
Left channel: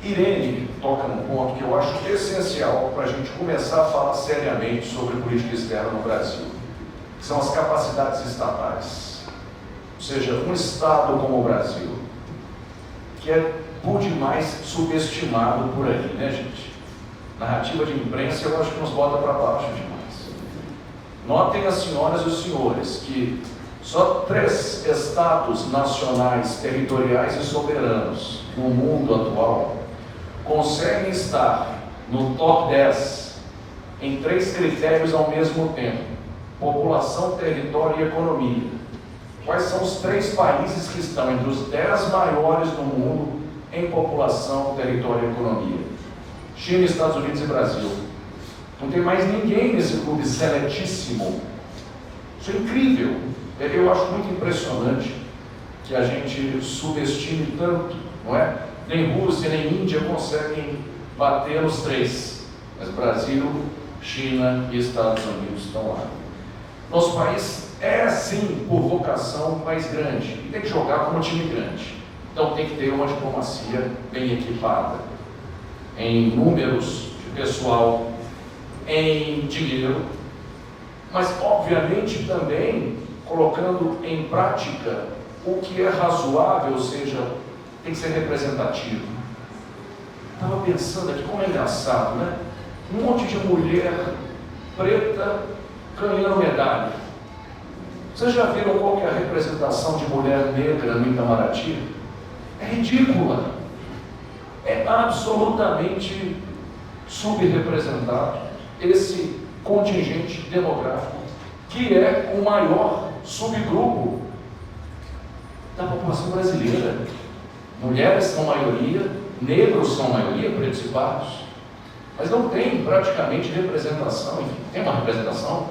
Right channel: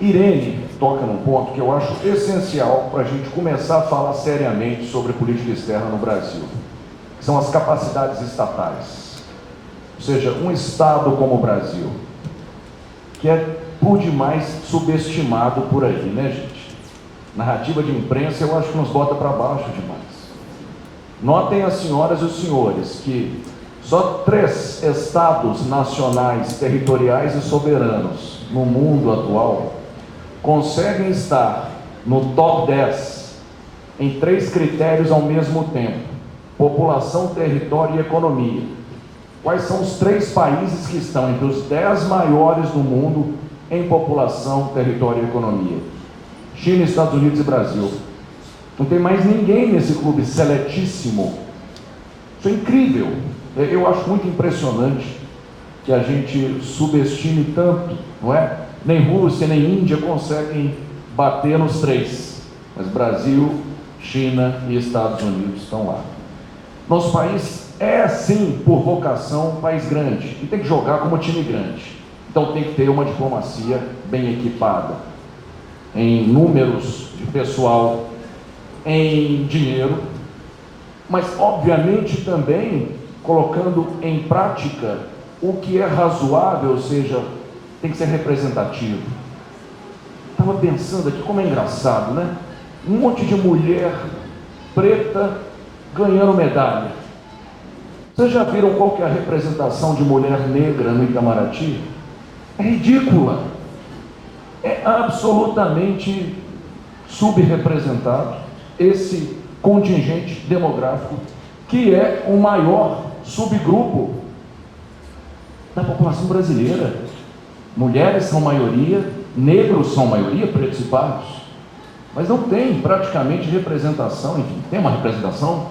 Irene toca num ponto que eu acho essencial para a gente começar a falar seriamente sobre política externa no Brasil, que são as capacidades estatais. Ou seja, um Estado como o Brasil, que é por demais subestimado por aí, né, gente? Narrativa de imprensa eu acho que nos bota para baixo demais. Notem as senhoras e os senhores que só 3 estados nacionais, territoriais e soberanos no mundo atual conseguem estar no top 10 em 3 critérios ao mesmo tempo: população, território e economia. Quais são os 3 países que estão entre os 10 maiores do mundo em população, território e economia? China, Estados Unidos e Brasil. Não tem mais ninguém nesse clube seletíssimo. Isso é incrível. Eu acho muito impressionante que a gente subestime tanto, não é? Nem Rússia, nem Índia conseguem bater nos 3. Mas Brasil, China e Estados Unidos estão lá. Nosso país é, sim, por vocação, um país grande. E tem que jogar como um time grande. Então tem que ter uma diplomacia bem equipada. Em números de pessoal, em dinheiro, mas obviamente também colocando em prática o que é razoável, ou seja, tem que ser representativo. Estava pensando aqui, como é engraçado, né? Um monte de mulher preta ganhando medalha. Vocês já viram qual que é a representação de mulher negra no Itamaraty? É ridícula. É absolutamente subrepresentado esse contingente demográfico, que é o maior subgrupo da população brasileira. Mulheres são maioria, negros são maioria, pretos e pardos, mas não tem praticamente representação. Enfim, tem uma representação,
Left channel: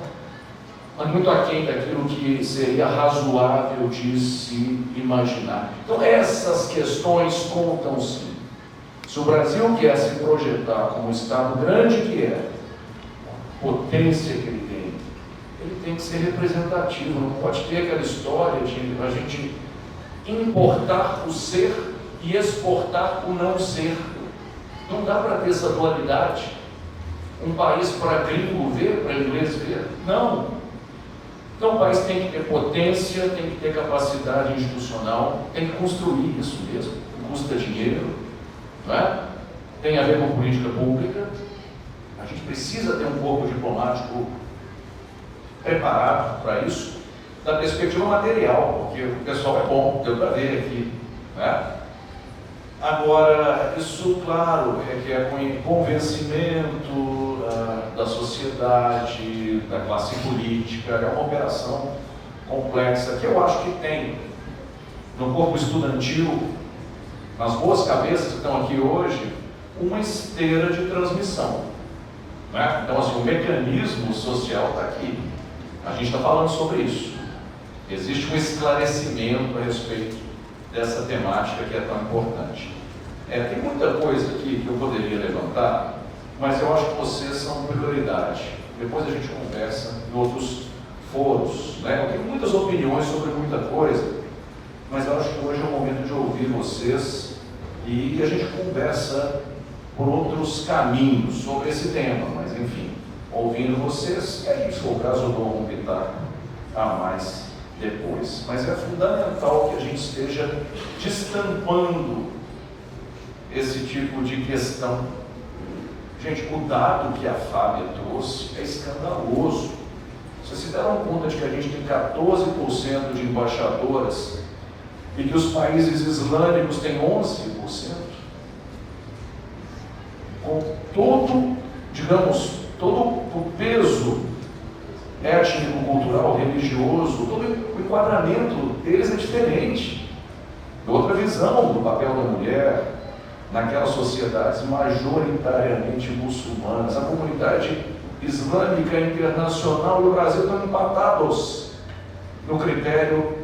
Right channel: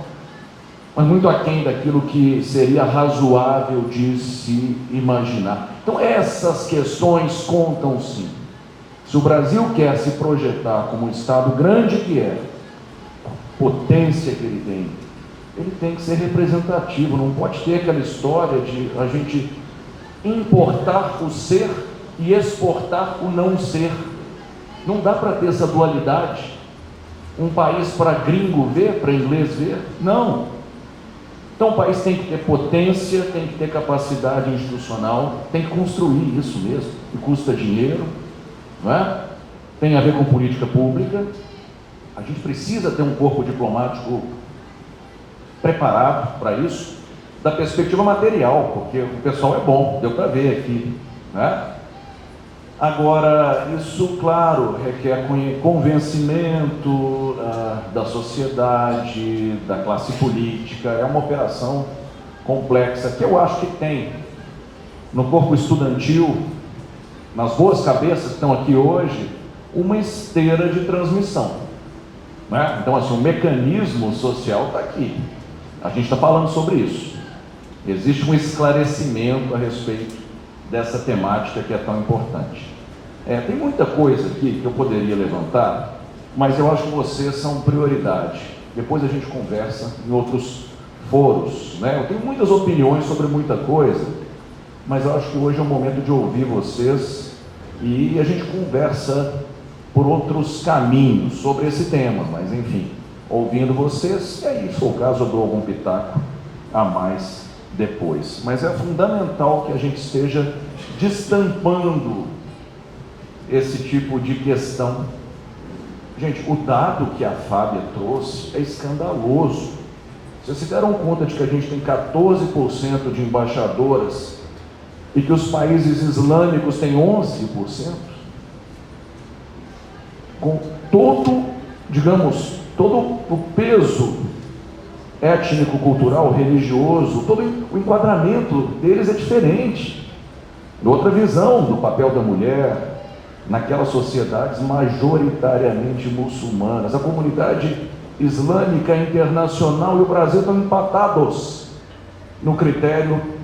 mas muito aquém daquilo que seria razoável de se imaginar. Então essas questões contam sim. Se o Brasil quer se projetar como um Estado grande que é, potência que ele tem que ser representativo. Não pode ter aquela história de a gente importar o ser e exportar o não ser. Não dá para ter essa dualidade. Um país para gringo ver, para inglês ver. Não. Então o país tem que ter potência, tem que ter capacidade institucional, tem que construir isso mesmo. Custa dinheiro, não é? Tem a ver com política pública. A gente precisa ter um corpo diplomático preparado para isso, da perspectiva material, porque o pessoal é bom, deu para ver aqui, né? Agora, isso, claro, que é convencimento da sociedade, da classe política, é uma operação complexa, que eu acho que tem no corpo estudantil, nas boas cabeças que estão aqui hoje, uma esteira de transmissão, né? Então, assim, o mecanismo social está aqui. A gente está falando sobre isso. Existe um esclarecimento a respeito dessa temática que é tão importante. Tem muita coisa aqui que eu poderia levantar, mas eu acho que vocês são prioridade. Depois a gente conversa em outros foros, né? Eu tenho muitas opiniões sobre muita coisa, mas eu acho que hoje é o momento de ouvir vocês e a gente conversa por outros caminhos sobre esse tema, mas enfim, ouvindo vocês, se for o caso eu dou algum pitaco a mais depois. Mas é fundamental que a gente esteja destampando esse tipo de questão Gente, o dado que a Fábia trouxe é escandaloso. Vocês se deram conta de que a gente tem 14% de embaixadoras e que os países islâmicos têm 11%? Com todo, digamos, todo o peso étnico, cultural, religioso, todo o enquadramento deles é diferente. Outra visão do papel da mulher naquelas sociedades majoritariamente muçulmanas. A comunidade islâmica internacional e o Brasil estão empatados no critério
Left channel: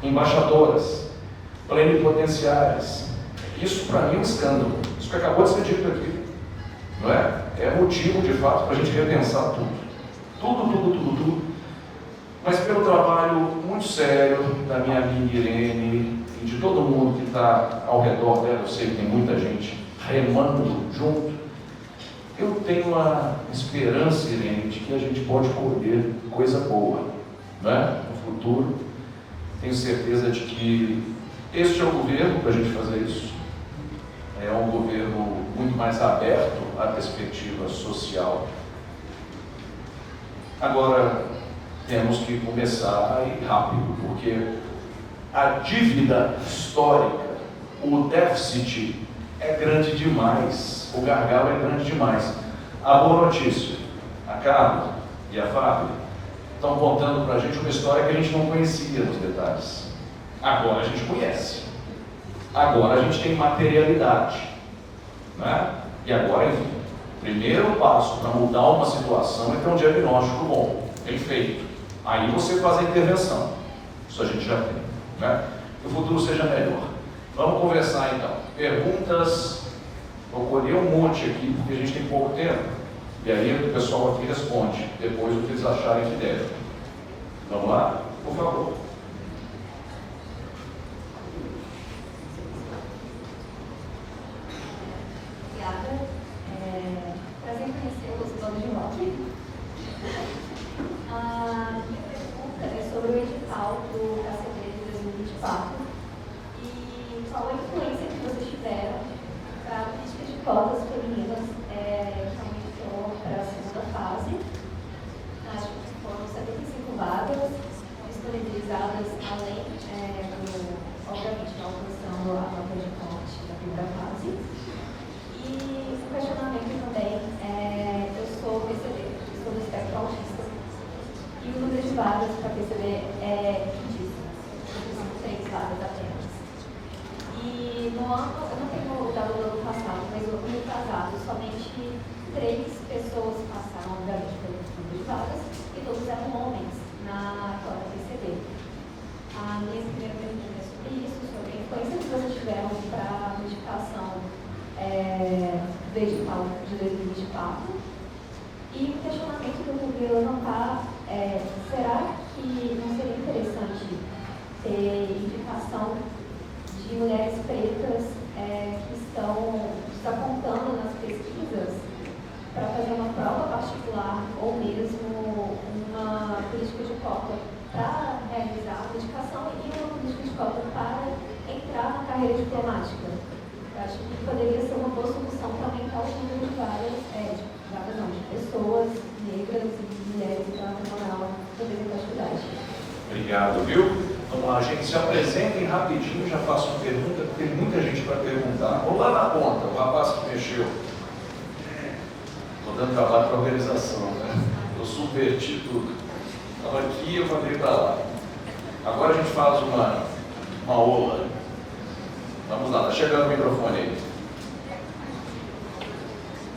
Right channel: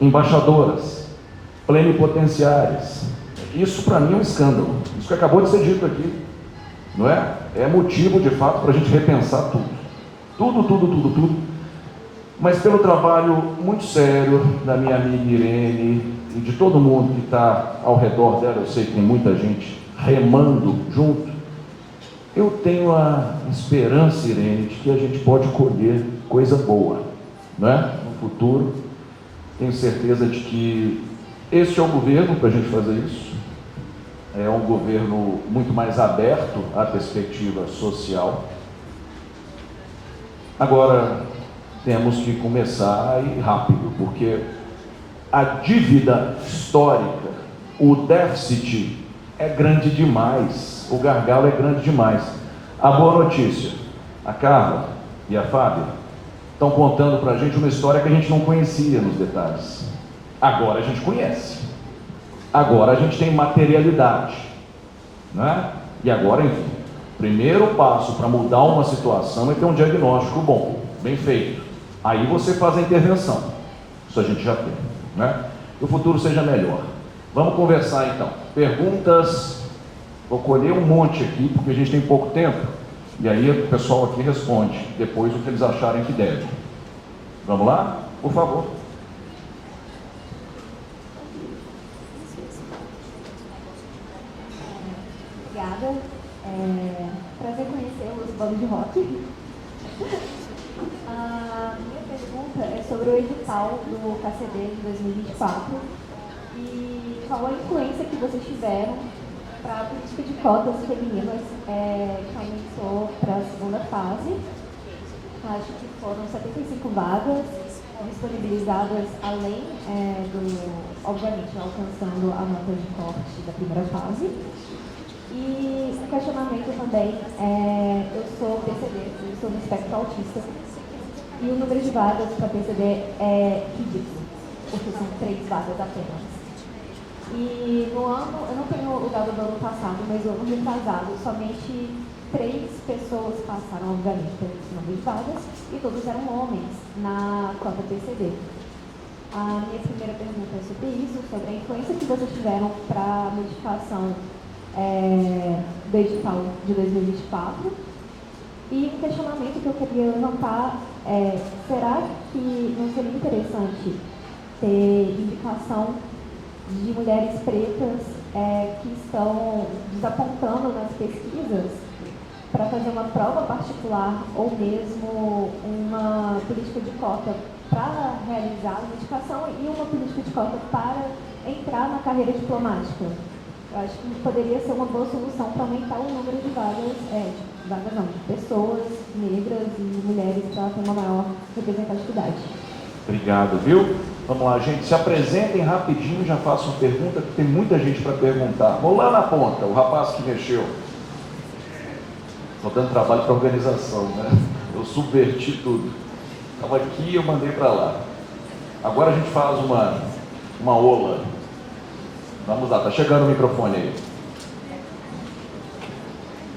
embaixadoras, plenipotenciárias. Isso para mim é um escândalo. Isso que acabou de ser dito aqui, não é? É motivo de fato para a gente repensar tudo. Tudo. Mas pelo trabalho muito sério da minha amiga Irene e de todo mundo que está ao redor dela, eu sei que tem muita gente remando junto, eu tenho a esperança, Irene, de que a gente pode colher coisa boa, não é? No futuro. Tenho certeza de que este é o governo para a gente fazer isso. É um governo muito mais aberto à perspectiva social. Agora, temos que começar a ir rápido, porque a dívida histórica, o déficit é grande demais, o gargalo é grande demais. A boa notícia, a Carla e a Fábia estão contando para a gente uma história que a gente não conhecia nos detalhes. Agora a gente conhece. Agora a gente tem materialidade, né? E agora, enfim, o primeiro passo para mudar uma situação é ter um diagnóstico bom, bem feito. Aí você faz a intervenção. Isso a gente já tem, né? Que o futuro seja melhor. Vamos conversar então. Perguntas, vou colher um monte aqui, porque a gente tem pouco tempo. E aí o pessoal aqui responde depois o que eles acharem que devem. Vamos lá? Por favor. Obrigada. Prazer conhecer os bandos de rock. A minha pergunta é sobre o edital do KCD de 2024 e qual a influência que vocês tiveram para a política de cotas femininas que aumentou para a segunda fase. Acho que foram 75 vagas disponibilizadas além obviamente, alcançando a nota de corte da primeira fase. E um questionamento também, eu sou PCD, estou no espectro autista, e o número de vagas para PCD é ridículo, porque são 3 vagas apenas. E no ano, eu não tenho o dado do ano passado, mas no ano retrasado, somente 3 pessoas passaram, obviamente, pelo número de vagas, e todos eram homens na cota PCD. A minha primeira pergunta é sobre isso, sobre a influência que vocês tiveram para a modificação do edital de 2024. E o questionamento que eu queria levantar é: será que não seria interessante ter indicação de mulheres pretas que estão desapontando nas pesquisas para fazer uma prova particular ou mesmo uma política de cota para realizar uma indicação e uma política de cota para entrar na carreira diplomática? Eu acho que poderia ser uma boa solução para aumentar o número de de pessoas negras e mulheres para ter uma maior representatividade. Obrigado, viu? Vamos lá, gente, se apresentem rapidinho, já façam pergunta, porque tem muita gente para perguntar. Vou lá na ponta, o rapaz que mexeu. Estou dando trabalho para a organização, né? Eu subverti tudo. Estava aqui e eu mandei para lá. Agora a gente faz uma ola. Vamos lá, está chegando o microfone aí.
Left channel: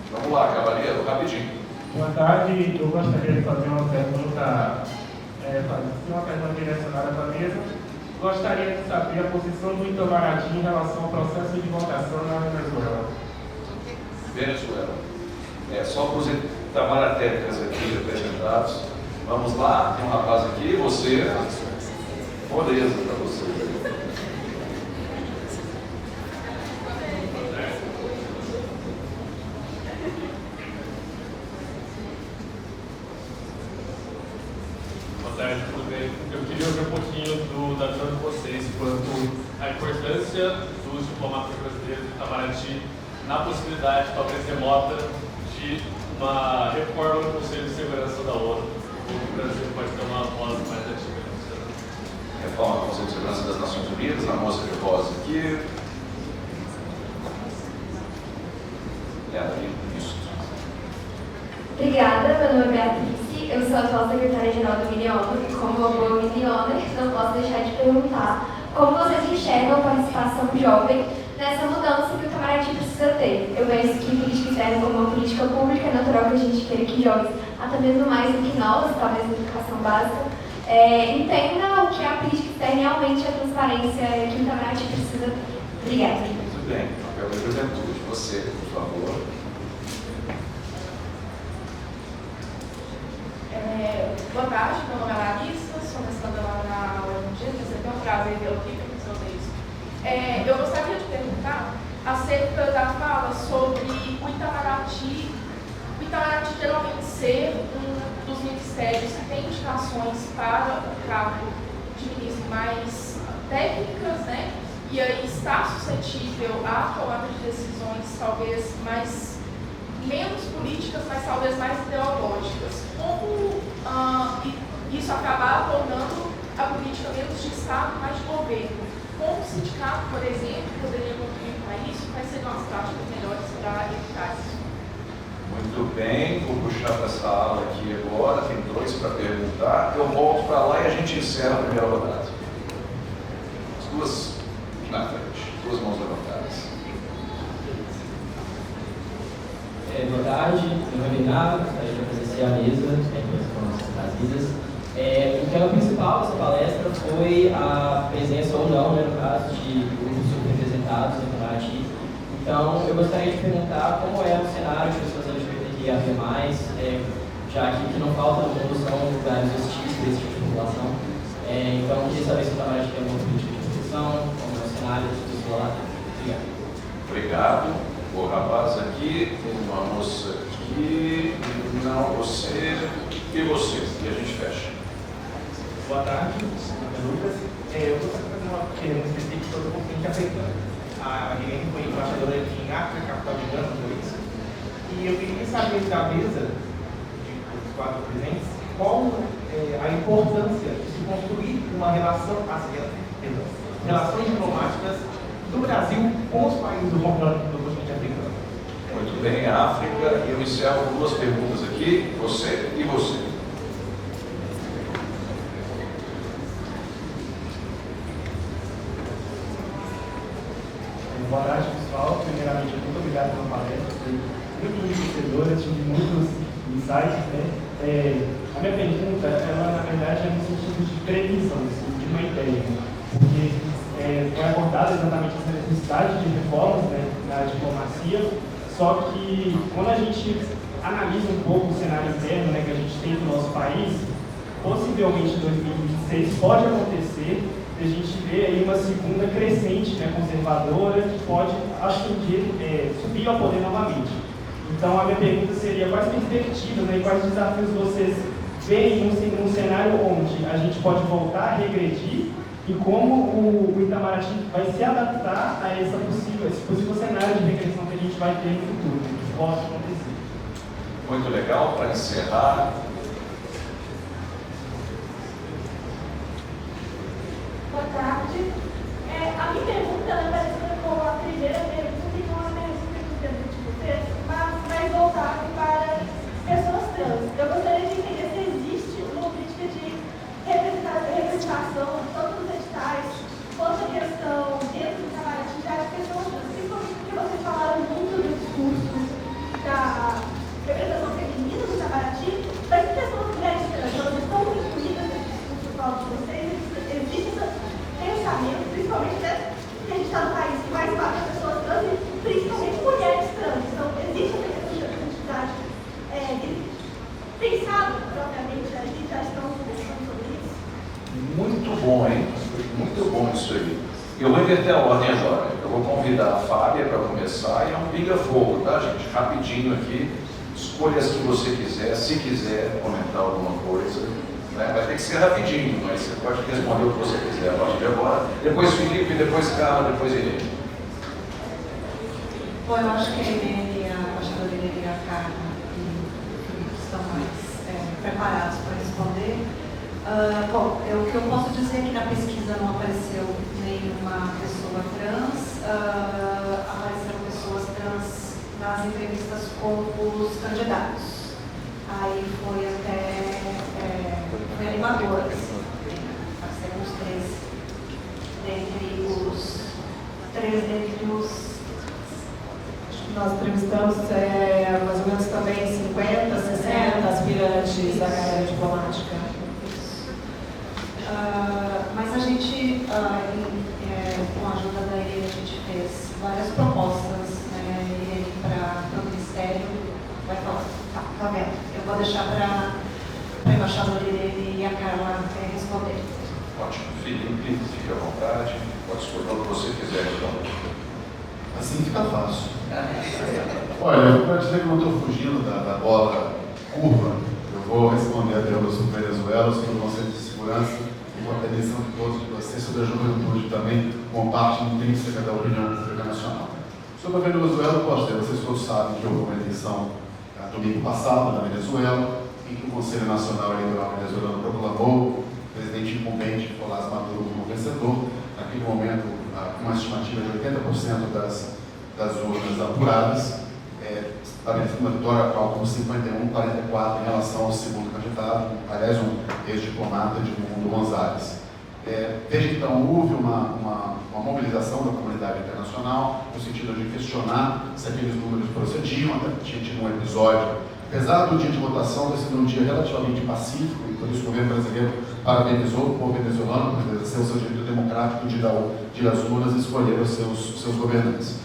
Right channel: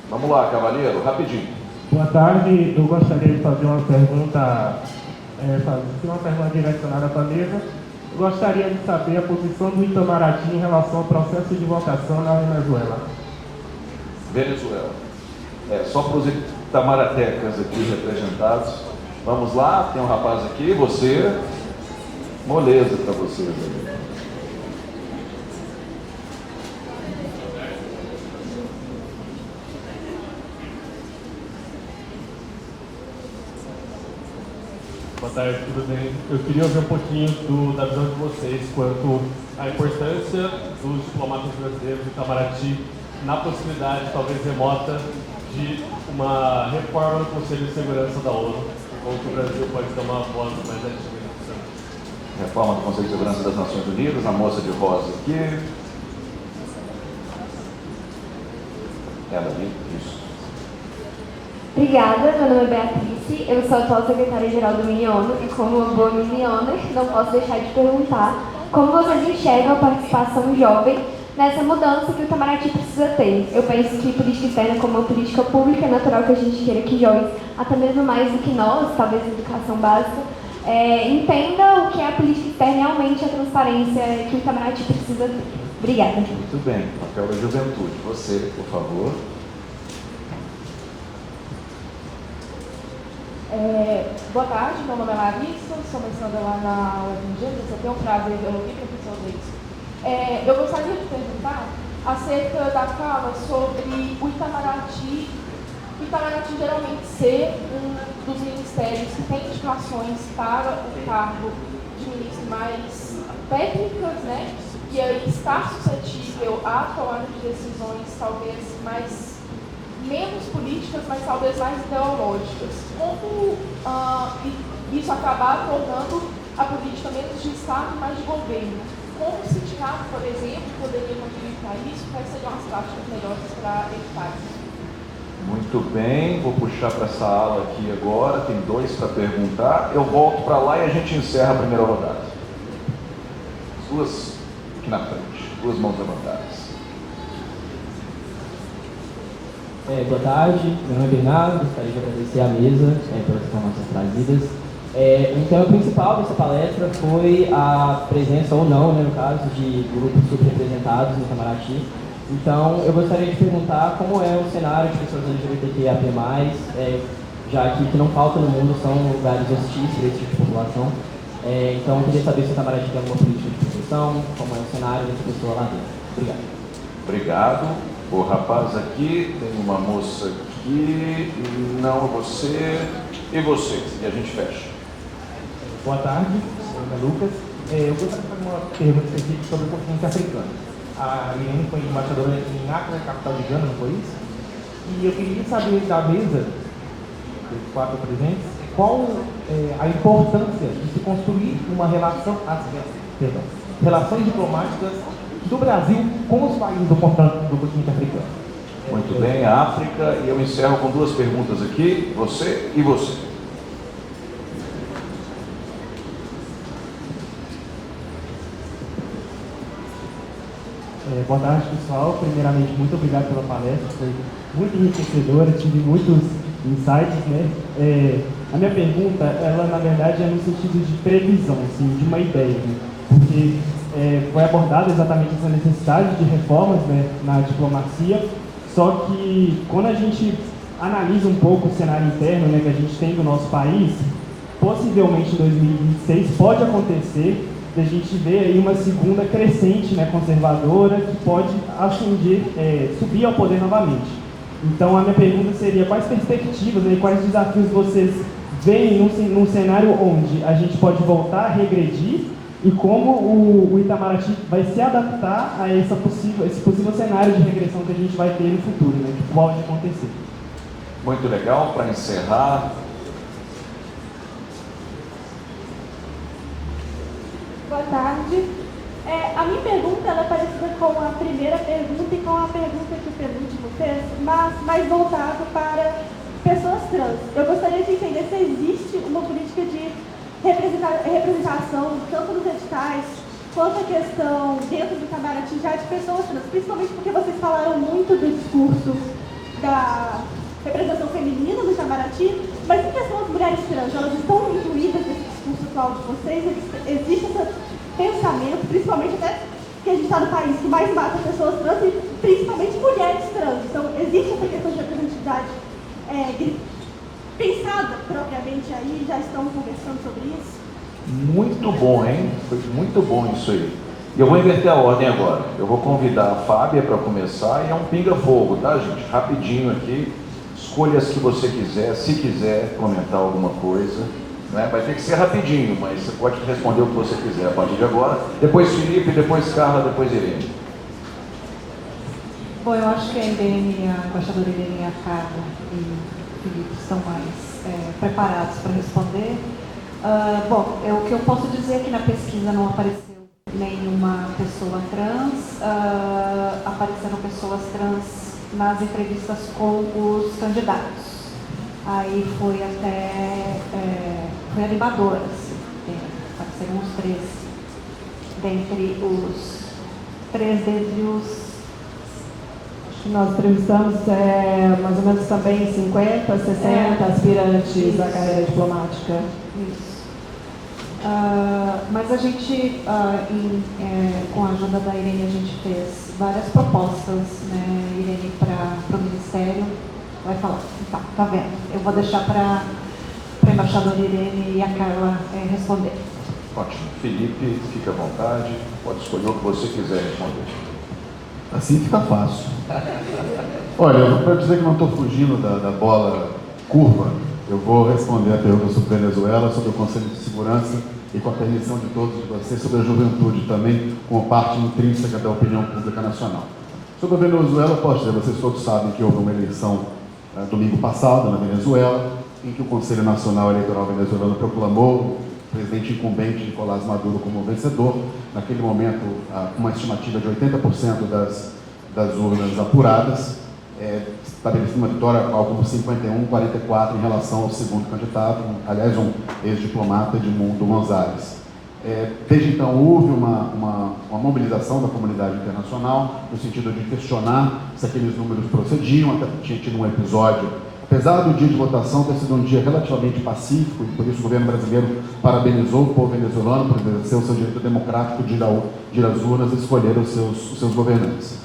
Vamos lá, cavaleiro, rapidinho. Boa tarde, eu gostaria de fazer uma pergunta direcionada para a mesa. Gostaria de saber a posição do Itamaraty em relação ao processo de votação na Venezuela. Venezuela. Só para os itamaractecas aqui representados. Vamos lá, tem um rapaz aqui, você. Moleza para vocês aí. Boa tarde, tudo bem? Eu queria ouvir um pouquinho da visão de vocês quanto à importância dos diplomatas brasileiros do Itamaraty na possibilidade, talvez remota, uma reforma do Conselho de Segurança da ONU, como que o Brasil pode ter uma voz mais ativa. Reforma do Conselho de Segurança das Nações Unidas, a moça de rosa aqui. Ela ali, isso. Obrigada, meu nome é Beatriz, eu sou a atual secretária-geral do Miniono e como uma boa Minioner, não posso deixar de perguntar como vocês enxergam a participação jovem nessa mudança que o Itamaraty precisa ter. Eu penso que política externa como uma política pública é natural que a gente queira que jovens, até mesmo mais do que nós, talvez na educação básica, entenda o que é a política externa e aumente a transparência que o Itamaraty precisa ter. Obrigada. Muito bem, papel da juventude. Você, por favor. Boa tarde, meu nome é Larissa, sou mestranda lá na UFMG, você tem um prazer de ouvir, professor Deus. Eu gostaria de perguntar acerca da fala sobre o Itamaraty geralmente ser um dos ministérios que tem indicações para o cargo de ministro mais técnicas, né? E aí está suscetível a tomada de decisões talvez menos políticas, mas talvez mais ideológicas. Como isso acabar tornando a política menos de Estado, mais de governo? Como o sindicato, por exemplo, poderia contribuir para isso? Quais seriam as práticas melhores para evitar isso? Muito bem, vou puxar para essa ala aqui agora, tem 2 para perguntar. Eu volto para lá e a gente encerra a primeira rodada. As 2 aqui na frente, 2 mãos levantadas. Boa tarde, meu nome é Bernardo, gostaria de agradecer à mesa pelas informações trazidas. O tema principal dessa palestra foi a presença ou não, né, no caso, de grupos subrepresentados no Itamaraty. Então, eu gostaria de perguntar como é o cenário de pessoas LGBTQIA+, já que o que não falta no mundo são lugares hostis para esse tipo de população. Então, eu queria saber se o Itamaraty tem alguma política de proteção, como é o cenário dessa pessoa lá dentro. Obrigado. Obrigado. O rapaz aqui, tem uma moça aqui, não, você e você. E a gente fecha. Boa tarde, meu nome é Lucas. Eu gostaria de fazer uma pergunta específica sobre o continente africano. A Irene foi embaixadora em Accra, capital de Gana, não foi isso? E eu queria saber da mesa, dos 4 presentes, qual a importância de se construir uma relações diplomáticas do Brasil com os países do continente africano. Muito bem, a África, e eu encerro com 2 perguntas aqui, você e você. Boa tarde, pessoal. Primeiramente, muito obrigado pela palestra, foi muito enriquecedora, tive muitos insights, né? A minha pergunta, ela na verdade é no sentido de previsão, sim, de uma ideia, porque foi abordada exatamente essa necessidade de reformas, né, na diplomacia, só que quando a gente analisa um pouco o cenário interno, né, que a gente tem no nosso país, possivelmente em 2026 pode acontecer de a gente ver aí uma segunda crescente, né, conservadora, que pode ascender, subir ao poder novamente. Então a minha pergunta seria quais perspectivas, né, quais desafios vocês veem num cenário onde a gente pode voltar a regredir e como o Itamaraty vai se adaptar a esse possível cenário de regressão que a gente vai ter no futuro, né, que pode acontecer. Muito legal, para encerrar. Boa tarde. A minha pergunta ela é parecida com a primeira pergunta e com a pergunta que o penúltimo fez, mas mais voltado para pessoas trans. Eu gostaria de entender se existe uma política de representação, tanto nos editais, quanto a questão dentro do Itamaraty já de pessoas trans, principalmente porque vocês falaram muito do discurso da representação feminina do Itamaraty, mas em questão das mulheres trans, elas estão incluídas nesse discurso atual de vocês? Existe esse pensamento, principalmente até que a gente está no país que mais mata pessoas trans e principalmente mulheres trans. Então, existe essa questão de representatividade pensado propriamente aí, já estão conversando sobre isso? Muito bom, hein? Foi muito bom isso aí. Eu vou inverter a ordem agora. Eu vou convidar a Fábia para começar e é um pinga-fogo, tá, gente? Rapidinho aqui. Escolha as que você quiser, se quiser comentar alguma coisa. Né? Vai ter que ser rapidinho, mas você pode responder o que você quiser a partir de agora. Depois Felipe, depois Carla, depois Irene. Bom, eu acho que a Irene, a embaixadora Irene e a Carla preparados para responder. Bom, o que eu posso dizer é que na pesquisa não apareceu nenhuma pessoa trans, apareceram pessoas trans nas entrevistas com os candidatos. Aí foi até foi animador, assim, apareceram os três dentre os Nós entrevistamos mais ou menos também 50, 60 aspirantes à carreira diplomática. Isso. Mas a gente, com a ajuda da Irene, a gente fez várias propostas, né, Irene, para o Ministério. Vai falar, tá vendo? Eu vou deixar para a embaixadora Irene e a Carla responder. Ótimo. Felipe, fique à vontade, pode escolher o que você quiser responder. Assim fica fácil. Olha, para dizer que não estou fugindo da bola curva, eu vou responder a pergunta sobre Venezuela, sobre o Conselho de Segurança e com a permissão de todos vocês sobre a juventude também, como parte intrínseca da opinião pública nacional. Sobre a Venezuela, posso dizer, vocês todos sabem que houve uma eleição domingo passado na Venezuela, em que o Conselho Nacional Eleitoral venezuelano proclamou o presidente incumbente Nicolás Maduro como vencedor. Naquele momento, uma estimativa de 80% das urnas apuradas, estabelecendo uma vitória com 51-44 em relação ao segundo candidato, aliás, um ex-diplomata, Edmundo González. Desde então, houve uma mobilização da comunidade internacional no sentido de questionar se aqueles números procediam. Até tinha tido um episódio, apesar do dia de votação ter sido um dia relativamente pacífico, e por isso o governo brasileiro parabenizou o povo venezuelano por exercer o seu direito democrático de ir às urnas e escolher os seus governantes.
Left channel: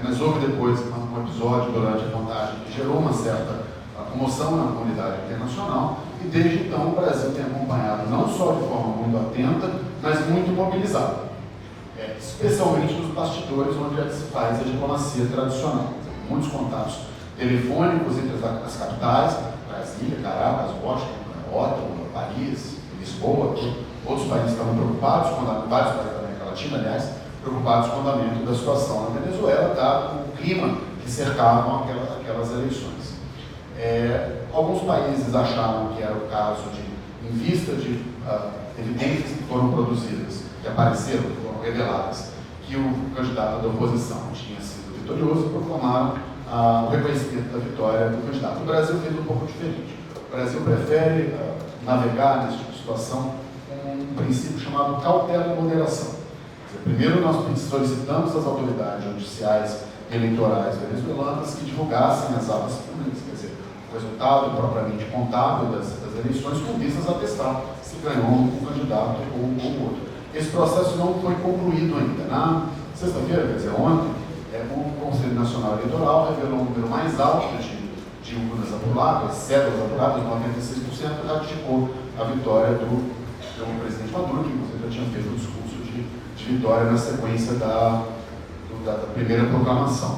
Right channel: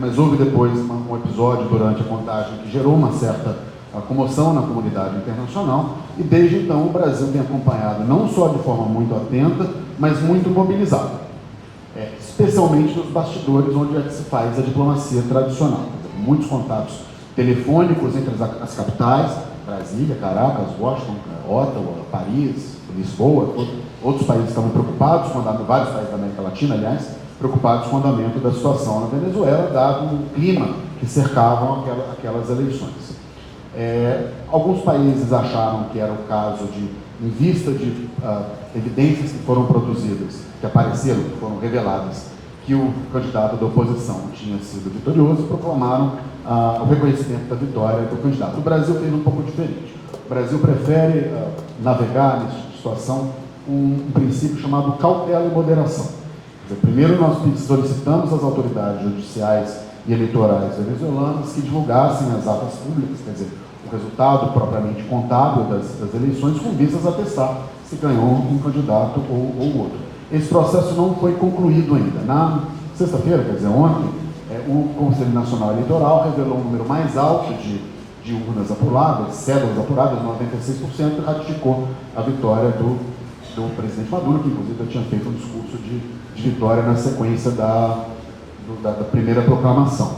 Mas houve depois um episódio durante a contagem que gerou uma certa comoção na comunidade internacional, e desde então o Brasil tem acompanhado não só de forma muito atenta, mas muito mobilizado, especialmente nos bastidores onde é que se faz a diplomacia tradicional. Muitos contatos telefônicos entre as capitais, Brasília, Caracas, Washington, Ottawa, Paris, Lisboa. Outros países estavam preocupados, vários países da América Latina, aliás, preocupados com o andamento da situação na Venezuela, dado o clima que cercavam aquelas eleições. Alguns países acharam que era o caso de, em vista de evidências que foram produzidas, que apareceram, que foram reveladas, que o candidato da oposição tinha sido vitorioso, proclamaram o reconhecimento da vitória do candidato. O Brasil fez um pouco diferente. O Brasil prefere navegar nessa situação com um princípio chamado cautela e moderação. Primeiro, nós solicitamos às autoridades judiciais e eleitorais venezuelanas que divulgassem as atas públicas, quer dizer, o resultado propriamente contábil das eleições, com vistas a testar se ganhou um candidato ou outro. Esse processo não foi concluído ainda. Na sexta-feira, quer dizer, ontem, o Conselho Nacional Eleitoral revelou um número mais alto de urnas apuradas, cédulas apuradas, 96%, e ratificou a vitória do presidente Maduro, que inclusive tinha feito um discurso de vitória na sequência da primeira proclamação.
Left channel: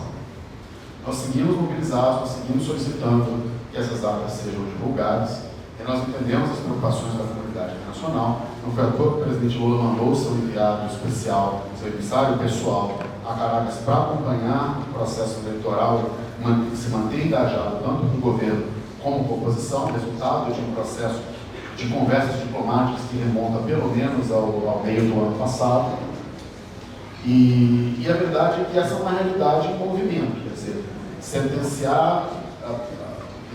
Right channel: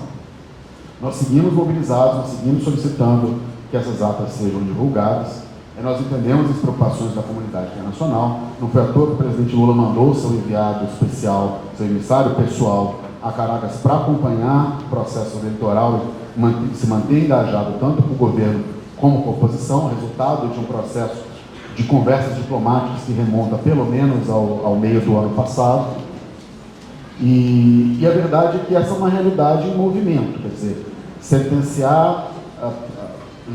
Nós seguimos mobilizados, nós seguimos solicitando que essas atas sejam divulgadas, e nós entendemos as preocupações da comunidade internacional. Não foi à toa que o presidente Lula mandou seu enviado especial, seu emissário pessoal, a Caracas para acompanhar o processo eleitoral e se manter engajado tanto com o governo como com a oposição, resultado de um processo de conversas diplomáticas que remonta pelo menos ao meio do ano passado. E a verdade é que essa é uma realidade em movimento, quer dizer, sentenciar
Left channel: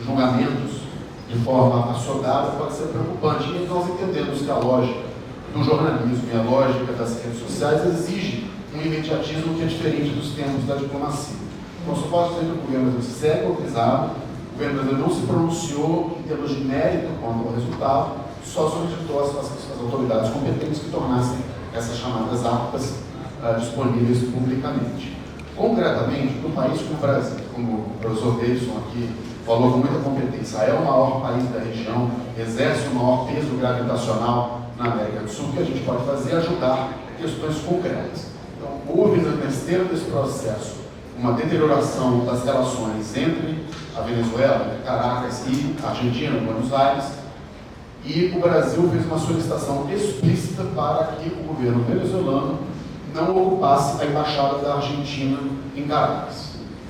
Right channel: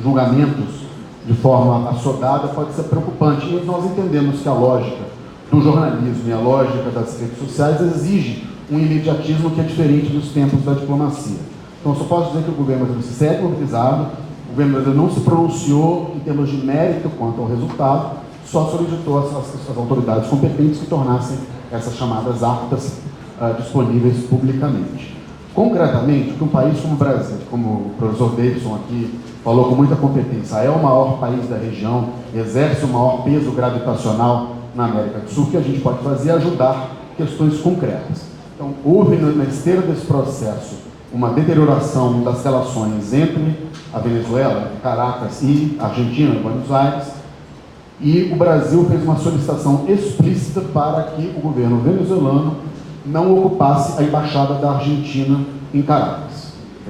julgamentos de forma assodada pode ser preocupante, e nós entendemos que a lógica do jornalismo e a lógica das redes sociais exige um imediatismo que é diferente dos tempos da diplomacia. Então, só posso dizer que o governo brasileiro segue mobilizado, o governo brasileiro não se pronunciou em termos de mérito quanto ao resultado, só solicitou as autoridades competentes que tornassem essas chamadas atas disponíveis publicamente. Concretamente, que um país como o Brasil, como o professor Davidson aqui falou com muita competência, é o maior país da região, exerce o maior peso gravitacional na América do Sul, o que a gente pode fazer é ajudar questões concretas. Então, houve na esteira desse processo uma deterioração das relações entre a Venezuela, Caracas, e a Argentina, Buenos Aires, e o Brasil fez uma solicitação explícita para que o governo venezuelano não ocupasse a embaixada da Argentina em Caracas.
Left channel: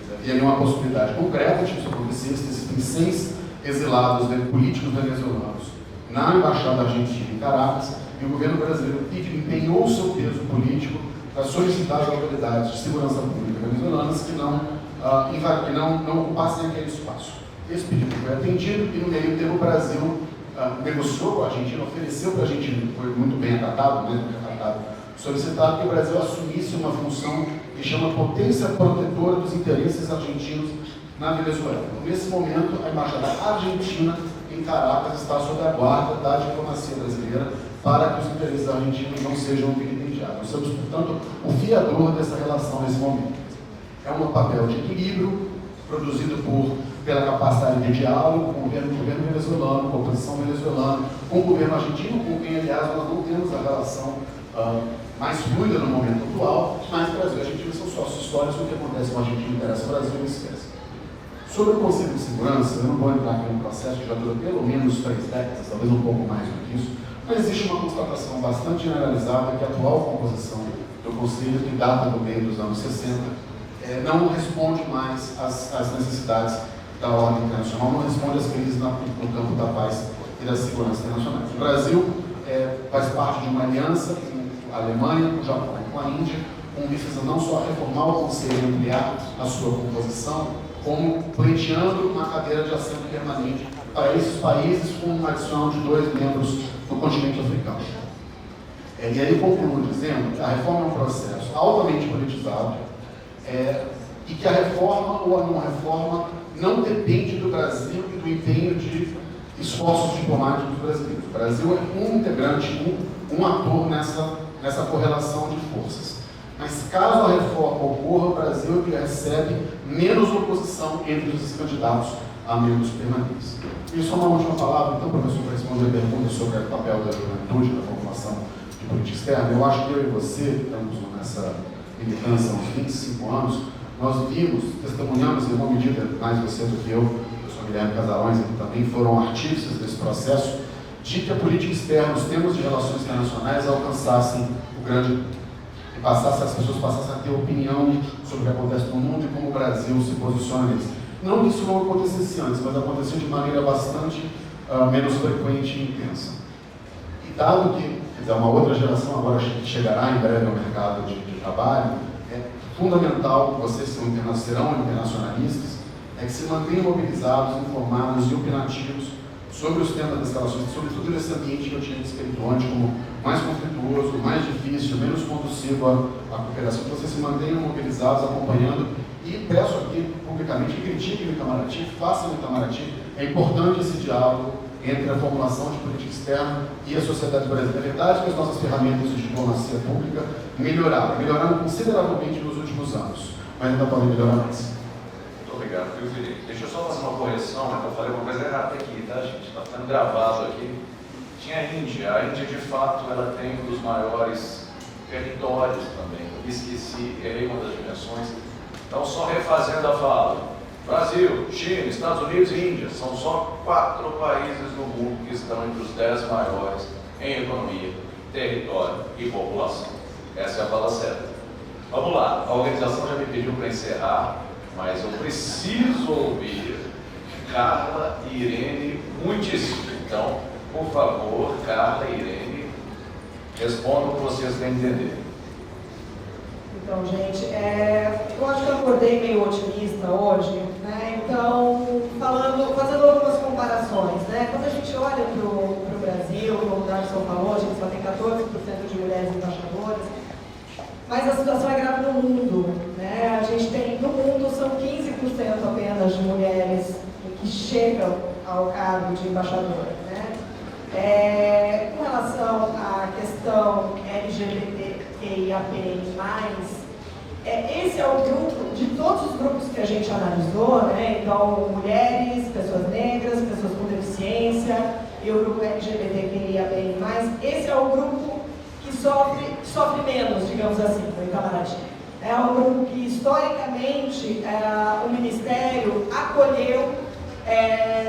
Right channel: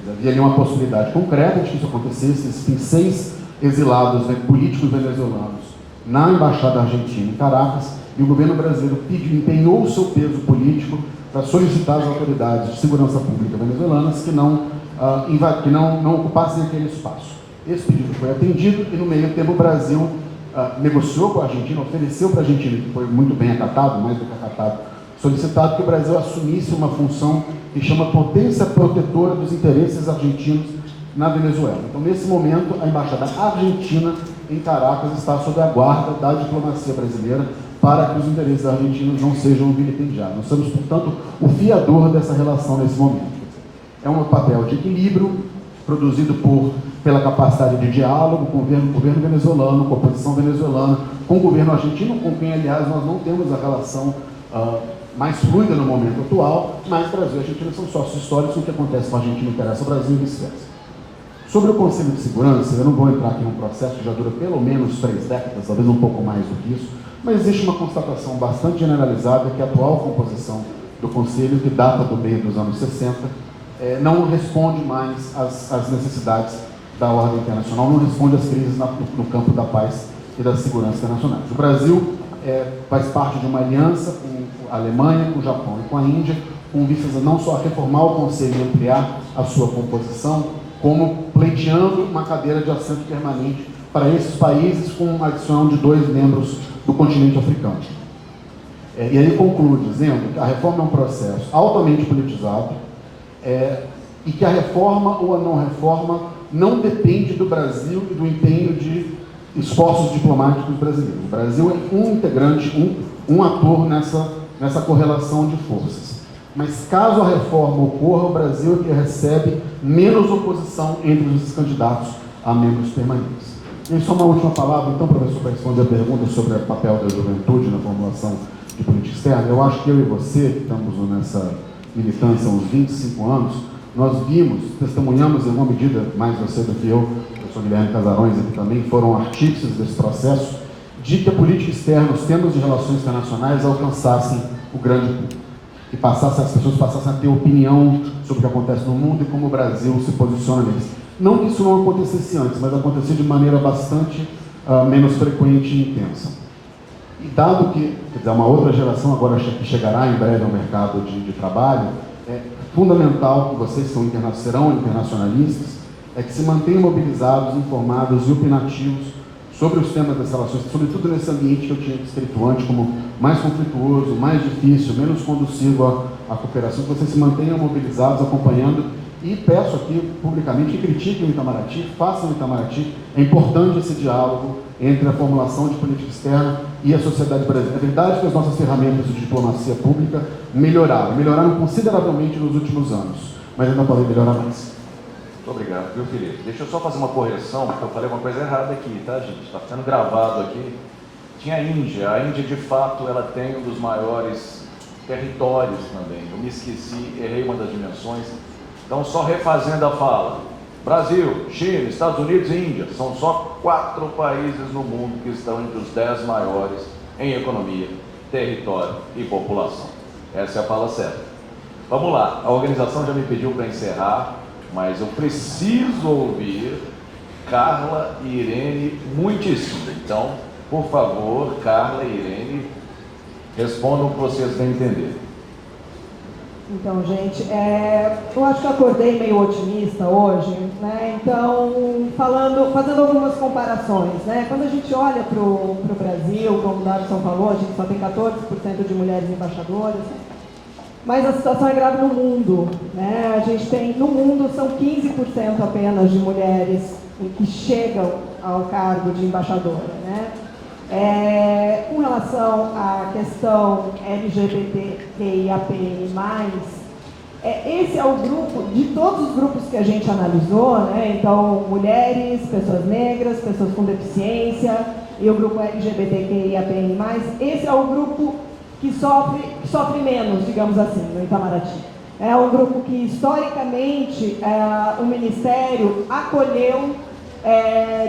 Havia ali uma possibilidade concreta de que isso acontecesse. Existem 6 exilados políticos venezuelanos na Embaixada Argentina em Caracas, e o governo brasileiro empenhou o seu peso político para solicitar às autoridades de segurança pública venezuelanas que não ocupassem aquele espaço. Esse pedido foi atendido e, no meio tempo, o Brasil negociou com a Argentina, ofereceu para a Argentina, que foi muito bem acatado, mais do que acatado, solicitado que o Brasil assumisse uma função que chama potência protetora dos interesses argentinos na Venezuela. Então, nesse momento, a Embaixada Argentina em Caracas está sob a guarda da diplomacia brasileira para que os interesses argentinos não sejam vilipendiados. Nós somos, portanto, o fiador dessa relação nesse momento. É um papel de equilíbrio produzido pela capacidade de diálogo com o governo venezuelano, com a oposição venezuelana, com o governo argentino, com quem, aliás, nós não temos a relação mais fluida no momento atual, mas Brasil e Argentina são sócios históricos, o que acontece com a Argentina interessa ao Brasil e vice-versa. Sobre o Conselho de Segurança, eu não vou entrar aqui no processo que já dura pelo menos 3 décadas, talvez um pouco mais do que isso, mas existe uma constatação bastante generalizada que a atual composição do Conselho, que data do meio dos anos 60, não responde mais às necessidades da ordem internacional, não responde às crises no campo da paz e da segurança internacionais. O Brasil faz parte de uma aliança com a Alemanha, com o Japão e com a Índia, com vistas não só a reformar o Conselho e ampliar a sua composição, como pleiteando uma cadeira de assento permanente para esses países, com uma adição de 2 membros do continente africano. E aí eu concluo dizendo que a reforma é um processo altamente politizado e que a reforma ou a não reforma não depende do Brasil e do empenho de esforços diplomáticos brasileiros. O Brasil é um integrante, um ator nessa correlação de forças. Mas caso a reforma ocorra, o Brasil é que recebe menos oposição entre os candidatos a membros permanentes. E só uma última palavra, então, professor, para responder a pergunta sobre o papel da juventude na formulação de política externa. Eu acho que eu e você, que estamos nessa militância há uns 25 anos, nós vimos, testemunhamos em alguma medida, mais você do que eu, o professor Guilherme Casarões aqui também, foram artífices desse processo, de que a política externa, os termos de relações internacionais alcançassem o grande público. E as pessoas passassem a ter opinião sobre o que acontece no mundo e como o Brasil se posiciona nisso. Não que isso não acontecesse antes, mas acontecia de maneira bastante menos frequente e intensa. E dado que, quer dizer, uma outra geração agora que chegará em breve ao mercado de trabalho, é fundamental que vocês serão internacionalistas, é que se mantenham mobilizados, informados e opinativos sobre os temas das relações, sobretudo nesse ambiente que eu tinha descrito antes como mais conflituoso, mais difícil, menos conduzivo à cooperação, que vocês se mantenham mobilizados, acompanhando, e peço aqui publicamente que critiquem o Itamaraty, façam o Itamaraty. É importante esse diálogo entre a formulação de política externa e a sociedade brasileira. É verdade que as nossas ferramentas de diplomacia pública melhoraram consideravelmente nos últimos anos, mas ainda podem melhorar mais. Muito obrigado, viu, Felipe? Deixa eu só fazer uma correção, porque eu falei uma coisa errada aqui, tá, gente? Está ficando gravado aqui. Tinha a Índia. A Índia, de fato, ela tem um dos maiores territórios também. Eu me esqueci, errei uma das dimensões. Então, só refazendo a fala. Brasil, China, Estados Unidos e Índia. São só 4 países no mundo que estão entre os 10 maiores em economia, território e população. Essa é a fala certa. Vamos lá. A organização já me pediu para encerrar, mas eu preciso ouvir Carla e Irene muitíssimo. Então, por favor, Carla e Irene, respondam o que vocês vão entender. Então, gente, eu acho que eu acordei meio otimista hoje, né? Então, fazendo algumas comparações, né? Quando a gente olha para o Brasil, como o Darson falou, a gente só tem 14% de mulheres embaixadoras, mas a situação é grave no mundo, né? A gente tem, no mundo, são 15% apenas de mulheres que chegam ao cargo de embaixadora, né? Com relação à questão LGBTQIAPN+, esse é o grupo, de todos os grupos que a gente analisou, né? Então, mulheres, pessoas negras, pessoas com deficiência e o grupo LGBTQIAPN+, esse é o grupo que sofre menos, digamos assim, no Itamaraty. É um grupo que, historicamente, o Ministério acolheu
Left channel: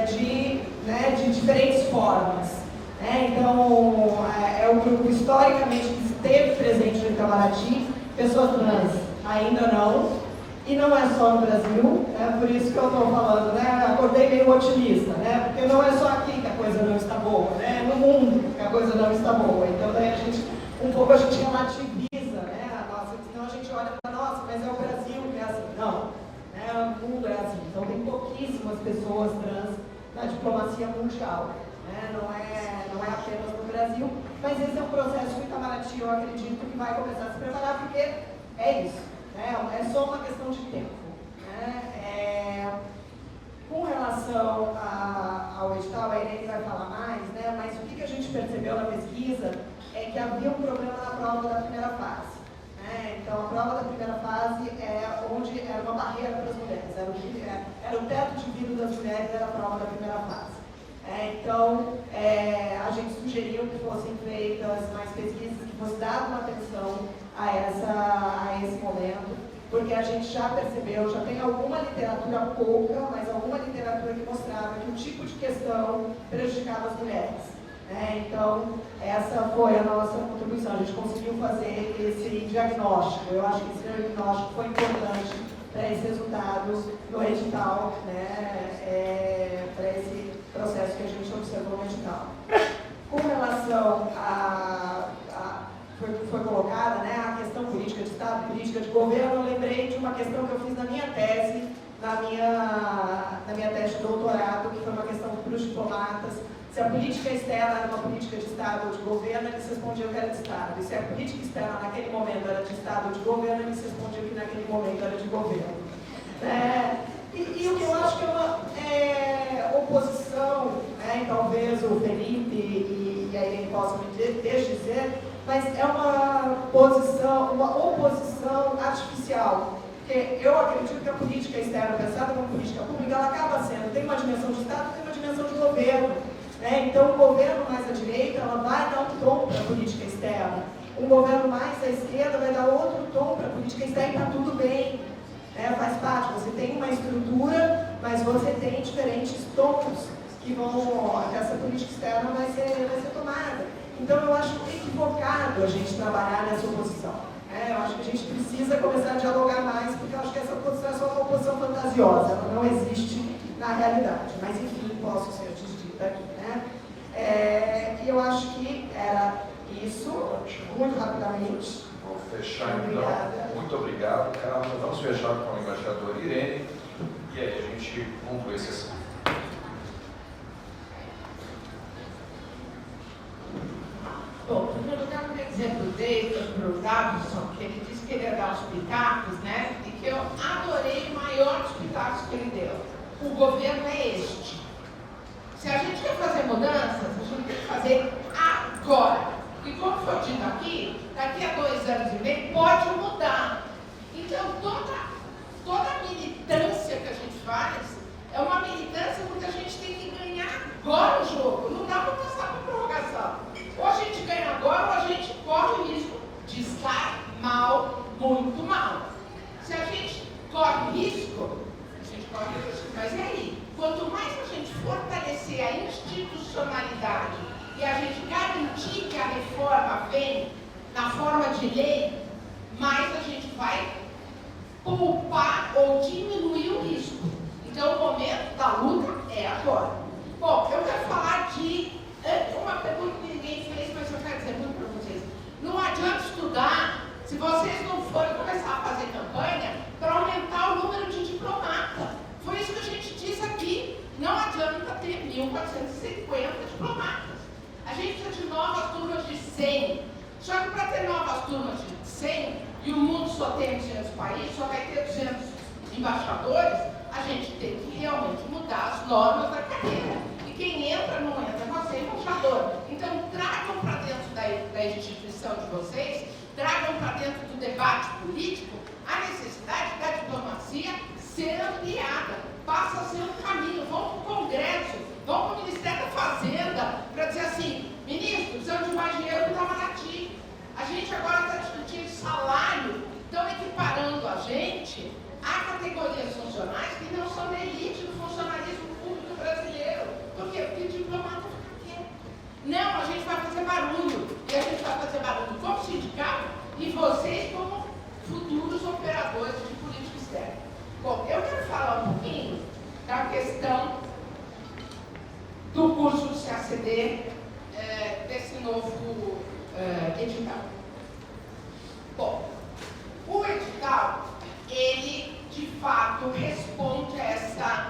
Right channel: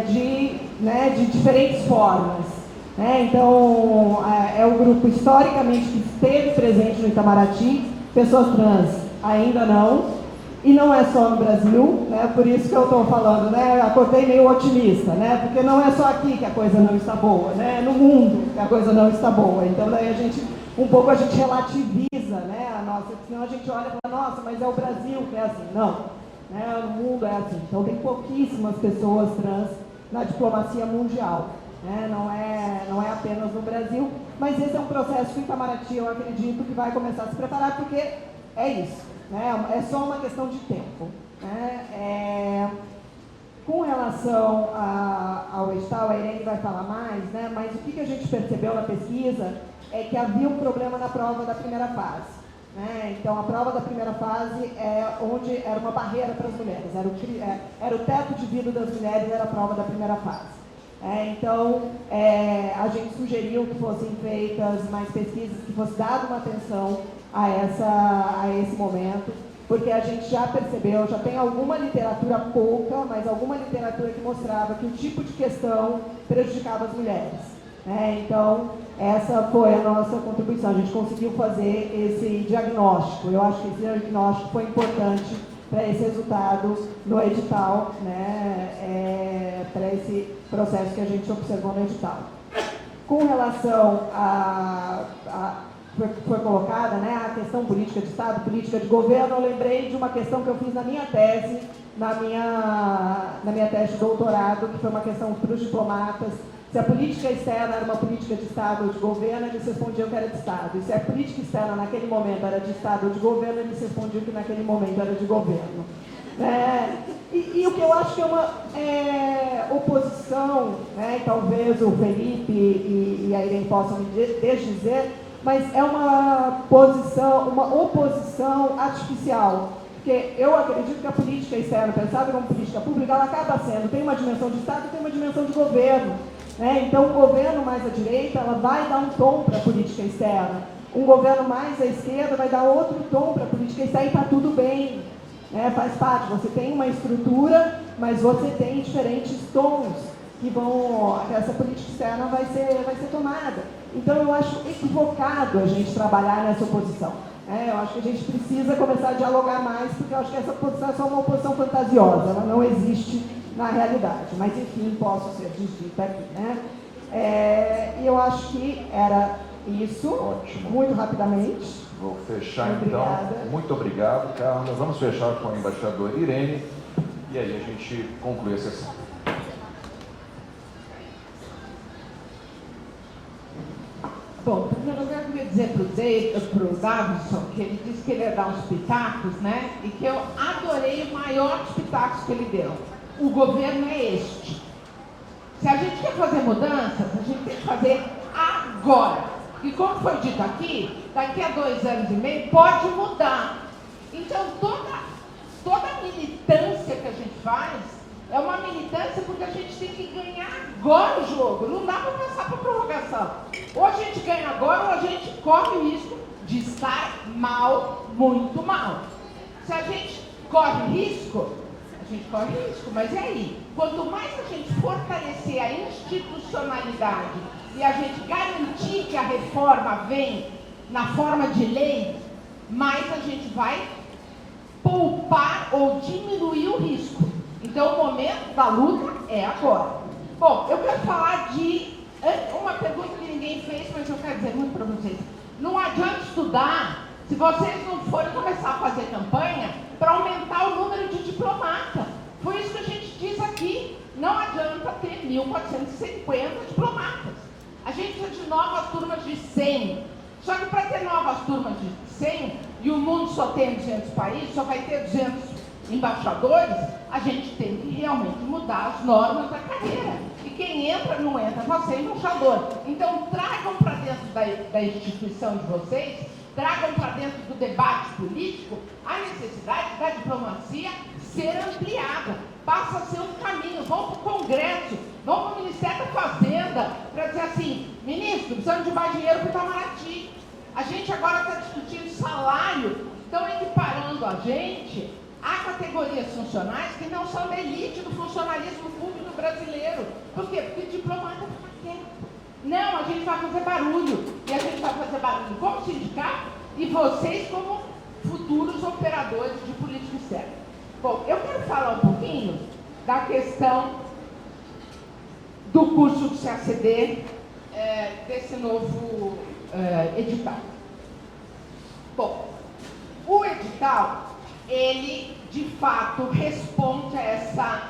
de diferentes formas. Então, é um grupo historicamente que esteve presente no Itamaraty, pessoas trans ainda não, E não é só no Brasil, né? Por isso que eu estou falando, né? Eu acordei meio otimista, né? Porque não é só aqui que a coisa não está boa, né? É no mundo que a coisa não está boa. Então daí a gente relativiza, né? Senão a gente olha para nossa, mas é o Brasil que é assim. Não, né? O mundo é assim. Então tem pouquíssimas pessoas trans na diplomacia mundial, né? Não é apenas no Brasil, mas esse é um processo que o Itamaraty, eu acredito, que vai começar a se preparar, porque é isso, né? É só uma questão de tempo, né? Com relação ao edital, a Irene vai falar mais, né? Mas o que a gente percebeu na pesquisa é que havia um problema na prova da primeira fase, né? Então, a prova da primeira fase é onde era uma barreira para as mulheres, era o teto de vida das mulheres, era a prova da primeira fase. Então, a gente sugeriu que fossem feitas mais pesquisas, que fosse dada uma atenção a esse momento, porque a gente já percebeu, já tem alguma literatura pouca, mas alguma literatura que mostrava que o tipo de questão prejudicava as mulheres, né? Então, essa foi a nossa contribuição, a gente conseguiu fazer esse diagnóstico. Eu acho que esse diagnóstico foi importante para esse resultado do edital, né? Para esse processo que a gente observou no edital. Com relação foi colocada, né, a questão política de Estado, política de governo, eu lembrei de uma questão que eu fiz na minha tese, na minha tese de doutorado, que foi uma questão para os diplomatas. Se a política externa era uma política de Estado ou de governo, eles respondiam que era de Estado. E se a política externa naquele momento era de Estado ou de governo, eles respondiam que naquele momento era de governo. E o que eu acho que é uma oposição, né, e talvez o Felipe e a Irene possam me desdizer, mas é uma oposição artificial. Porque eu acredito que a política externa, pensada como política pública, ela acaba sendo, tem uma dimensão de Estado, tem uma dimensão de governo, né? Então, o governo mais à direita, ela vai dar um tom para a política externa. Um governo mais à esquerda vai dar outro tom para a política externa e está tudo bem, né? Faz parte, você tem uma estrutura, mas você tem diferentes tons que essa política externa vai ser tomada. Então, eu acho equivocado a gente trabalhar nessa oposição. Eu acho que a gente precisa começar a dialogar mais, porque eu acho que essa oposição é só uma oposição fantasiosa, ela não existe na realidade. Mas, enfim, posso ser desdita aqui, né? E eu acho que era isso. Ótimo. Muito rapidamente. Vou fechar, Obrigada. então. Muito obrigado, Carla. Vamos fechar com a embaixadora Irene, e aí a gente conclui a sessão. Bom, em primeiro lugar, eu queria dizer para o Davidson que ele disse que ele ia dar uns pitacos, né? E que eu adorei o maior dos pitacos que ele deu. O governo é este. Se a gente quer fazer mudanças, a gente tem que fazer agora. E como foi dito aqui, daqui a 2 anos e meio pode mudar. Então, toda a militância que a gente faz é uma militância porque a gente tem que ganhar agora o jogo. Não dá para passar para prorrogação. Ou a gente ganha agora ou a gente corre o risco de estar mal, muito mal. Se a gente corre risco, mas é aí. Quanto mais a gente fortalecer a institucionalidade e a gente garantir que a reforma vem na forma de lei, mais a gente vai poupar ou diminuir o risco. Então, o momento da luta é agora. Bom, eu quero falar de uma pergunta que ninguém fez, mas eu quero dizer muito para vocês. Não adianta estudar se vocês não forem começar a fazer campanha para aumentar o número de diplomatas. Foi isso que a gente disse aqui. Não adianta ter 1.450 diplomatas. A gente precisa de novas turmas de 100. Só que para ter novas turmas de 100, e o mundo só tem 200 países, só vai ter 200 embaixadores, a gente tem que realmente mudar as normas da carreira. E quem entra, não entra, mas ser embaixador. Então, tragam para dentro da instituição de vocês, tragam para dentro do debate político a necessidade da diplomacia ser ampliada. Passa a ser um caminho. Vão para o Congresso, vão para o Ministério da Fazenda, para dizer assim, ministro, precisamos de mais dinheiro para o Itamaraty. A gente agora está discutindo salário, estão equiparando a gente a categorias funcionais que não são da elite do funcionalismo público brasileiro. Por quê? Porque o diplomata fica quieto. Não, a gente vai fazer barulho. E a gente vai fazer barulho como sindicato e vocês como futuros operadores de política externa. da questão do curso de CACD, desse novo edital. Bom, o edital, ele de fato responde a essa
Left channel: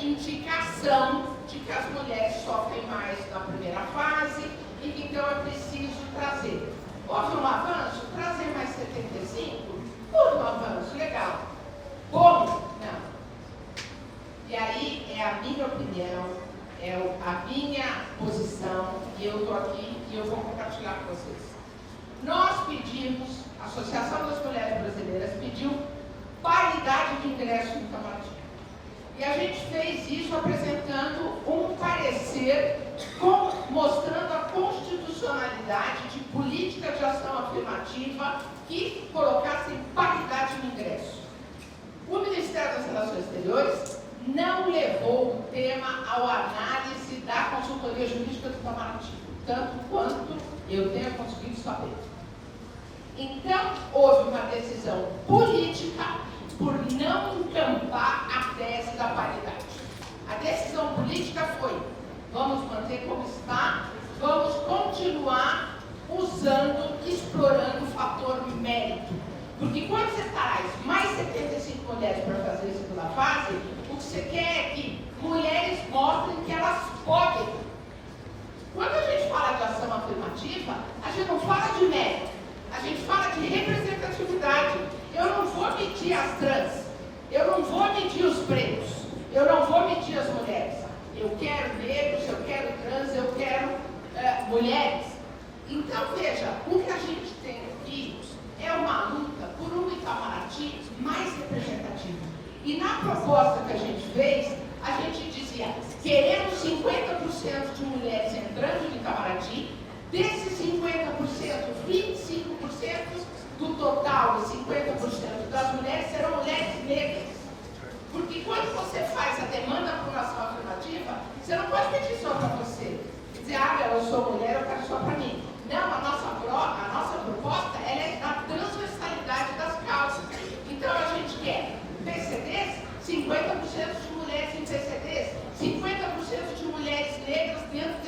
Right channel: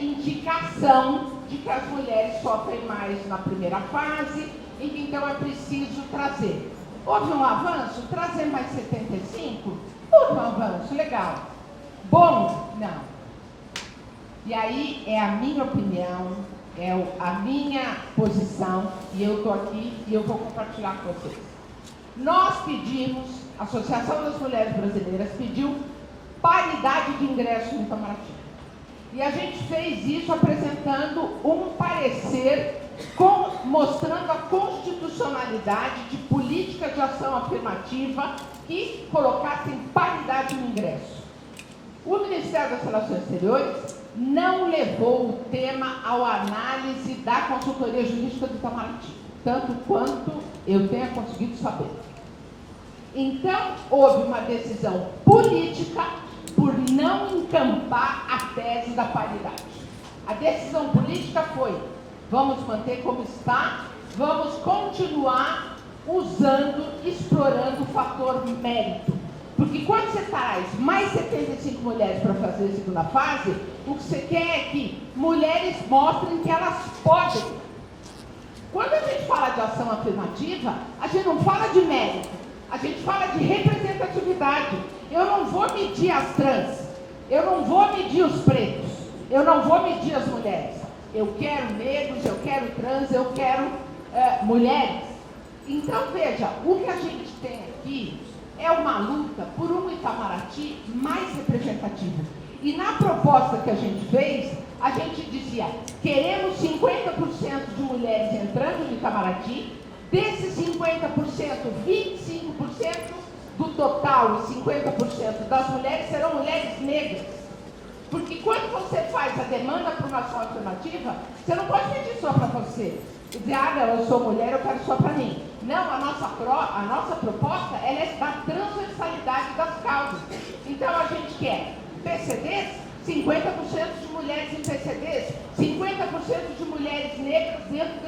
indicação de que as mulheres sofrem mais na primeira fase e que então é preciso trazer. Houve um avanço? Trazer mais 75? Houve um avanço, legal. Bom? Não. E aí é a minha opinião, a minha posição, e eu estou aqui e eu vou compartilhar com vocês. Nós pedimos, a Associação das Mulheres Brasileiras pediu paridade de ingresso no Itamaraty. E a gente fez isso apresentando um parecer mostrando a constitucionalidade de política de ação afirmativa que colocassem paridade no ingresso. O Ministério das Relações Exteriores não levou o tema à análise da consultoria jurídica do Itamaraty, tanto quanto eu tenha conseguido saber. Então, houve uma decisão política por não encampar a tese da paridade. A decisão política foi: vamos manter como está, vamos continuar explorando o fator mérito. Porque quando você traz mais 75 mulheres para fazer a segunda fase, o que você quer é que mulheres mostrem que elas podem. Quando a gente fala de ação afirmativa, a gente não fala de mérito, a gente fala de representatividade. Eu não vou medir as trans, eu não vou medir os pretos, eu não vou medir as mulheres. Eu quero negros, eu quero trans, eu quero mulheres. Então, veja, o que a gente tem aqui é uma luta por um Itamaraty mais representativo. E na proposta que a gente fez, a gente dizia: queremos 50% de mulheres entrando no Itamaraty, desses 50%, 25% do total e 50% das mulheres serão mulheres negras. Porque quando você faz a demanda para uma ação afirmativa, você não pode pedir só para você. E dizer: não, eu sou mulher, eu quero só para mim. Não, a nossa proposta ela é da transversalidade das causas. Então a gente quer PCDs, 50% de mulheres em PCDs, 50% de mulheres negras dentro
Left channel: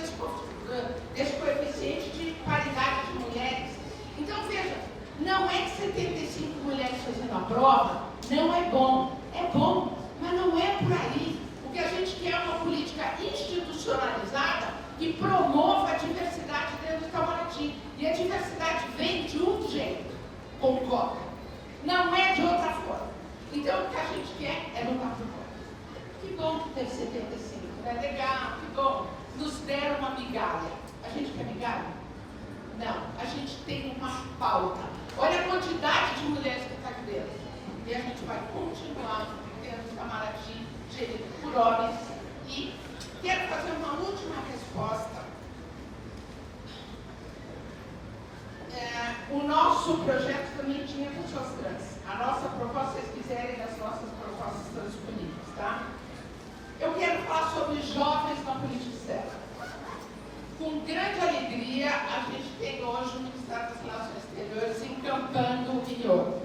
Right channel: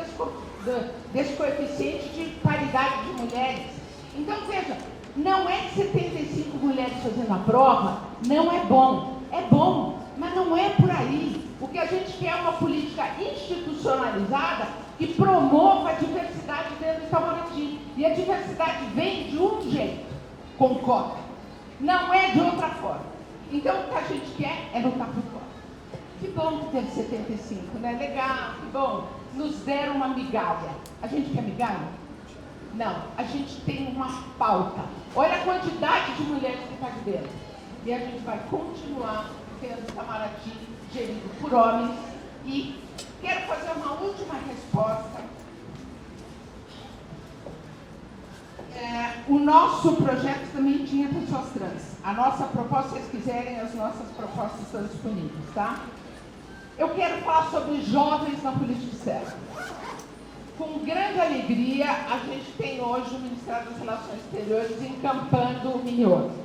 desse coeficiente de paridade de mulheres. Então veja, não é que 75 mulheres fazendo a prova não é bom. É bom, mas não é por aí. O que a gente quer é uma política institucionalizada que promova a diversidade dentro do Itamaraty. E a diversidade vem de um jeito, com cota. Não é de outra forma. Então o que a gente quer é lutar por cota. Que bom que teve 75, né? Legal, que bom. Nos deram uma migalha. A gente quer migalha? Não, a gente tem uma pauta. Olha a quantidade de mulheres que está aqui dentro. E a gente vai continuar tendo Itamaraty gerido por homens. E quero fazer uma última resposta. O nosso projeto também tinha pessoas trans. A nossa proposta, se vocês quiserem, as nossas propostas estão disponíveis, tá? Eu quero falar sobre jovens na política externa. Com grande alegria, a gente tem hoje o Ministério das Relações Exteriores encampando o Minho.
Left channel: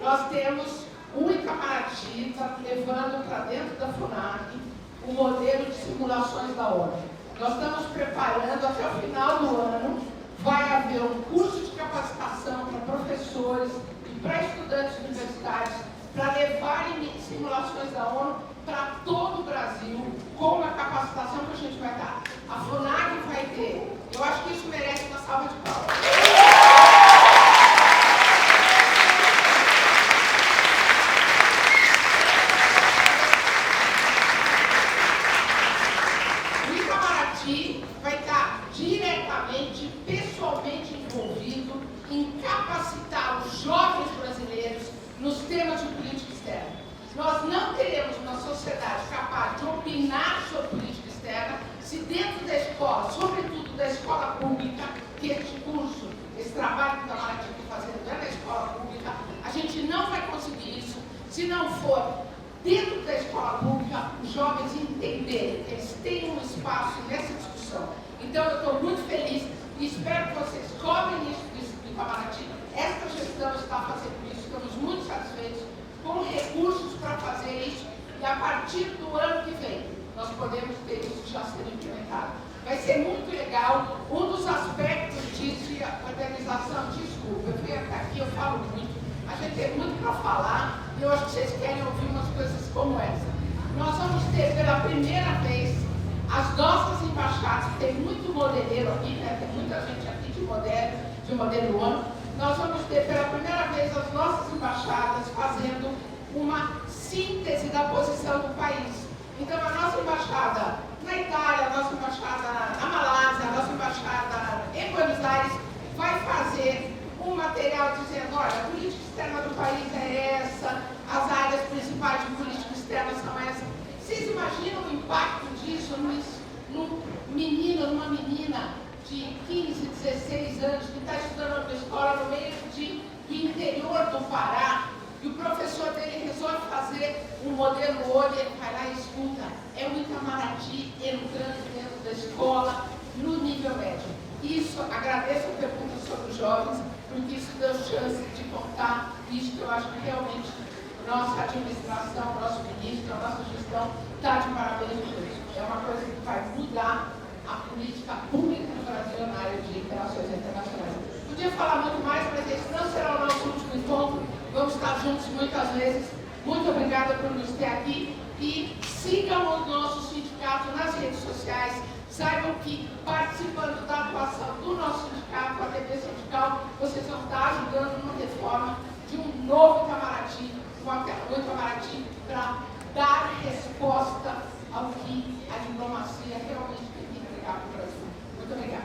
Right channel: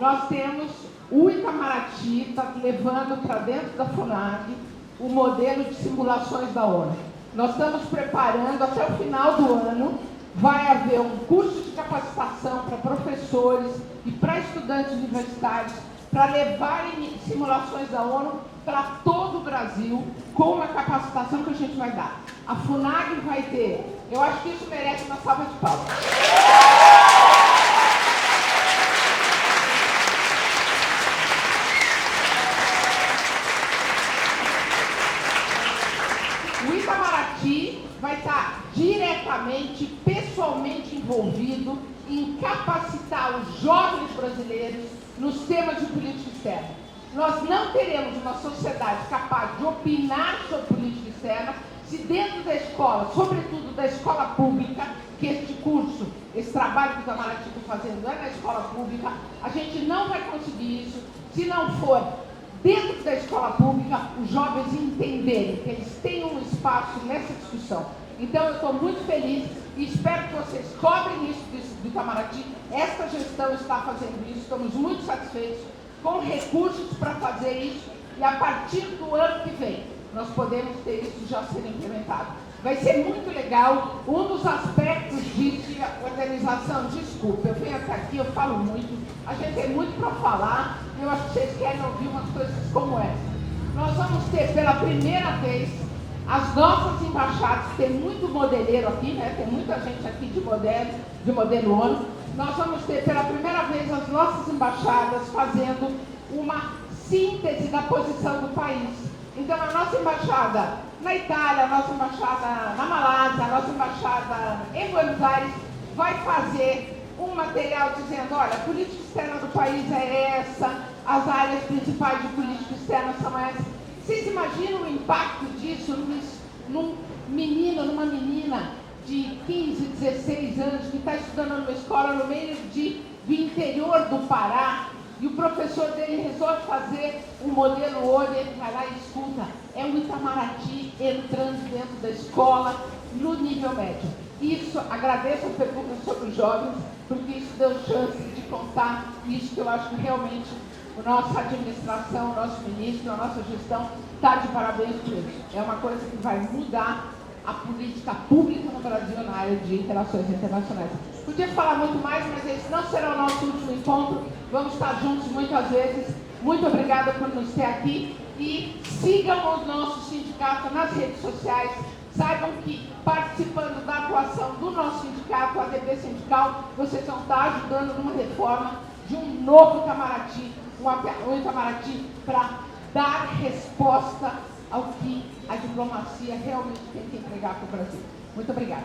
Nós temos o Itamaraty está levando para dentro da FUNAG o modelo de simulações da ONU. Nós estamos preparando, até o final do ano, vai haver um curso de capacitação para professores e para estudantes universitários para levarem simulações da ONU para todo o Brasil, com uma capacitação que a gente vai dar. A FUNAG vai ter. Eu acho que isso merece uma salva de palmas. O Itamaraty vai estar diretamente, pessoalmente envolvido em capacitar os jovens brasileiros nos temas de política externa. Nós não teremos uma sociedade capaz de opinar sobre política externa se dentro da escola, sobretudo da escola pública, que este curso, esse trabalho que o Itamaraty está fazendo é na escola pública, a gente não vai conseguir isso se não for dentro da escola pública os jovens entenderem que eles têm um espaço nessa discussão. Então eu estou muito feliz e espero que vocês cobrem isso do Itamaraty. Esta gestão está fazendo isso, estamos muito satisfeitos com recursos para fazer isso e a partir do ano que vem nós podemos ter isso já sendo implementado. Vai ser muito legal. Um dos aspectos disso é a organização. Desculpa, eu venho até aqui, eu falo muito, a gente tem muito para falar, eu acho que vocês querem ouvir umas coisas como essa. Nós vamos ter pela primeira vez as nossas embaixadas, tem muito modeleiro aqui, né? Tem muita gente aqui de modelo ONU. Nós vamos ter pela primeira vez as nossas embaixadas fazendo uma síntese da posição do país. Então a nossa embaixada na Itália, a nossa embaixada na Malásia, a nossa embaixada em Buenos Aires vai fazer um material dizendo, olha, a política externa do país é essa, as áreas principais de política externa são essas. Vocês imaginam o impacto disso num menino, numa menina de 15, 16 anos que está estudando numa escola no meio do interior do Pará, e o professor dele resolve fazer um modelo ONU, ele vai lá e escuta, é o Itamaraty entrando dentro da escola no nível médio. Isso, agradeço a pergunta sobre os jovens, porque isso deu chance de contar isso que eu acho que realmente a nossa administração, o nosso ministro, a nossa gestão está de parabéns por isso. É uma coisa que vai mudar a política pública no Brasil na área de interações internacionais. Podia falar muito mais, mas esse não será o nosso último encontro. Vamos estar juntos muitas vezes. Muito obrigada por nos ter aqui e sigam o nosso sindicato nas redes sociais. Saibam que participando da atuação do nosso sindicato, a ADB Sindical, vocês vão estar ajudando numa reforma de um novo Itamaraty, um Itamaraty para dar resposta ao que a diplomacia realmente tem que entregar para o Brasil. Muito obrigada.